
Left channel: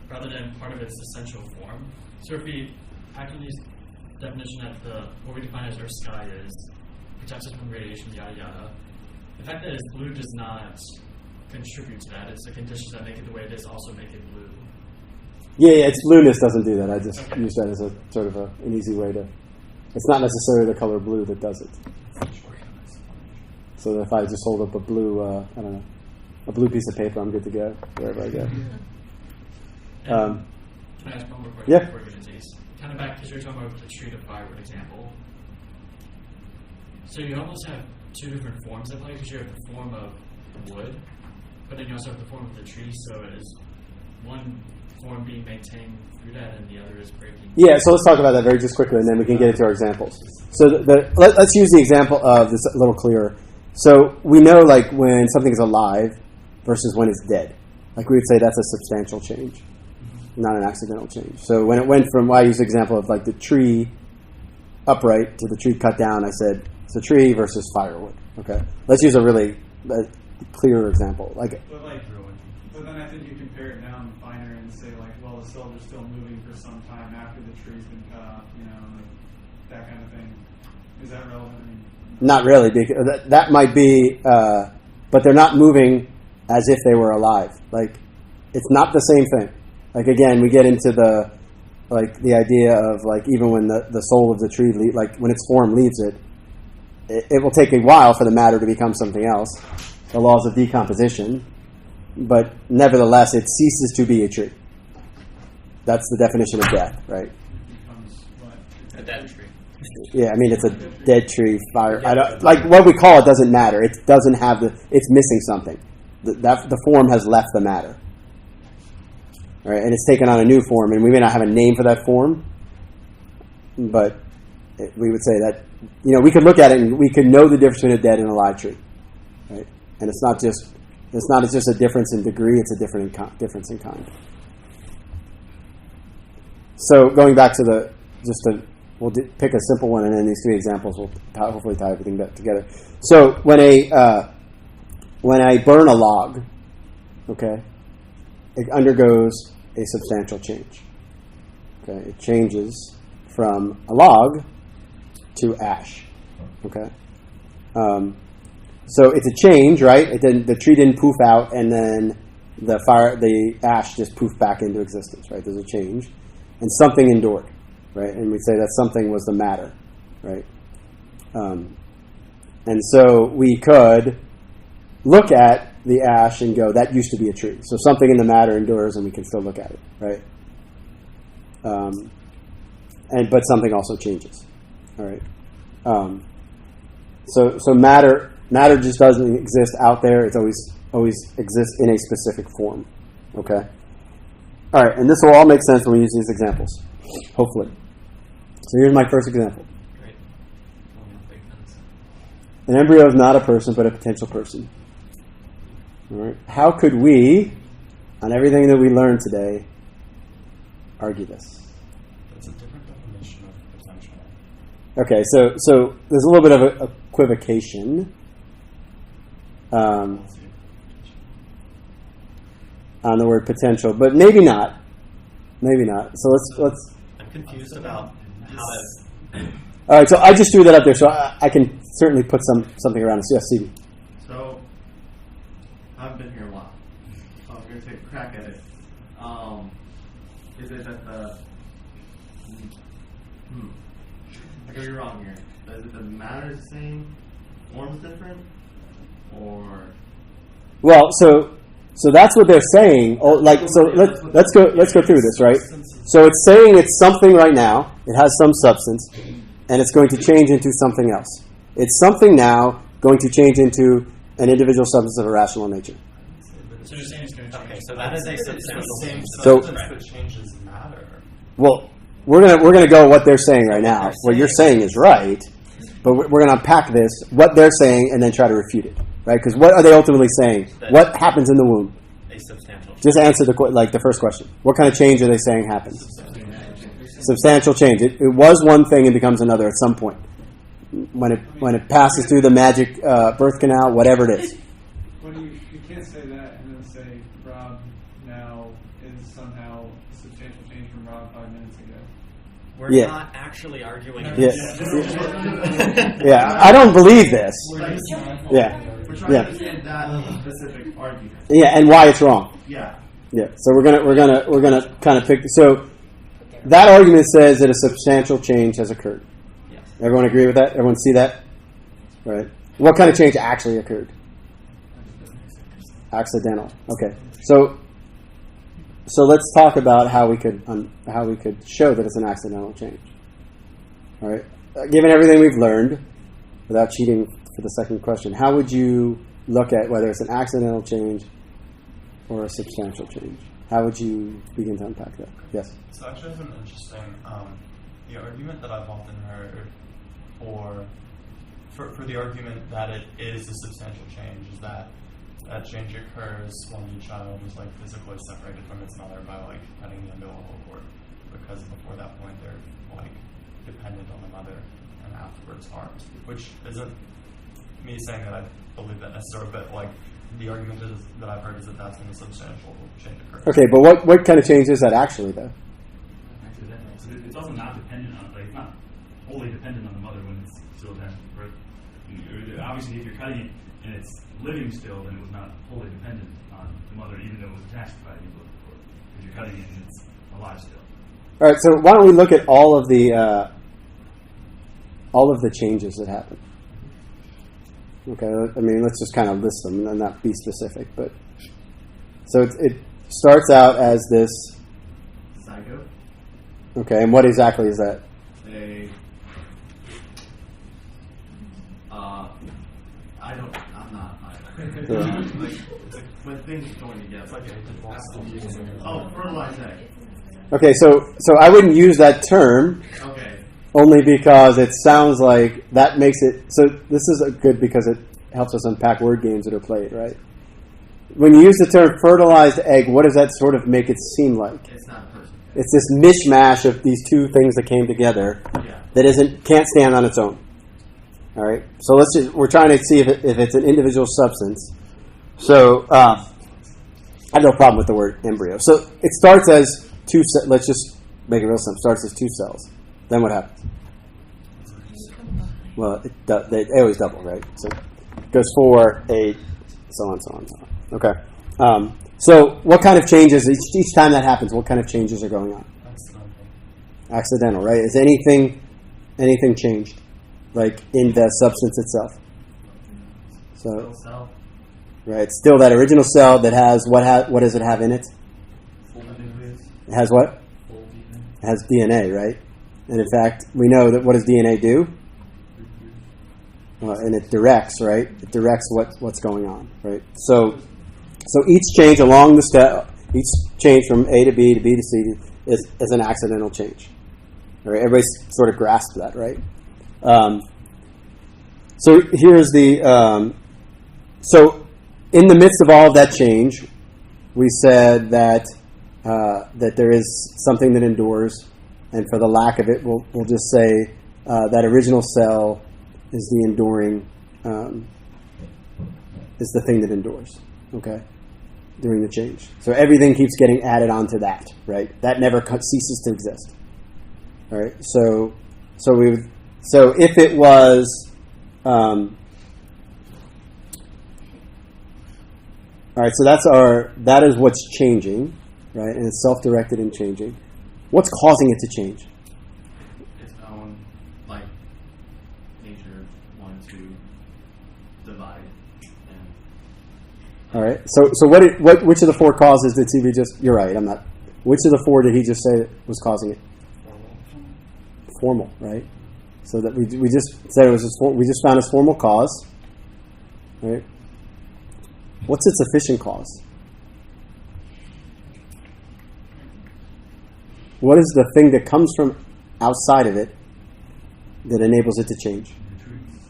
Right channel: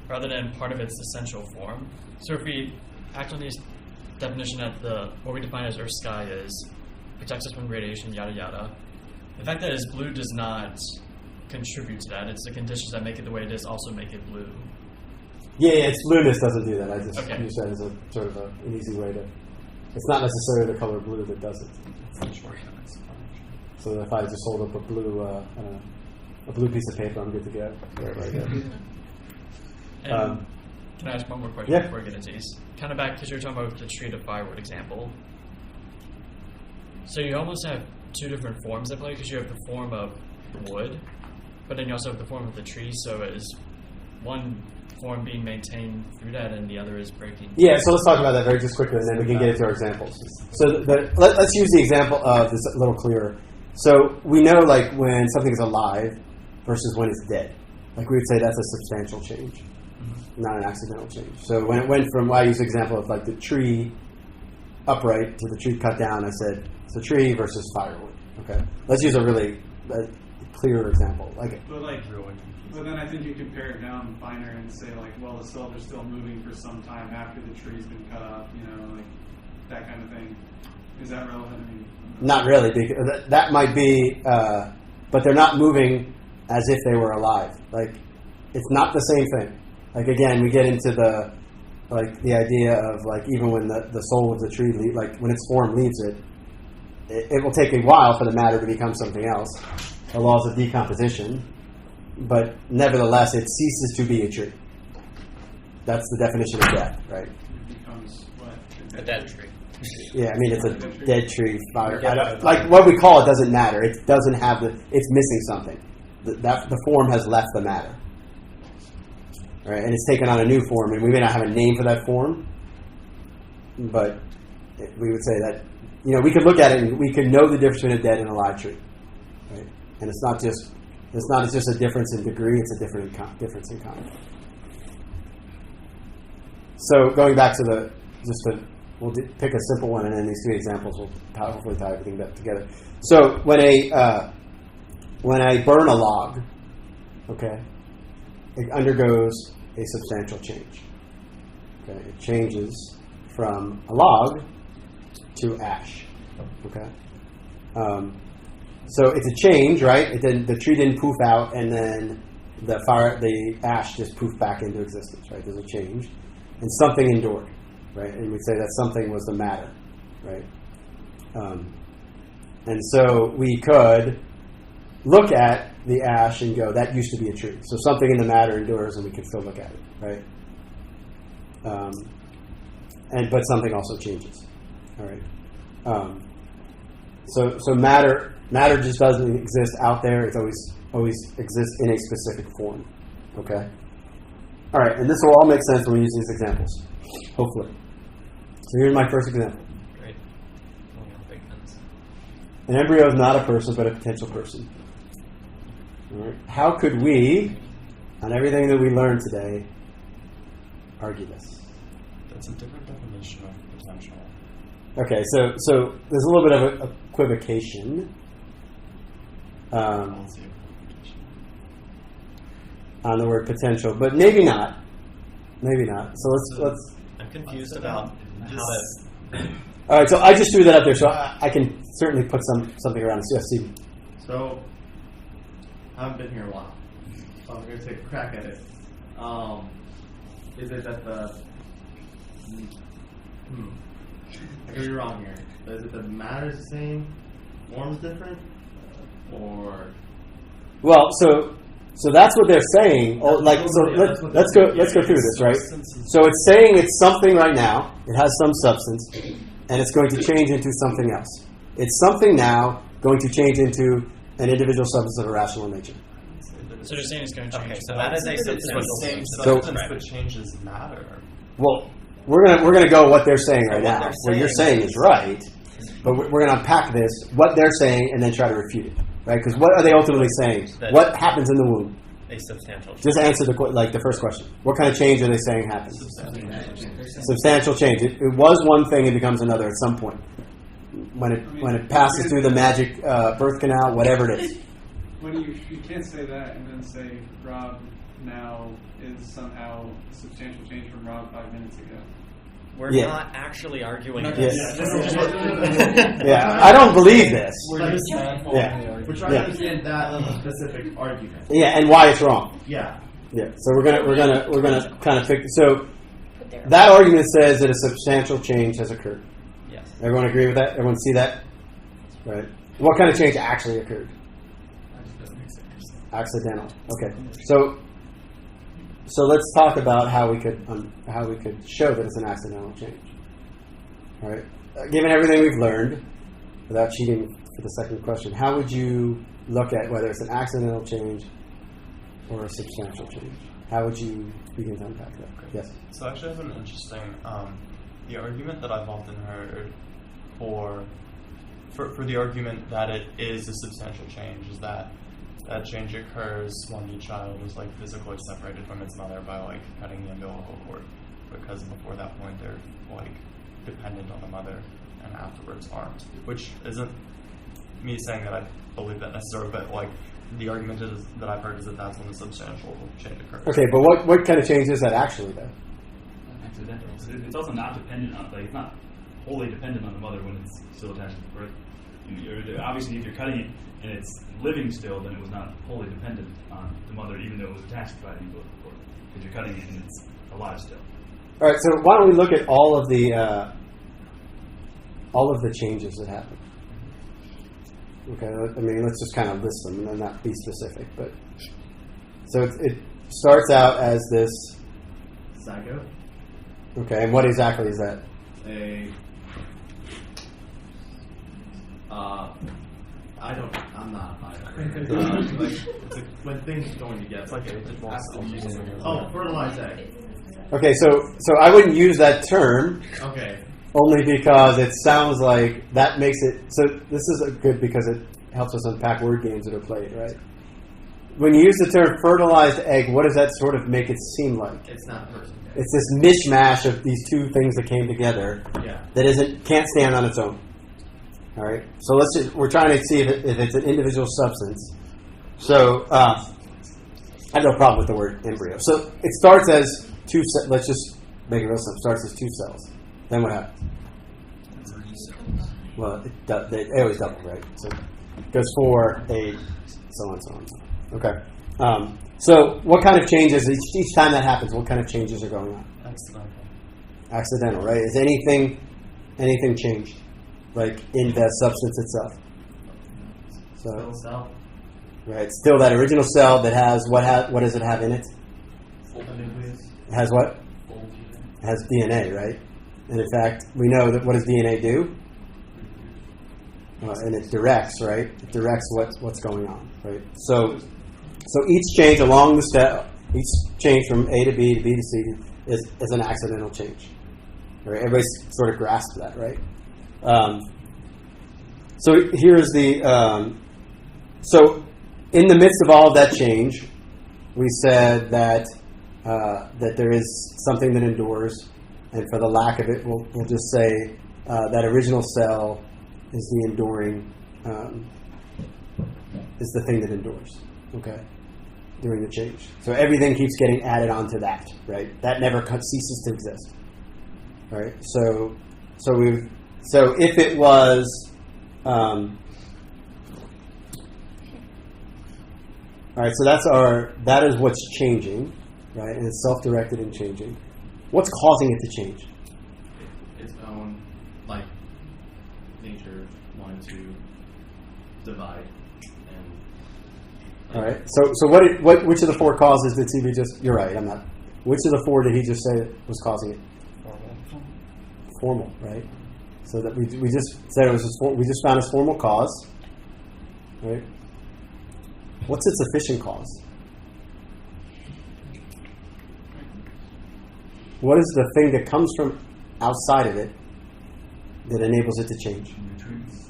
rather than part of its essential form? So if we act on these definition that what we define as Earth sky is protects us from radiation, yada yada, the fact that it's blue does not contribute to that. It's the conditions that make it the way it is also make it blue. Yeah, its blueness doesn't do that. I just Okay. use that as a sort of an easy way to. It's not necessarily the color blue that does it. So if I just hold up a blue, a blue piece of paper, I'm good to go wherever I go. And can I ask one more question Yeah. before we get into these? Kind of back, because you're talking about the tree to firewood example. So you almost have two different forms at play, because you have the form of wood, but then you also have the form of the tree, so is one form being maintained through that and the other is breaking? Yeah, so let's talk about that very just quickly, and then we can get into our examples. So let's use the example of this a little clearer. So we know, like, when something is alive versus when it's dead. Like, we would say that's a substantial change, not an accidental change. So when it went from, I use the example of, like, the tree upright to the tree cut down, I said it's a tree versus firewood. Okay? Let's use a really clearer example. But then I think you compare it down finer and say, like, well, the cells are still moving for some time after the tree's been cut off, like that kind of thing. Is that relevant? I mean, not really, because that might be, but they're not moving as if they were alive. Like, it's not the same thing. Like, again, we get into the idea of, like, even when the soul of the tree, when its form leaves it will take a while for the matter to become something else. The laws of decomposition. But nevertheless, it ceases to be a tree. That's the definition of death, right? it becomes what? A dead tree. Yeah, I mean, it's a dead tree, fire. Like, what we call it doesn't matter. It doesn't have it's missing something. The form has left the matter. Right? And it's taken on a new form, and we may not have a name for that form, but we would say that, we could look at it and we could know the difference between a dead and a live tree. Right? And it's not just a difference in degree, it's a difference in kind. So going back to we'll pick a simple one, and then these three examples will hopefully tie everything together. So when I burn a log, okay, it undergoes a substantial change. Okay, it changes from a log to ash. Okay. So it's a change, right? The tree didn't poof out, and then the ash just poofed back into existence, right? There's a change, and something endured, right? And we say that something was the matter, right? And so we could look at the ash and go, that used to be a tree. So something in the matter endures, and we can still look at it, right? But something also changes, all right? So matter just doesn't exist out there. It's always exists in a specific form. Okay. All right, and this will all make sense when we use these examples, hopefully. So here's my first example. Great. Big sense. An embryo is not a person, but a potential person. All right. How could we, on everything that we learned today, argue this? That's a different definition of potential. Okay, so there's a little bit of equivocation. On the word potential, but maybe not. Maybe not. So let's. I'm confused about how to. All right, so I just threw that up there, so I can certainly put something around this. Yes, Steve. So I haven't been here a while, so I'm going to take a crack at it. Is it that the I could be wrong here. But is it that matter is the same, form's different, or? Well, so that's what they're saying. Oh, let's go through this, right? So it's saying it's something right now. It has some substance, and it's going to change into something else. It's something now going to change into an individual substance of a rational nature. So you're saying it's going to change. Okay, so that is a substantial Same So- substance but changes matter. Well, we're gonna go what they're saying right now. What you're saying is right, but we're gonna unpack this, what they're saying, and then try to refute it, right? Because what are they ultimately saying? What happens in the womb? A substantial change. Just answer the first question. What kind of change are they saying happens? Substantial change. It was one thing and becomes another at some point. When it passes through the magic birth canal, whatever it is. When you can't say that and then say Rob now is somehow a substantial change from Rob 5 minutes ago. We're Yeah. not actually arguing Yeah. this. Yeah, I don't believe this. Yeah. We're trying to understand that specific argument. Yeah, and why it's wrong. Yeah. Yeah. So we're gonna kind of pick. So that argument says that a substantial change has occurred. Yes. Everyone agree with that? Everyone see that? Right. What kind of change actually occurred? Accidental. Okay. So let's talk about how we could show that it's an accidental change. All right. Given everything we've learned, without cheating for the second question, how would you look at whether it's an accidental change or a substantial change? How would you begin to unpack that? Yes. So actually, that's an interesting. The argument that I've often heard for the argument that it is a substantial change is that change occurs when the child is physically separated from its mother by cutting the umbilical cord, because before that point they're dependent on the mother and afterwards aren't. Which isn't me saying that I believe that necessarily, but the argument is that I've heard is that that's when the substantial change occurs. Okay, but what kind of change is that actually though? Accidental. So it's also not dependent on, it's not wholly dependent on the mother when it's still attached to the birth. Obviously, if you're cutting it and it's living still, then it was not wholly dependent on the mother, even though it was attached by the umbilical cord. Because you're cutting it and it's alive still. All right, so why don't we look at all of the changes that happen? Okay, I mean, let's just kind of list them and not be specific. But so it starts out as this. Zygote. Okay, and what exactly is that? I'm not. When things are going together. Fertilized egg. Okay, so I wouldn't use that term. Okay. Only because it sounds like that makes it. So this is good because it helps us unpack word games that are played, right? When you use the term fertilized egg, what does that sort of make it seem like? It's not a person. It's this mishmash of these two things that came together that can't stand on its own. All right. So we're trying to see if it's an individual substance. So I have no problem with the word embryo. So it starts as two. Let's just make it real simple. It starts as two cells. Then what happens? Well, they always double, right? So it goes 4, 8, so on, so on, so on. Okay. So what kind of changes, each time that happens, what kind of changes are going on? Accidental, right? Is anything changed? In the substance itself? So, right, still that original cell that has, what does it have in it? It has what? It has DNA, right? And in fact, we know that what does DNA do? and it directs, right? It directs what's going on, right? So each change along the step, each change from A to B to B to C is an accidental change. All right, everybody sort of grasps that, right? So here's the so in the midst of all of that change, we said that there is something that endures, and for the lack of it, we'll just say that original cell is the enduring, is the thing that endures, okay, during the change. So everything keeps getting added onto that, right? That never ceases to exist, all right? So if it was, all right, so that is what's changing, right? And it's self-directed and changing. What's causing it to change? Its own, like, nature wanting to divide. All right. So which of the four causes did CB just? You're right. I'm not. Which of the four did he just say was causing it? Formal, right? So that we just said it was we just found a formal cause, right? What's its efficient cause? What is the thing that comes from outside of it that enables it to change? Nutrients.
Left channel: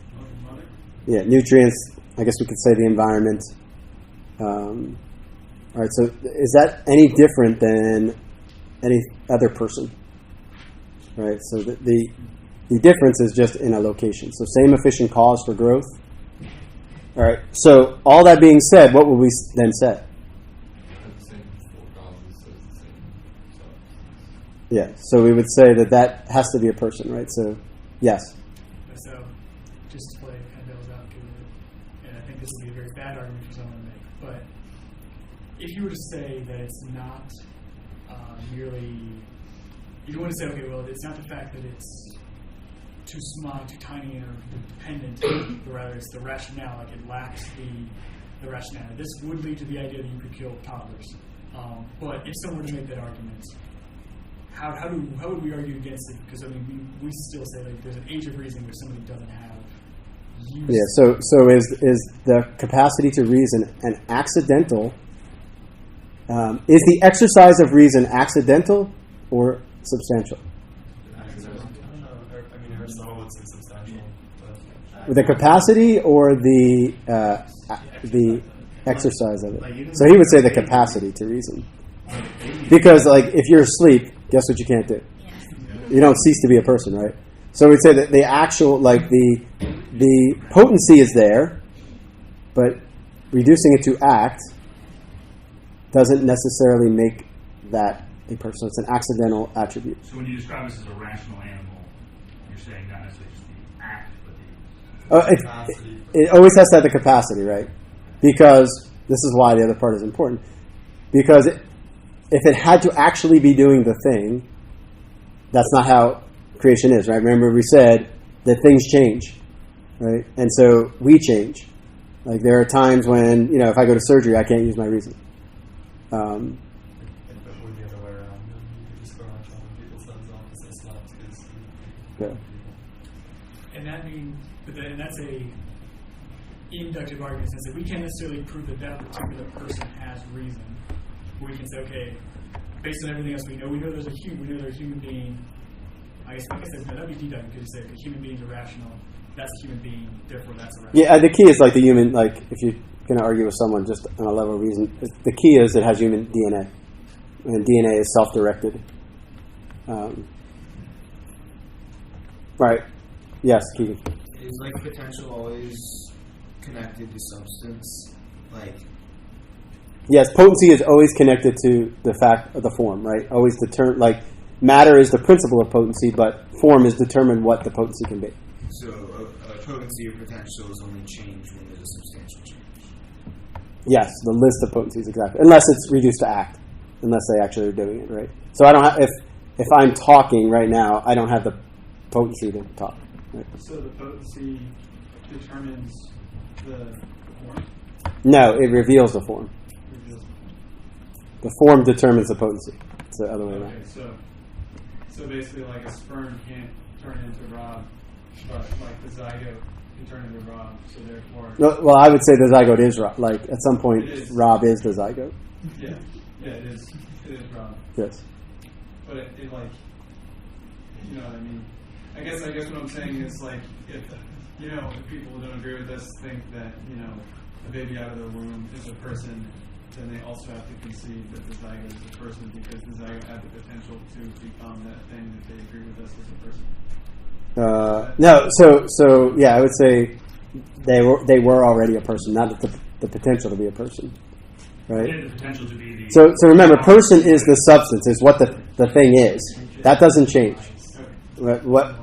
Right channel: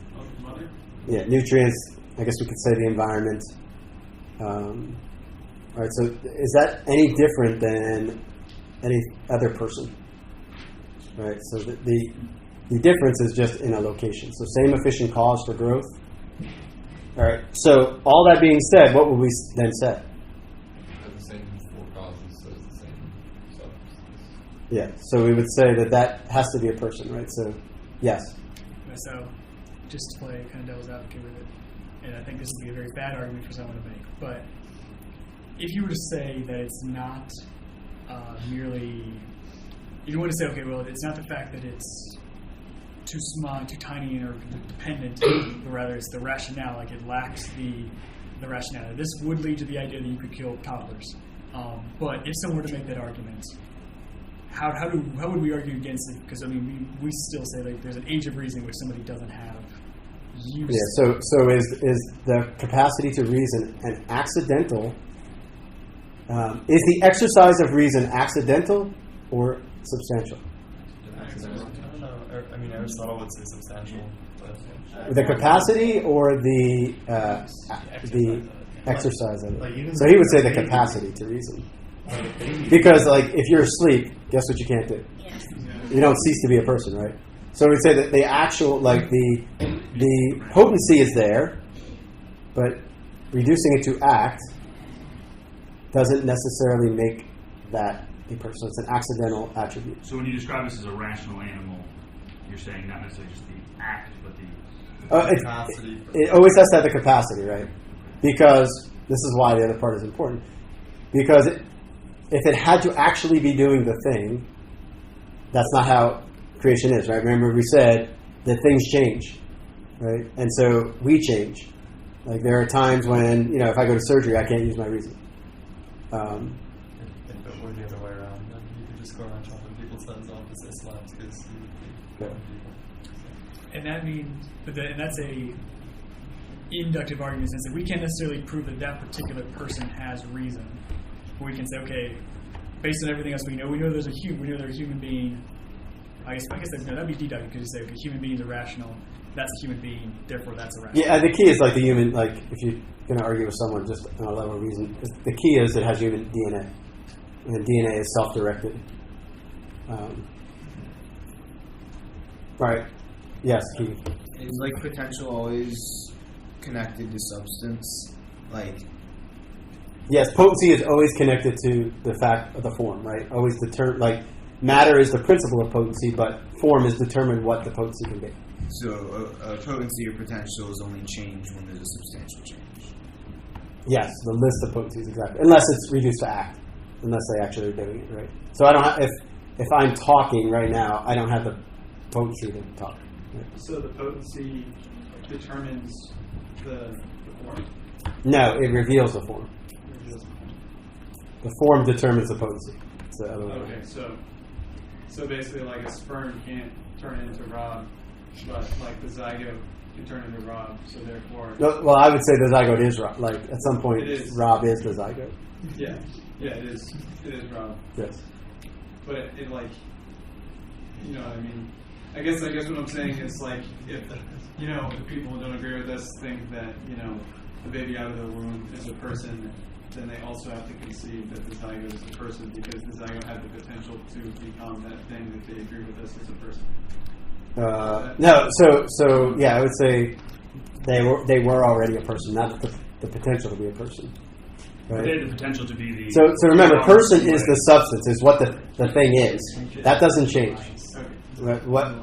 Yeah, nutrients. I guess we could say the environment. All right. So is that any different than any other person? All right. So the difference is just in a location. So same efficient cause for growth. All right. So all that being said, what would we then say? The same four causes as the same substance. Yeah. So we would say that has to be a person, right? So yes. So just to play kind of devil's advocate with it, and I think this would be a very bad argument for someone to make, but if you were to say that it's not merely, you want to say, okay, well, it's not the fact that it's too small, too tiny, or dependent, but rather it's the rationale, like it lacks the rationale. This would lead to the idea that you could kill toddlers. But if someone were to make that argument, how would we argue against it? Because I mean, we still say like there's an age of reason which somebody doesn't have. Yeah. So is the capacity to reason an accidental? Is the exercise of reason accidental or substantial? Accidental. I don't know. I mean, Aristotle would say substantial. But The capacity or the exercise of it? So he would say the capacity to reason. Because like if you're asleep, guess what you can't do? You don't cease to be a person, right? So we'd say that the actual, like the potency is there, but reducing it to act doesn't necessarily make that a person. It's an accidental attribute. So when you describe this as a rational animal, you're saying not necessarily just the act, but the capacity. It always has to have the capacity, right? Because this is why the other part is important. Because if it had to actually be doing the thing, that's not how creation is, right? Remember we said that things change, right? And so we change. Like there are times when, if I go to surgery, I can't use my reason. If it were the other way around, then you could just go around chopping people's heads off and say slaps because And that means, and that's a inductive argument in the sense that we can't necessarily prove that particular person has reason. But we can say, okay, based on everything else we know there's a human being. I guess that'd be deductive because you say, okay, human beings are rational. That's a human being, therefore that's a rational. Yeah, the key is like the human, like if you're going to argue with someone just on a level of reason, the key is it has human DNA. And DNA is self-directed. Right. Yes, Keegan. Is like potential always connected to substance? Like, yes, potency is always connected to the fact of the form, right? Always like matter is the principle of potency, but form is determined what the potency can be. so a potency or potential is only changed when there's a substantial change. Yes, the list of potencies, exactly. Unless it's reduced to act, unless they actually are doing it, right? So I don't have, if I'm talking right now, I don't have the potency to talk. Right? So the potency determines the form? No, it reveals the form. The form determines the potency. It's the other way around. Okay, so basically like a sperm can't turn into Rob, but like the zygote could turn into Rob. So therefore, Well, I would say the zygote is Rob. Like at some point, It is. Rob is the zygote. yeah, it is Rob. Yes. But it like, you know what I mean? I guess what I'm saying is like, if people who don't agree with us think that the baby out of the womb is a person, then they also have to concede that the zygote is a person, because the zygote had the potential to become that thing that they agree with us as a person. No. So yeah, I would say they were already a person, not the potential to be a person. Right. They had the potential to be the. So remember, person is the substance, is what the thing is. That doesn't change. What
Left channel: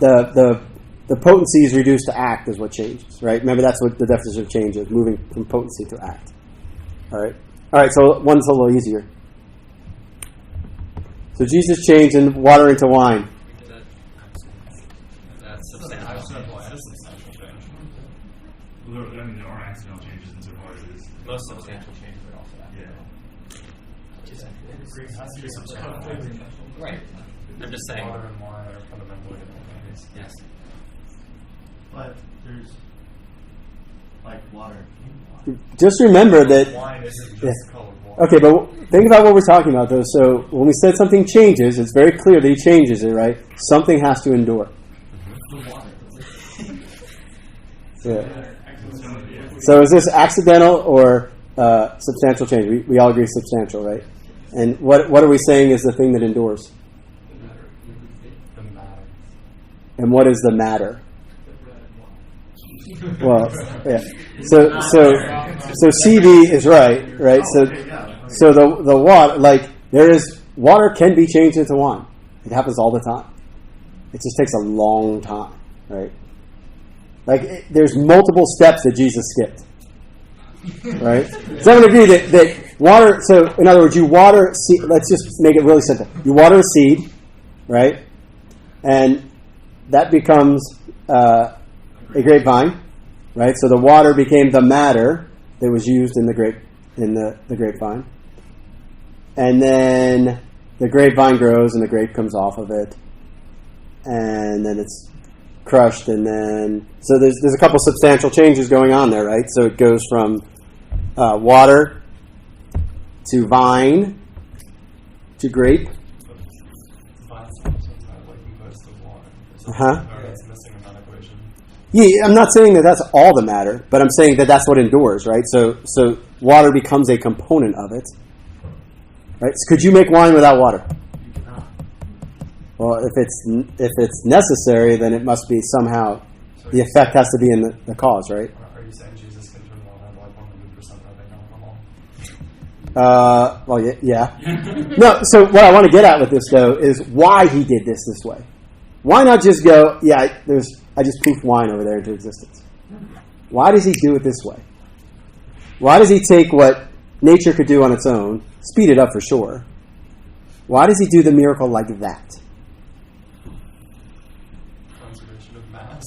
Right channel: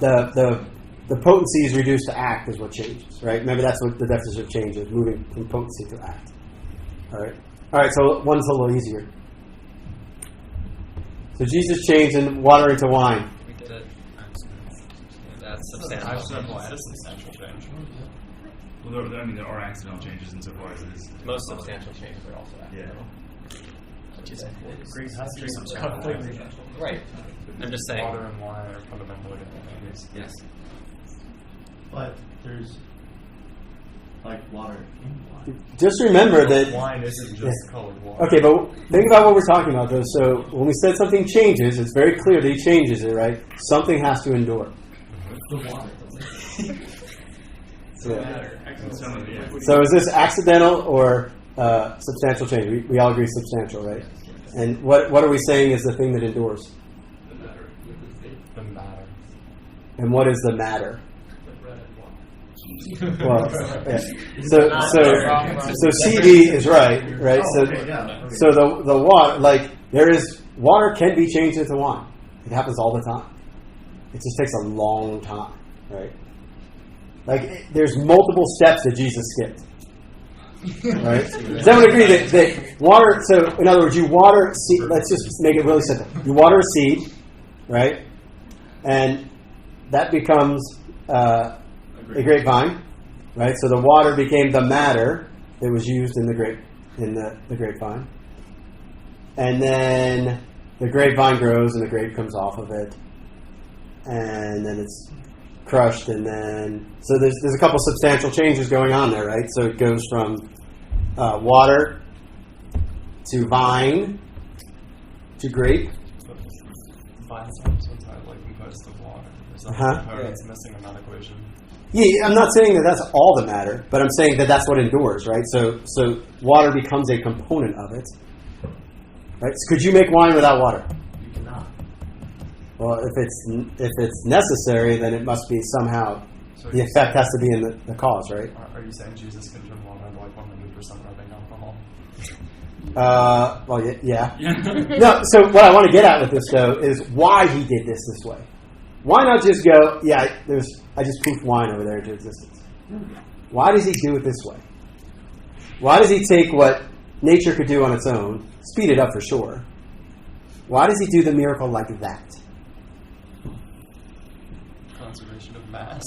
the potency is reduced to act is what changes, right? Remember, that's what the definition of change is: moving from potency to act. All right. So one's a little easier. So Jesus changed water into wine. We did it. That's substantial. That is substantial change. Well, there are accidental changes insofar as it is. Most substantial changes are also accidental. It has to be substantial. Right. I'm just saying. Water and wine are fundamentally different things. Yes. But there's like water. Just remember that. Wine isn't just Yeah. colored water. Okay, but think about what we're talking about, though. So when we said something changes, it's very clear that he changes it, right? Something has to endure. Yeah. So is this accidental or substantial change? We all agree substantial, right? And what are we saying is the thing that endures? The matter. And what is the matter? Well, yeah. So CD is right? So the water, like water can be changed into wine. It happens all the time. It just takes a long time, right? Like there's multiple steps that Jesus skipped, right? Does everyone agree that water? So in other words, you water seed. Let's just make it really simple. You water a seed, right? And that becomes a grapevine, right? So the water became the matter that was used in the grapevine, and then the grapevine grows and the grape comes off of it, and then it's crushed, and then so there's a couple substantial changes going on there, right? So it goes from water to vine to grape. Vine's also entirely composed of water. There's something Uh-huh. that's missing in that equation. Yeah, I'm not saying that that's all the matter, but I'm saying that that's what endures, right? So water becomes a component of it, right? So could you make wine without water? You cannot. Well, if it's necessary, then it must be somehow So the effect has to be in the cause, right? Are you saying Jesus can turn water into like 100% rubbing alcohol? Well, yeah. No, so what I want to get at with this, though, is why he did this way. Why not just go, I just poofed wine over there into existence? Why does he do it this way? Why does he take what nature could do on its own, speed it up for sure? Why does he do the miracle like that? Conservation of mass.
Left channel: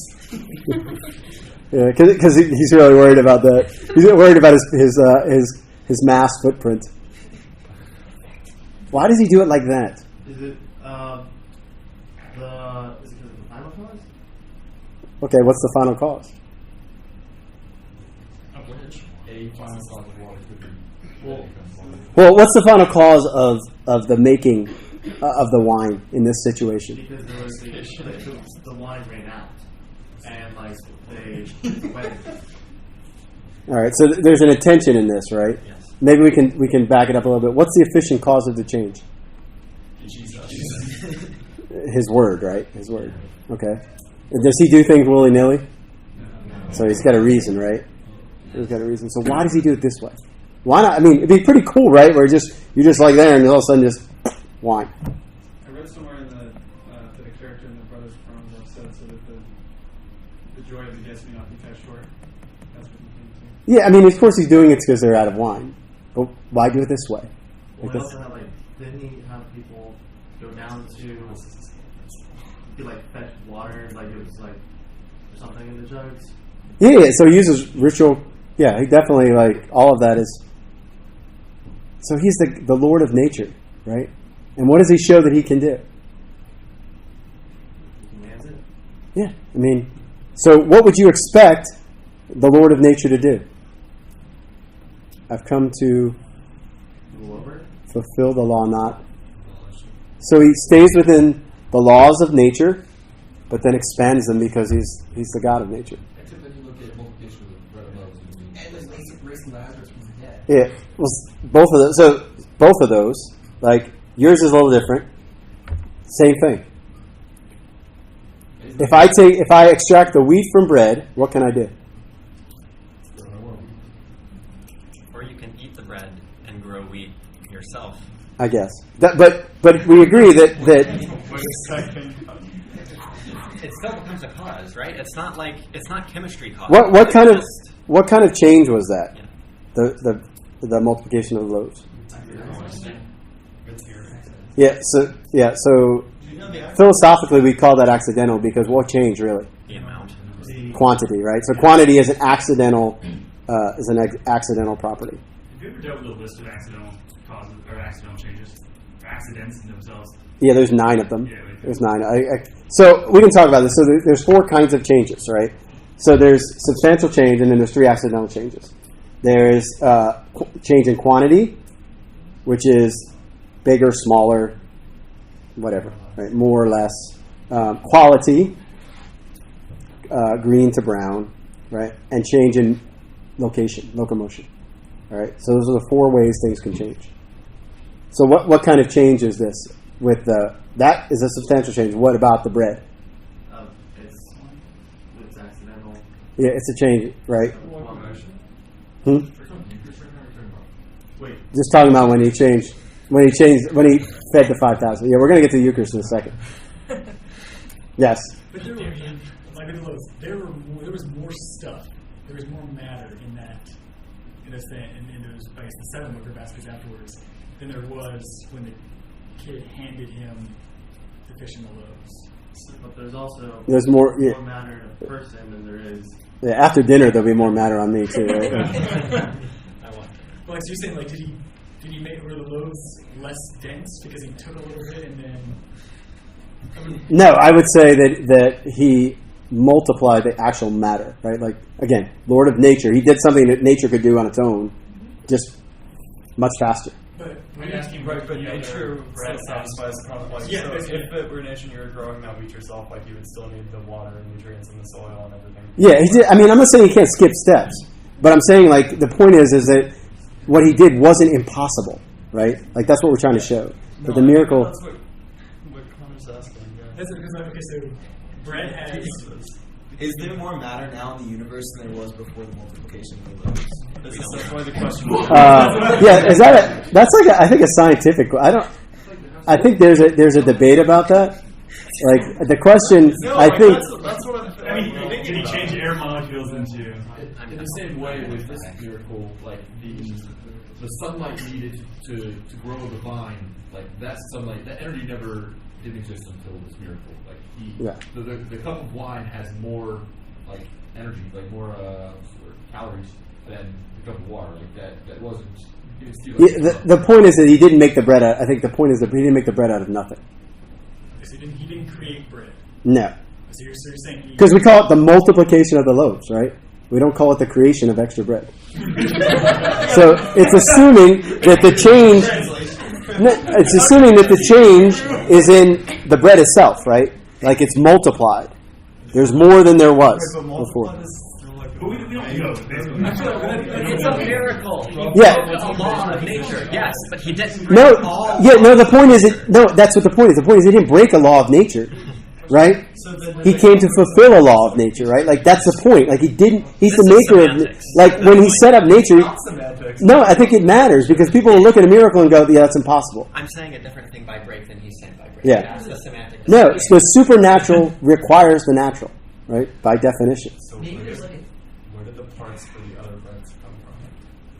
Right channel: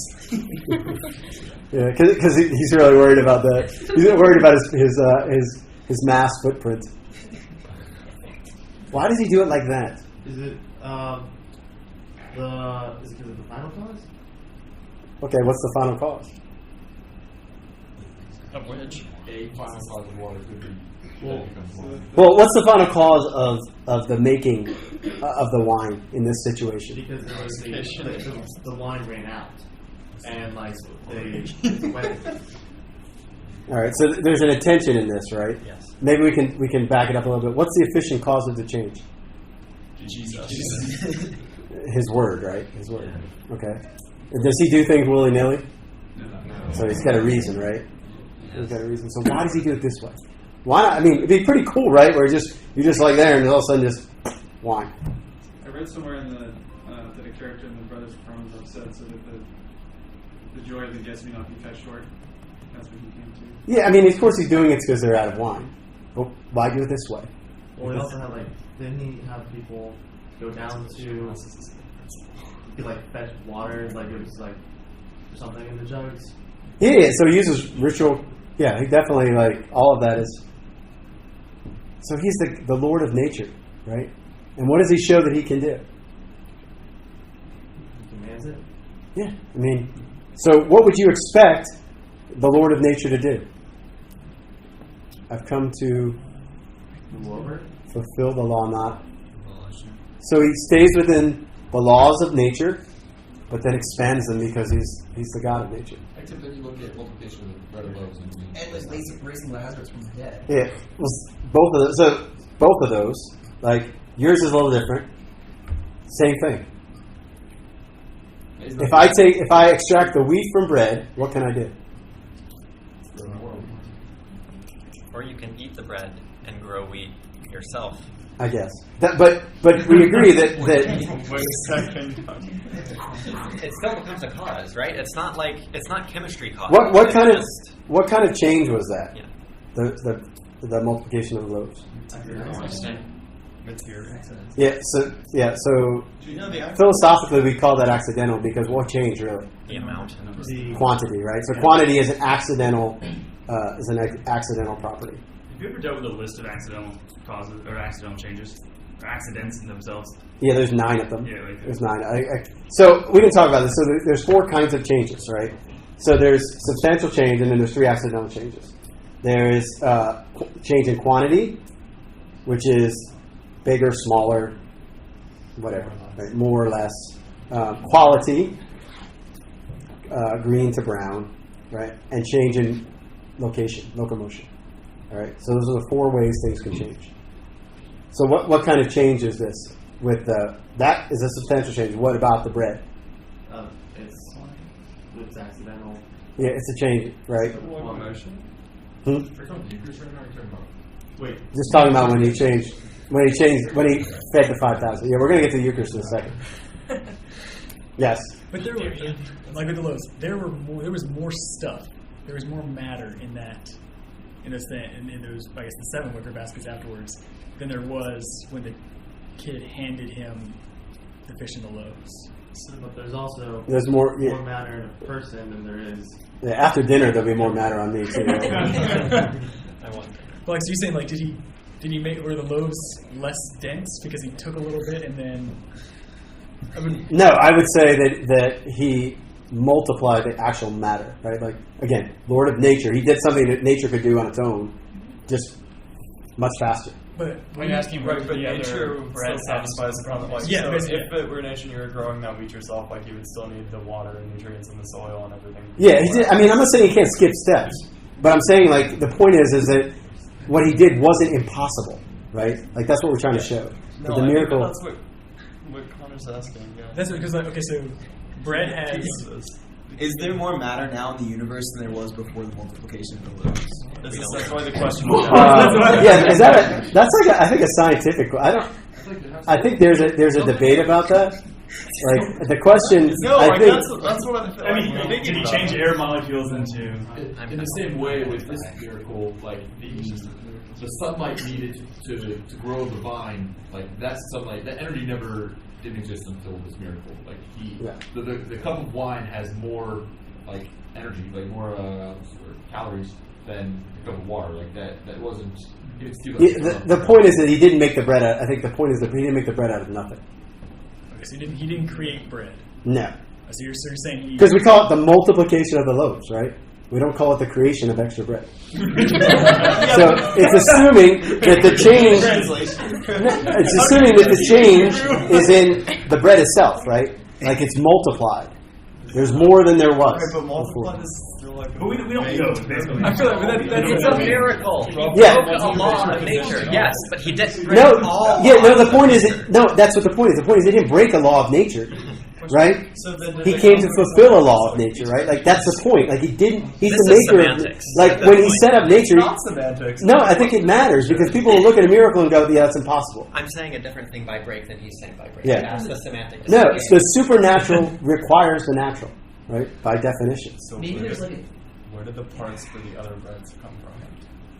Yeah, because he's really worried about that. He's worried about his mass footprint. Why does he do it like that? Is it because of the final cause? Okay, what's the final cause? Of which? A final cause of water could be. Well, what's the final cause of the making of the wine in this situation? Because there was the wine ran out, and like they went. All right, so there's an intention in this, right? Yes. Maybe we can back it up a little bit. What's the efficient cause of the change? Jesus. His word, right? His word. Okay. Does he do things willy-nilly? No. So he's got a reason, right? He's got a reason. So why does he do it this way? Why not? I mean, it'd be pretty cool, right? Where you're just like there, and all of a sudden just wine. I read somewhere in that a character in the Brothers Karamazov said so that the joy of the guest may not be cut short. That's what he came to. Yeah, I mean, of course he's doing it because they're out of wine. But why do it this way? Well, we also had didn't he have people go down to fetch water, it was something in the jugs? Yeah, so he uses ritual. Yeah, he definitely, all of that is. So he's the Lord of nature, right? And what does he show that he can do? He commands it. Yeah, I mean, So what would you expect the Lord of nature to do? I've come to fulfill the law, not. So he stays within the laws of nature, but then expands them because he's the God of nature. Except then you look at multiplication of the bread and loaves. And was raising Lazarus from the dead. Yeah, well, both of those. So both of those, like yours is a little different. Same thing. If I extract the wheat from bread, what can I do? Or you can eat the bread and grow wheat yourself. I guess. But we agree that It still becomes a cause, right? It's not chemistry cause. what kind of change was that? Yeah. The multiplication of the loaves. So philosophically we call that accidental because what changed really? The amount. Quantity, right? So quantity is an accidental property. Have you ever dealt with a list of accidental causes or accidental changes or accidents in themselves? Yeah, there's 9 of them. Yeah, right. There's 9. So we can talk about this. So there's 4 kinds of changes, right? So there's substantial change, and then there's 3 accidental changes. There's change in quantity, which is bigger, smaller, whatever, right? More or less. Quality, green to brown, right? And change in locomotion. All right. So those are the 4 ways things can change. So what kind of change is this? With that is a substantial change. What about the bread? It's accidental. Yeah, it's a change, right? Wait. Just talking about when he fed the 5,000. Yeah, we're going to get to the Eucharist in a second. Yes. But there were, like with the loaves, there was more stuff. There was more matter in those I guess the 7 wicker baskets afterwards than there was when the kid handed him the fish and the loaves. But there's more matter in a person than there is. Yeah, after dinner there'll be more matter on me too. Right? Well, so you're saying like did he make were the loaves less dense because he took a little bit and then? No, I would say that he multiplied the actual matter, right? Like again, Lord of nature, he did something that nature could do on its own, just much faster. But when you're asking, right? But nature bread satisfies the complex. Yeah, so if it were nature, and you were growing that wheat yourself, like you would still need the water and nutrients in the soil and everything. Yeah, he did. I mean, I'm not saying he can't skip steps, but I'm saying like the point is that what he did wasn't impossible, right? Like that's what we're trying to show. But the miracle. That's what Connor's asking. Yeah. That's because okay, so bread has. Is there more matter now in the universe than there was before the multiplication of the loaves? That's why the question. Yeah, that's like I think a scientific. I think there's a debate about that. Like the question, no, I think. That's what I mean. Did he change air molecules into? In the same way with this miracle, like the sunlight needed to grow the vine, like that sunlight, that energy never didn't exist until this miracle. Like the cup of wine has more like energy, like more calories than the cup of water. Like that wasn't. The point is that he didn't make the bread. I think the point is that he didn't make the bread out of nothing. Okay, so he didn't create bread. No. So you're saying because we call it the multiplication of the loaves, right? We don't call it the creation of extra bread. So it's assuming that the change. It's assuming that the change is in the bread itself, right? Like it's multiplied. There's more than there was before. But we don't know. It's a miracle. Yeah. A law of nature. Yes, but he didn't. The point is that's what the point is. The point is he didn't break a law of nature. Right? He came to fulfill a law of nature, right? Like that's the point. Like he's the maker of like when he set up nature. No, I think it matters because people will look at a miracle and go, "Yeah, that's impossible." I'm saying a different thing by break than he's saying by break. Yeah. That's the semantic. No, the supernatural requires the natural, right? By definition. So where did the parts for the other breads come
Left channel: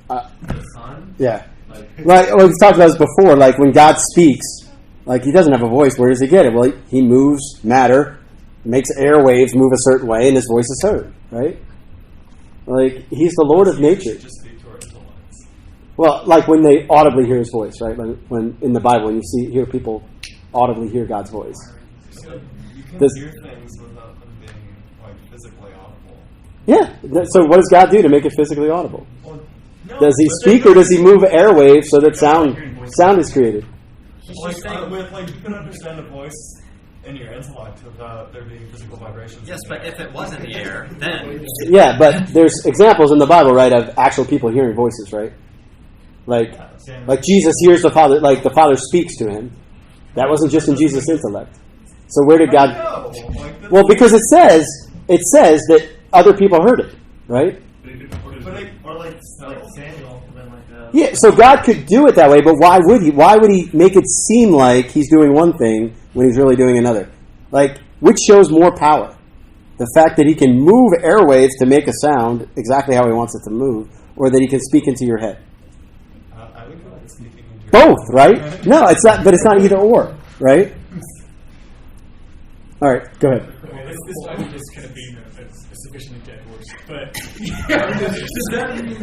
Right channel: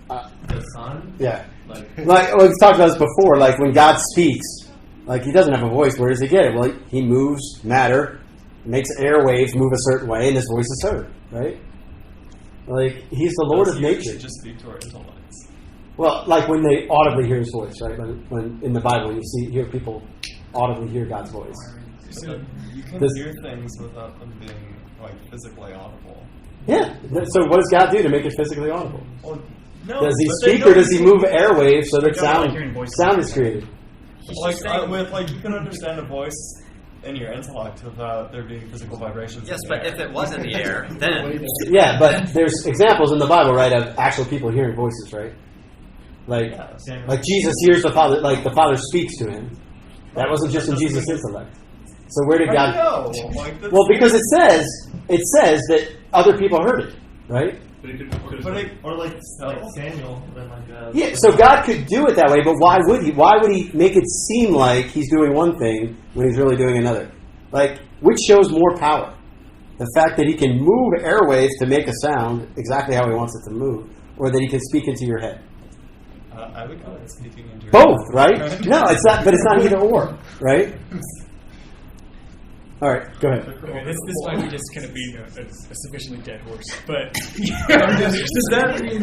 from? The sun. Yeah. Like we've talked about this before. Like when God speaks. Like, he doesn't have a voice. Where does he get it? Well, he moves matter, makes airwaves move a certain way, and his voice is heard, right? Like, he's the Lord of nature. Just speak to our intellects. Well, like when they audibly hear his voice, right? When in the Bible, when you hear people audibly hear God's voice. You can hear things without them being like physically audible. Yeah. So what does God do to make it physically audible? Well, no, Does he but speak they or does he move airwaves so that hearing sound is created? Like you can understand a voice in your intellect without there being physical vibrations. Yes, but if it was in the air, then Yeah, but there's examples in the Bible, right, of actual people hearing voices, right? Like Jesus hears the Father, like the Father speaks to him. That wasn't just in Jesus' intellect. So where did God? Well, because it says that other people heard it, right? Or like Samuel, then Yeah, so God could do it that way, but why would he? Why would he make it seem like he's doing one thing when he's really doing another? Like, which shows more power? The fact that he can move airwaves to make a sound exactly how he wants it to move, or that he can speak into your head? I would call it speaking into your Both, head. right? No, it's not. But it's not either or, right? All right, go ahead. Okay, this might be just kind of being a sufficiently dead horse, but does that mean we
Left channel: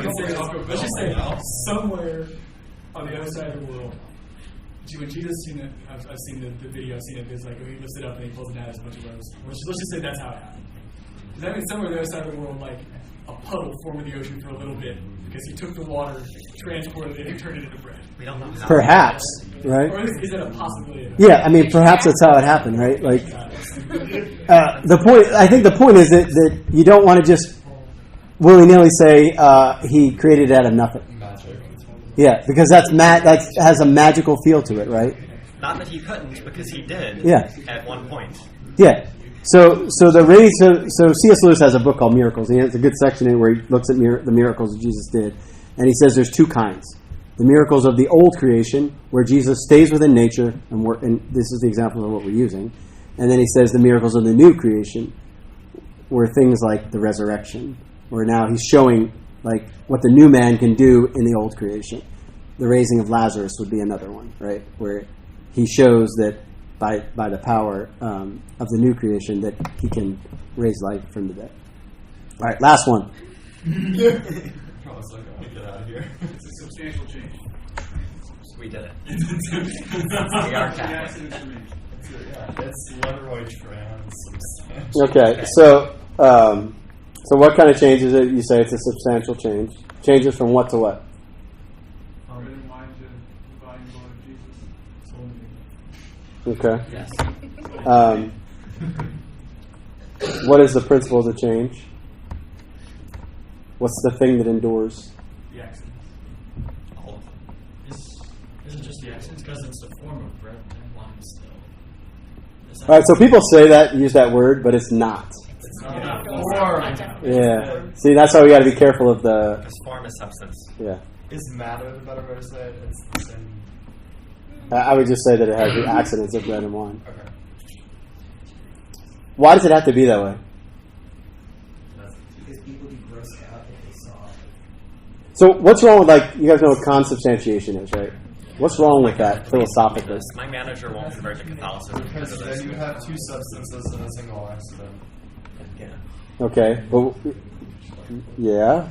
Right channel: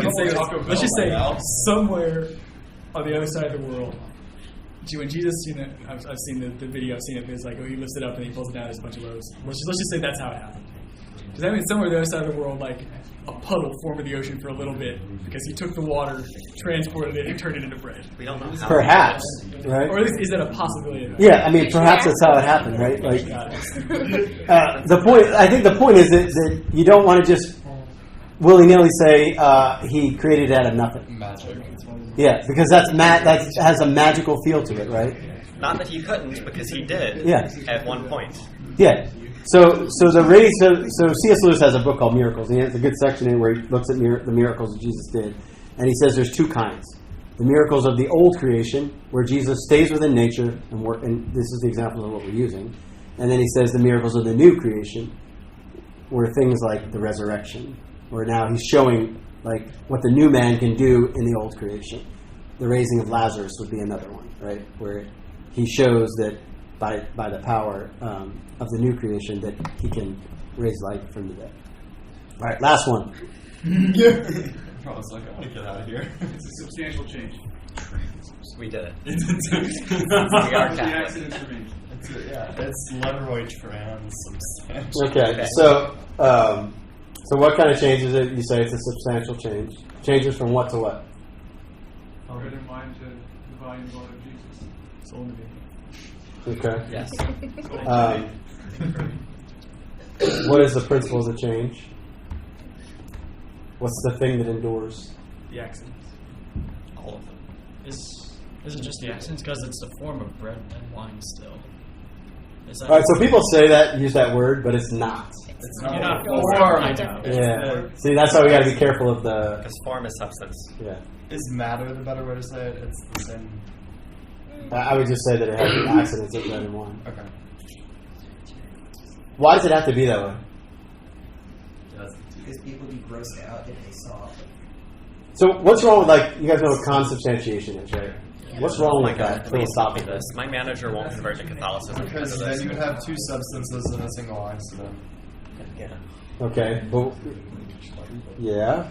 can say, let's just say somewhere on the other side of the world, when Jesus, I've seen the video, I've seen it, it's like, he lifts it up and he pulls it down, there's a bunch of rows. Let's just say that's how it happened. Does that mean somewhere on the other side of the world, like a puddle formed in the ocean for a little bit because he took the water, transported it, and turned it into bread? we don't know how. Perhaps, right? Or is that a possibility? Yeah, I mean, perhaps that's how it happened, right? Like, I think the point is that you don't want to just willy-nilly say he created it out of nothing. Magic. Yeah, because that has a magical feel to it, right? Not that he couldn't, because he did. Yeah. At one point. Yeah. So C.S. Lewis has a book called Miracles. He has a good section in where he looks at the miracles that Jesus did, and he says there's two kinds: the miracles of the old creation, where Jesus stays within nature, and this is the example of what we're using, and then he says the miracles of the new creation, where things like the resurrection, where now he's showing like what the new man can do in the old creation. The raising of Lazarus would be another one, right, where he shows that by the power of the new creation that he can raise life from the dead. All right, last one. I was like, I want to get out of here. It's a substantial change. We did it. We are Catholic. It's Leroy Tran. Okay, so what kind of change is it? You say it's a substantial change. Changes from what to what? Bread and wine to the body and blood of Jesus. Soul and Okay. Yes. What is the principle of the change? What's the thing that endures? The accents. All of them. Is it just the accents? Because it's the form of bread and wine still. All right, so people say that, use that word, but it's not. It's not Yeah. form. Yeah. See, that's why we got to be careful of the. Because form is substance. Yeah. Is matter the better way to say it? It's the same. I would just say that it has the accidents of bread and wine. Okay. Why does it have to be that way? Because people be grossed out if they saw it. So what's wrong with, like, you guys know what consubstantiation is, right? What's wrong with that philosophically? My manager won't convert to Catholicism Because of then this. you would have two substances in a single accident. Yeah. Okay, but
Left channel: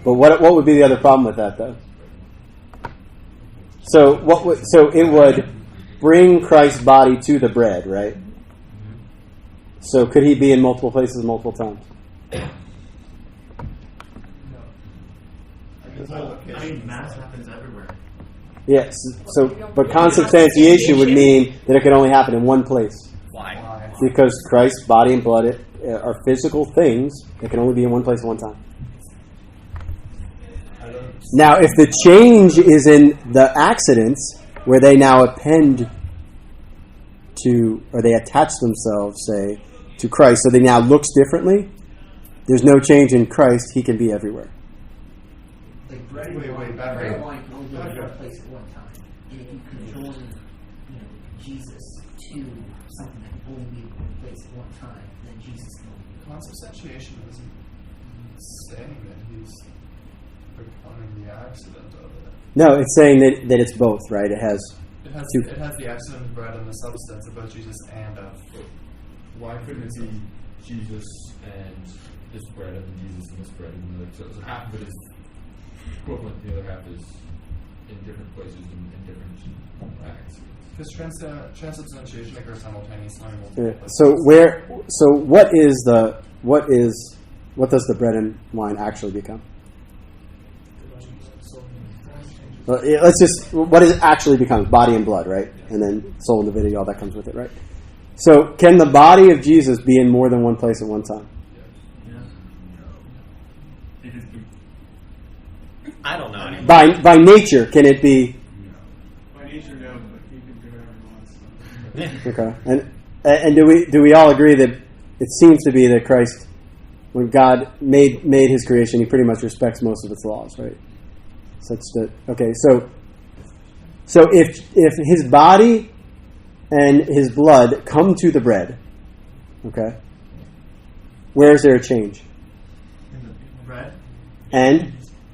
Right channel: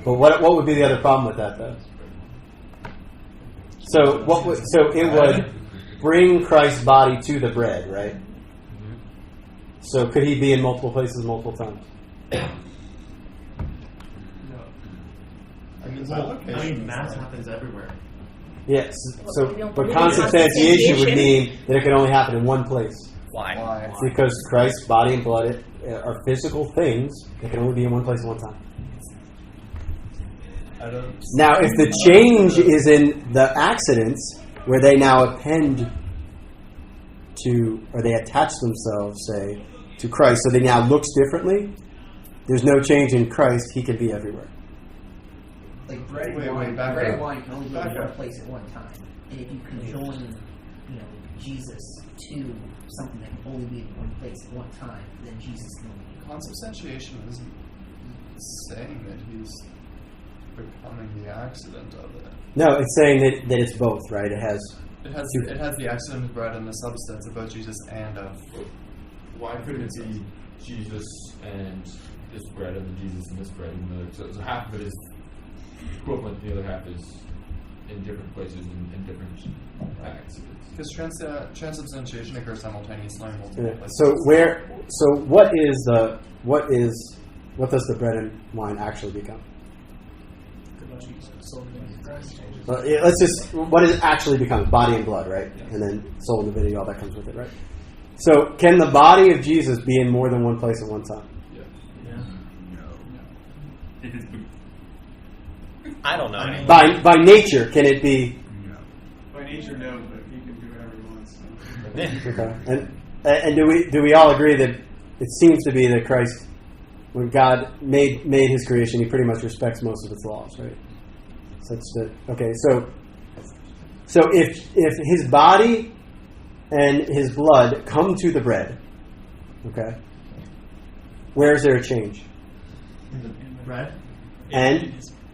but what would be the other problem with that, though? So it would bring Christ's body to the bread, right? So could he be in multiple places multiple times? I mean, mass happens everywhere. Yes. But consubstantiation would mean that it could only happen in one place. Why? Because Christ's body and blood are physical things that can only be in one place at one time. Now, if the change is in the accidents, where they now append to, or they attach themselves, say, to Christ, so they now looks differently, there's no change in Christ, he can be everywhere. Like bread and wine can only be in one place at one time. And if you conjoin, Jesus to something that can only be in one place at one time, then Jesus can only be. Consubstantiation isn't saying that he's becoming the accident of it. No, it's saying that it's both, right? It has the accident of bread and the substance of both Jesus and of. Why couldn't it be Jesus and this bread and Jesus and this bread? And so half of it is equivalent, the other half is in different places in different acts. Because transubstantiation occurs simultaneously in multiple Yeah. places. So what does the bread and wine actually become? Well, yeah, let's just, what is it actually becomes? Body and blood, right? And then soul and divinity, all that comes with it, right? So can the body of Jesus be in more than one place at one time? I don't know. By nature, can it be? By nature, no, but he can do whatever he wants. Okay. And do we all agree that it seems to be that Christ, when God made his creation, he pretty much respects most of its laws, right? Such that, okay, so if his body and his blood come to the bread, okay, where is there a change? In the bread? And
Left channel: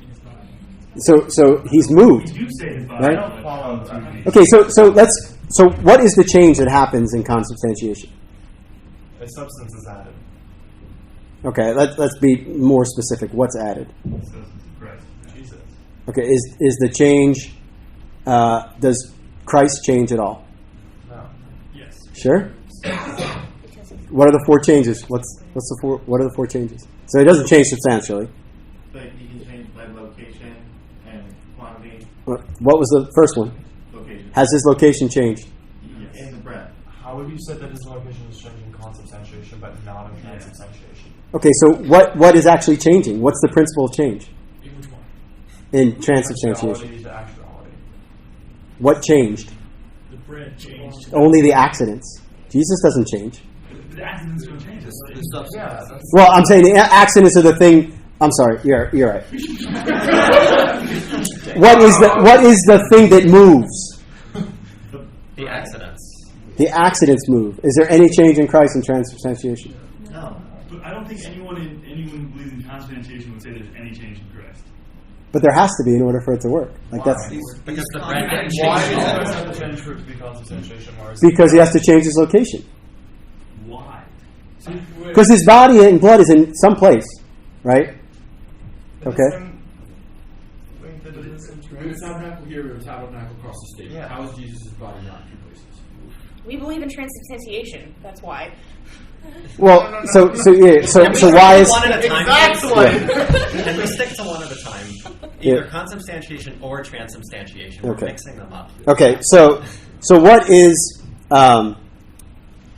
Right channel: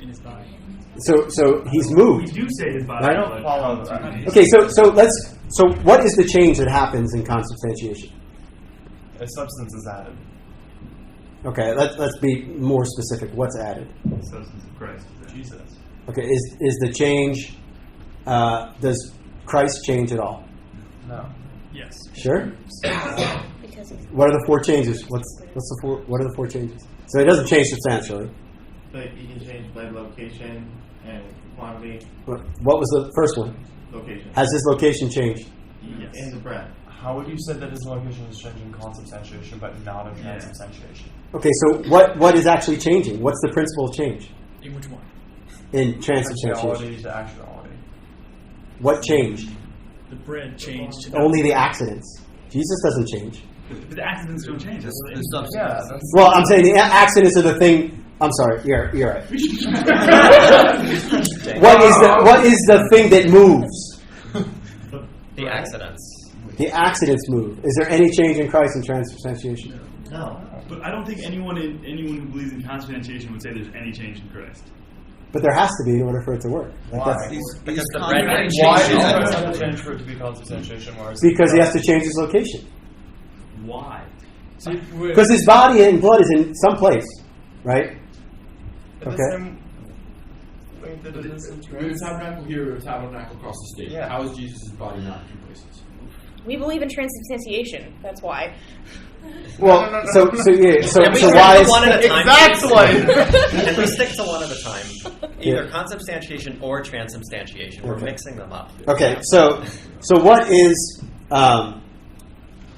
In his body. so he's moved. You do say his body. Right? I don't follow that. Okay, so what is the change that happens in consubstantiation? A substance is added. Okay, let's be more specific. What's added? Substance of Christ. Jesus. Okay, is the change? Does Christ change at all? No. Yes. Sure. Because he's What are the four changes? What's the four? What are the four changes? So it doesn't change substantially. Like you can change blood location and quantity. What was the first one? Location. Has his location changed? Yes. And the bread. How would you say that his location is changing consubstantiation but not in transubstantiation? Okay, so what is actually changing? What's the principle of change In which one? in transubstantiation? Actuality to actuality. What changed? The bread changed. Only the accidents. Jesus doesn't change. The accidents don't change. Yeah, that's Well, I'm saying the accidents are the thing. I'm sorry. You're right. What is the thing that moves? The accidents. The accidents move. Is there any change in Christ in transubstantiation? No. But I don't think anyone who believes in consubstantiation would say there's any change in Christ. But there has to be in order for it to work. Like Why? that's Because the bread didn't Why change is at there all. such a change for it to be consubstantiation? Whereas because he has to change his location. Why? Because his body and blood is in some place, right? In Okay. the same way that it is in We have a tabernacle here, we have a tabernacle across the state. Yeah. How is Jesus' body not two places? We believe in transubstantiation. That's why. Well, so Can we why stick is to one at a time? Exactly. Can we stick to one at a time? Either Yeah. consubstantiation or transubstantiation. We're Okay. mixing them up. okay? So what is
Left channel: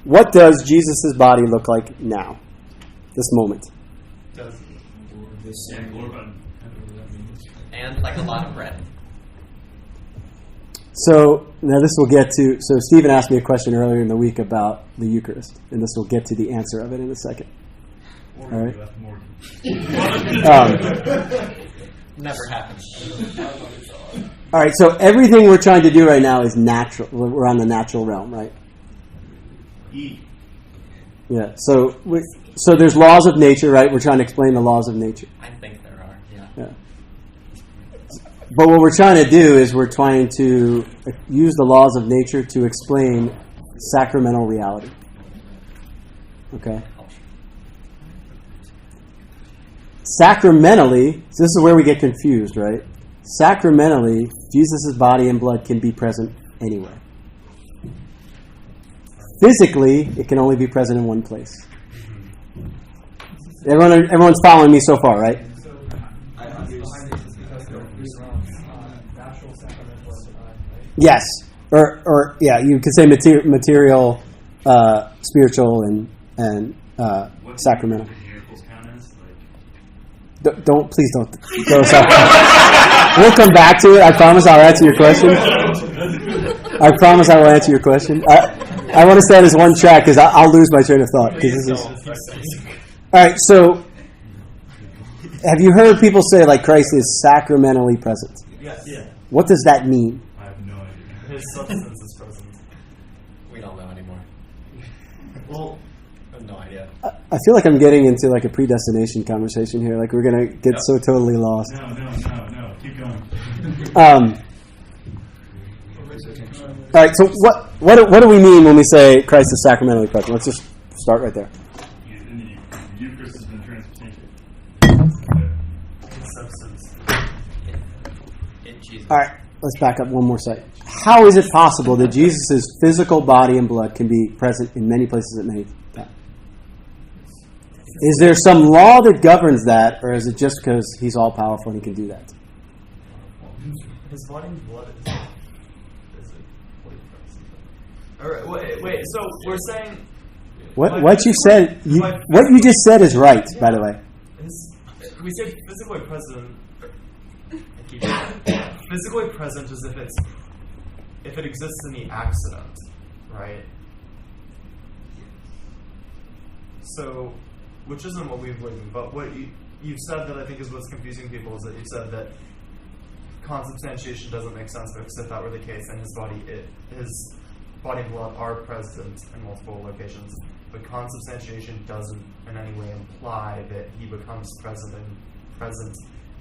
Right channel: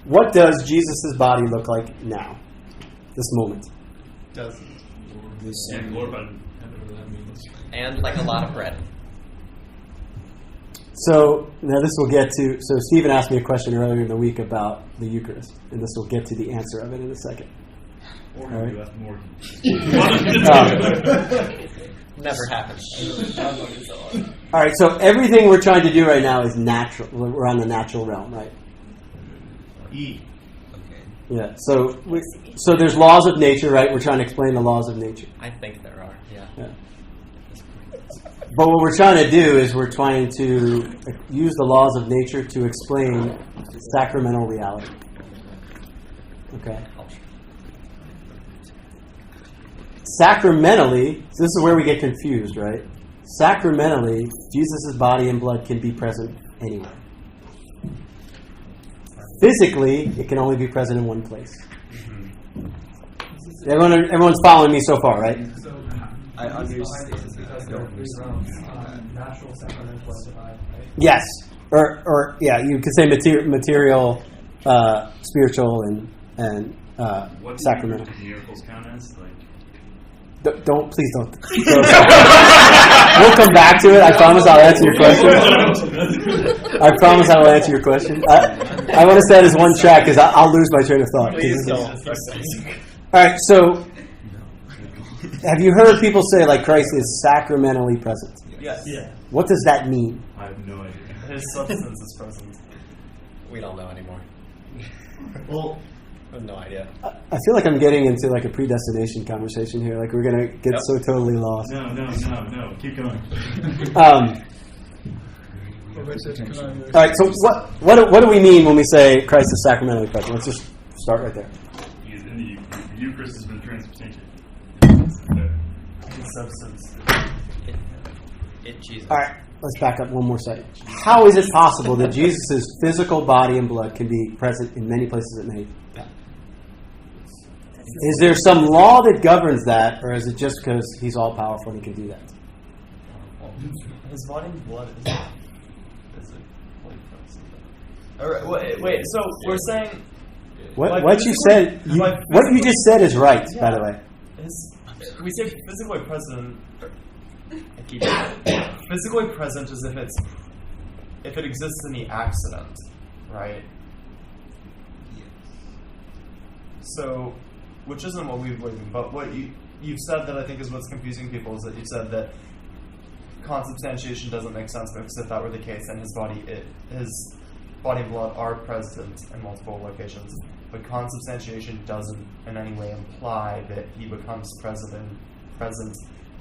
what does Jesus' body look like now? This moment. And glorified. And like a lot of bread. So now this will get to. So Stephen asked me a question earlier in the week about the Eucharist, and this will get to the answer of it in a second. Or All right. you left more. Never happens. All right. So everything we're trying to do right now is natural. We're on the natural realm, right? Eat. Yeah. So there's laws of nature, right? We're trying to explain the laws of nature. I think there are, yeah. Yeah. But what we're trying to do is we're trying to use the laws of nature to explain sacramental reality. Okay. Sacramentally, so this is where we get confused, right? Sacramentally, Jesus' body and blood can be present anywhere. Physically, it can only be present in one place. Everyone's following me so far, right? I understand. Because there are three realms: natural, sacramental, and divine. Right? Yes, or yeah, you could say material, spiritual, and What do sacramental. miracles count as? Please don't. We'll come back to it. I promise I'll answer your question. I promise I will answer your question. I want to stay on this one track because I'll lose my train of thought. 'Cause this is- all right, so have you heard people say like Christ is sacramentally present? Yes. Yeah. What does that mean? I have no idea. His substance is present. We don't know anymore. Well, I have no idea. I feel like I'm getting into like a predestination conversation here. Like we're gonna get so totally lost. No. Keep going. All right. So what do we mean when we say Christ is sacramentally present? Let's just start right there. The Eucharist has been transubstantiated. His substance. It Jesus. All right. let's back up one more second. How is it possible that Jesus' physical body and blood can be present in many places at many times? Is there some law that governs that, or is it just because he's all powerful and he can do that? His body and blood is physically present. All right, wait. So we're saying What you said? What you just said is right. By the way, we say physically present. Physically present as if it exists in the accident, right? So, which isn't what we believe in, but what you've said that I think is what's confusing people is that you've said that consubstantiation doesn't make sense because if that were the case, then his body and blood are present in multiple locations, but consubstantiation doesn't in any way imply that he becomes present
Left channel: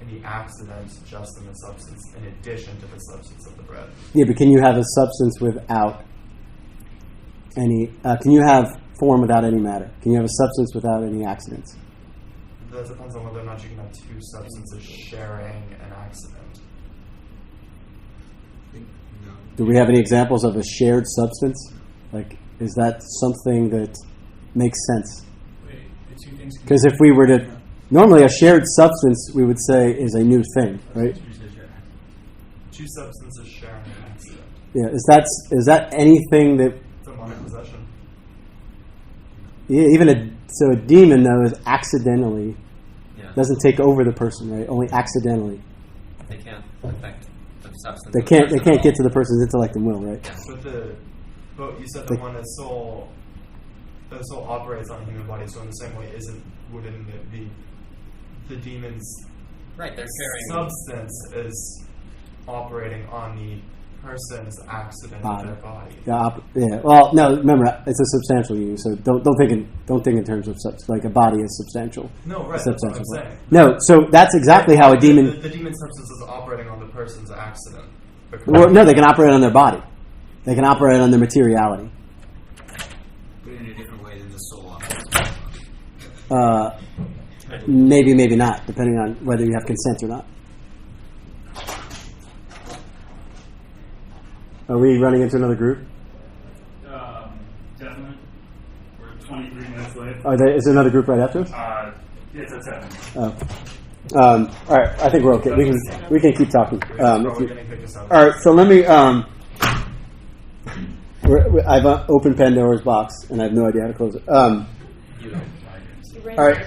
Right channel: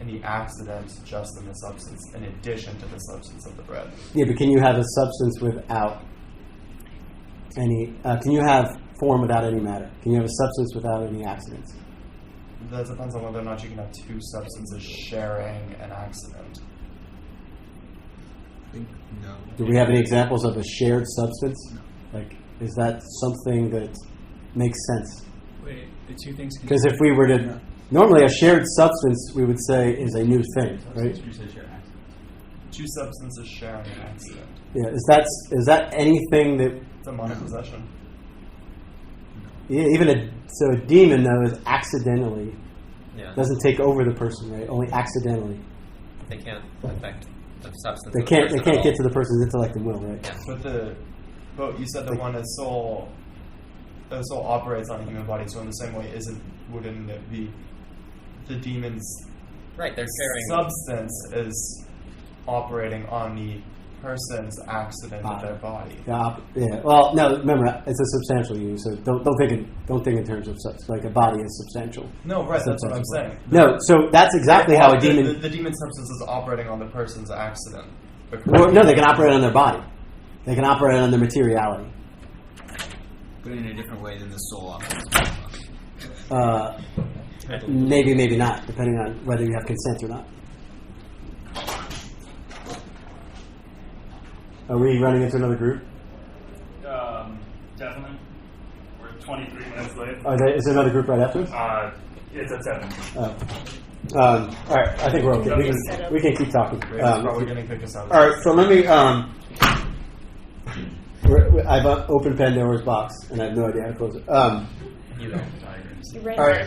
in the accident just in the substance, in addition to the substance of the bread. Yeah, but can you have a substance without any? Can you have form without any matter? Can you have a substance without any accidents? That depends on whether or not you can have two substances sharing an accident. No. Do we have any examples of a shared substance? Like, is that something that makes sense? Wait, the two things. Because if we were to normally a shared substance, we would say is a new thing, right? Two substances sharing an accident. Yeah, is that anything that? It's a minor possession. Yeah, even a demon though is accidentally Yeah. doesn't take over the person, right? Only accidentally. They can't affect the substance. They of the can't. person They at can't all. get to the person's intellect and will, right? Yeah. But you said that when a soul operates on a human body, so in the same way, wouldn't it be the demon's Right, they're carrying substance is operating on the person's accident of their body? Yeah. Well, no. Remember, it's a substantial union, so don't think in terms of like a body is substantial. No, right. That's what I'm saying. No, so that's exactly how a demon. The demon substance is operating on the person's accident. Well, no, they can operate on their body. They can operate on their materiality. But in a different way than the soul operates. Maybe not, depending on whether you have consent or not. Are we running into another group? Definitely. We're 23 minutes late. Is there another group right after? It's at 7. Oh. All right, I think we're okay. We can keep talking. Probably going to pick us up. All right, so let me. I've opened Pandora's box, and I have no idea how to close it. You don't. All right.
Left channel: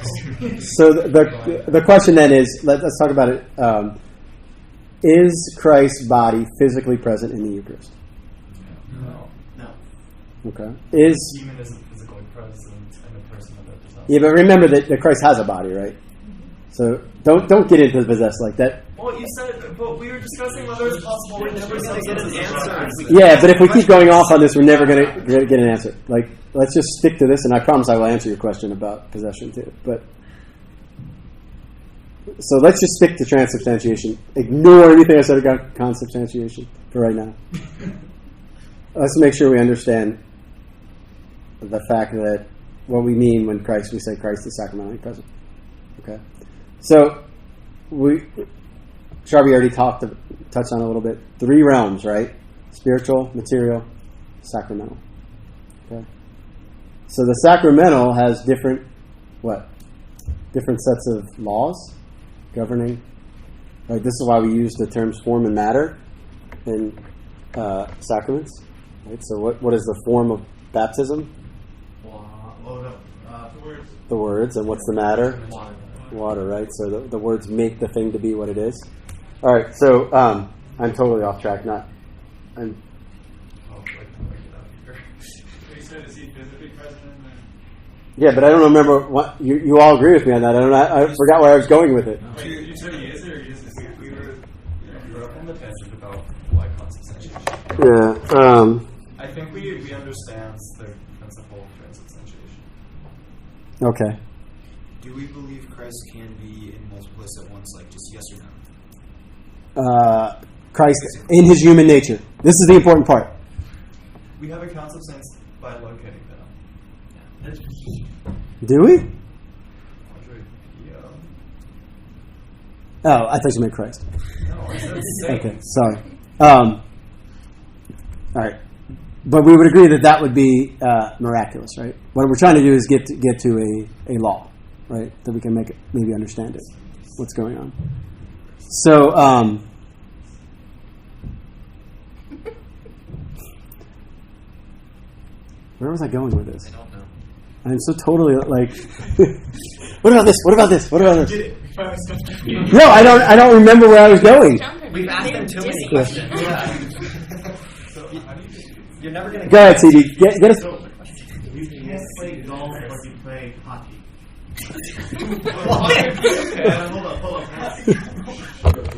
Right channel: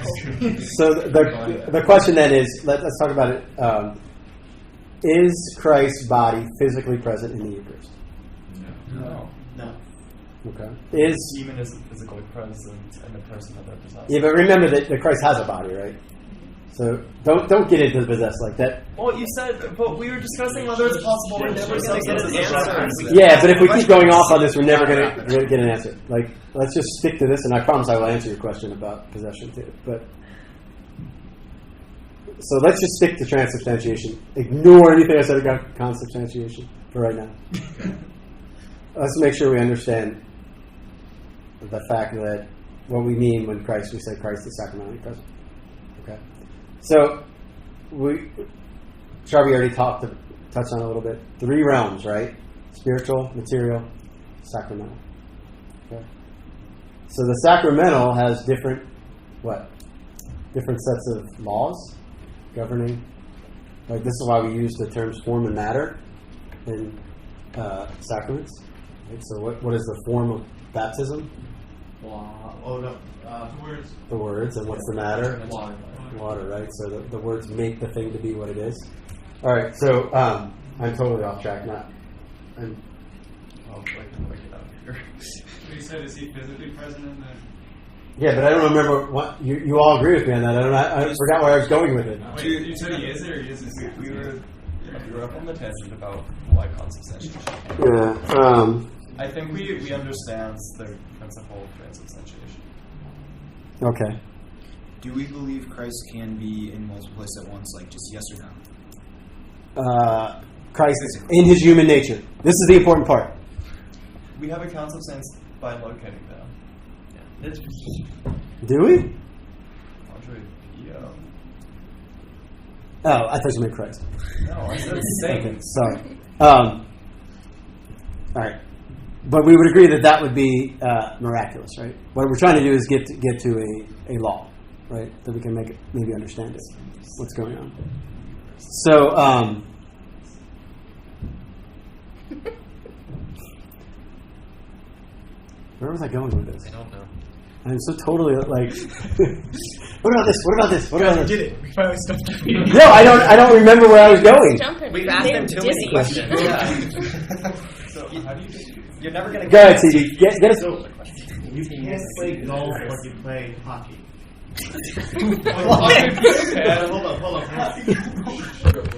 So the question then is, let's talk about it. Is Christ's body physically present in the Eucharist? No. Okay. The demon isn't physically present in the person of that possessed. Yeah, but remember that Christ has a body, right? So don't get into the possessed like that. Well, you said, but we were discussing whether it's possible we're never going to get an answer. Yeah, but if we keep going off on this, we're never going to get an answer. Like, let's just stick to this, and I promise I will answer your question about possession too. But so let's just stick to transubstantiation. Ignore anything I said about consubstantiation for right now. Let's make sure we understand the fact that what we mean when we say Christ is sacramentally present. Okay. So Sharpie already touched on it a little bit. 3 realms, right? Spiritual, material, sacramental. Okay. So the sacramental has different sets of laws governing. Like, this is why we use the terms form and matter in sacraments. Right? So what is the form of baptism? Words. The words. And what's the matter? Water. Water, right? So the words make the thing to be what it is. All right, so I'm totally off track. You said, is he physically present in the... Yeah, but I don't remember what you all agree with me on that. I forgot where I was going with it. Wait, you said he is, or he isn't? We were up on the tangent about why consubstantiation. Yeah. I think we understand the principle of transubstantiation. Okay. Do we believe Christ can be in multiple places at once, like just yes or no? Christ in his human nature. This is the important part. We have a consubstance by locating them. Do we? Andre, Oh, I thought you meant Christ. No, I said Satan. Okay, sorry. All right. But we would agree that would be miraculous, right? What we're trying to do is get to a law, right? That we can make it, maybe understand it, what's going on. So, where was I going with this? I don't know. I'm so totally like, what about this? What about this? What about Did this? it? We finally stuffed it. No, I don't remember where I was going. Jumping. We've You asked made him him too many dizzy. questions. So how do you You're never going to Go ahead, CD. Get us. You can't play golf like you play hockey. Okay, hold up.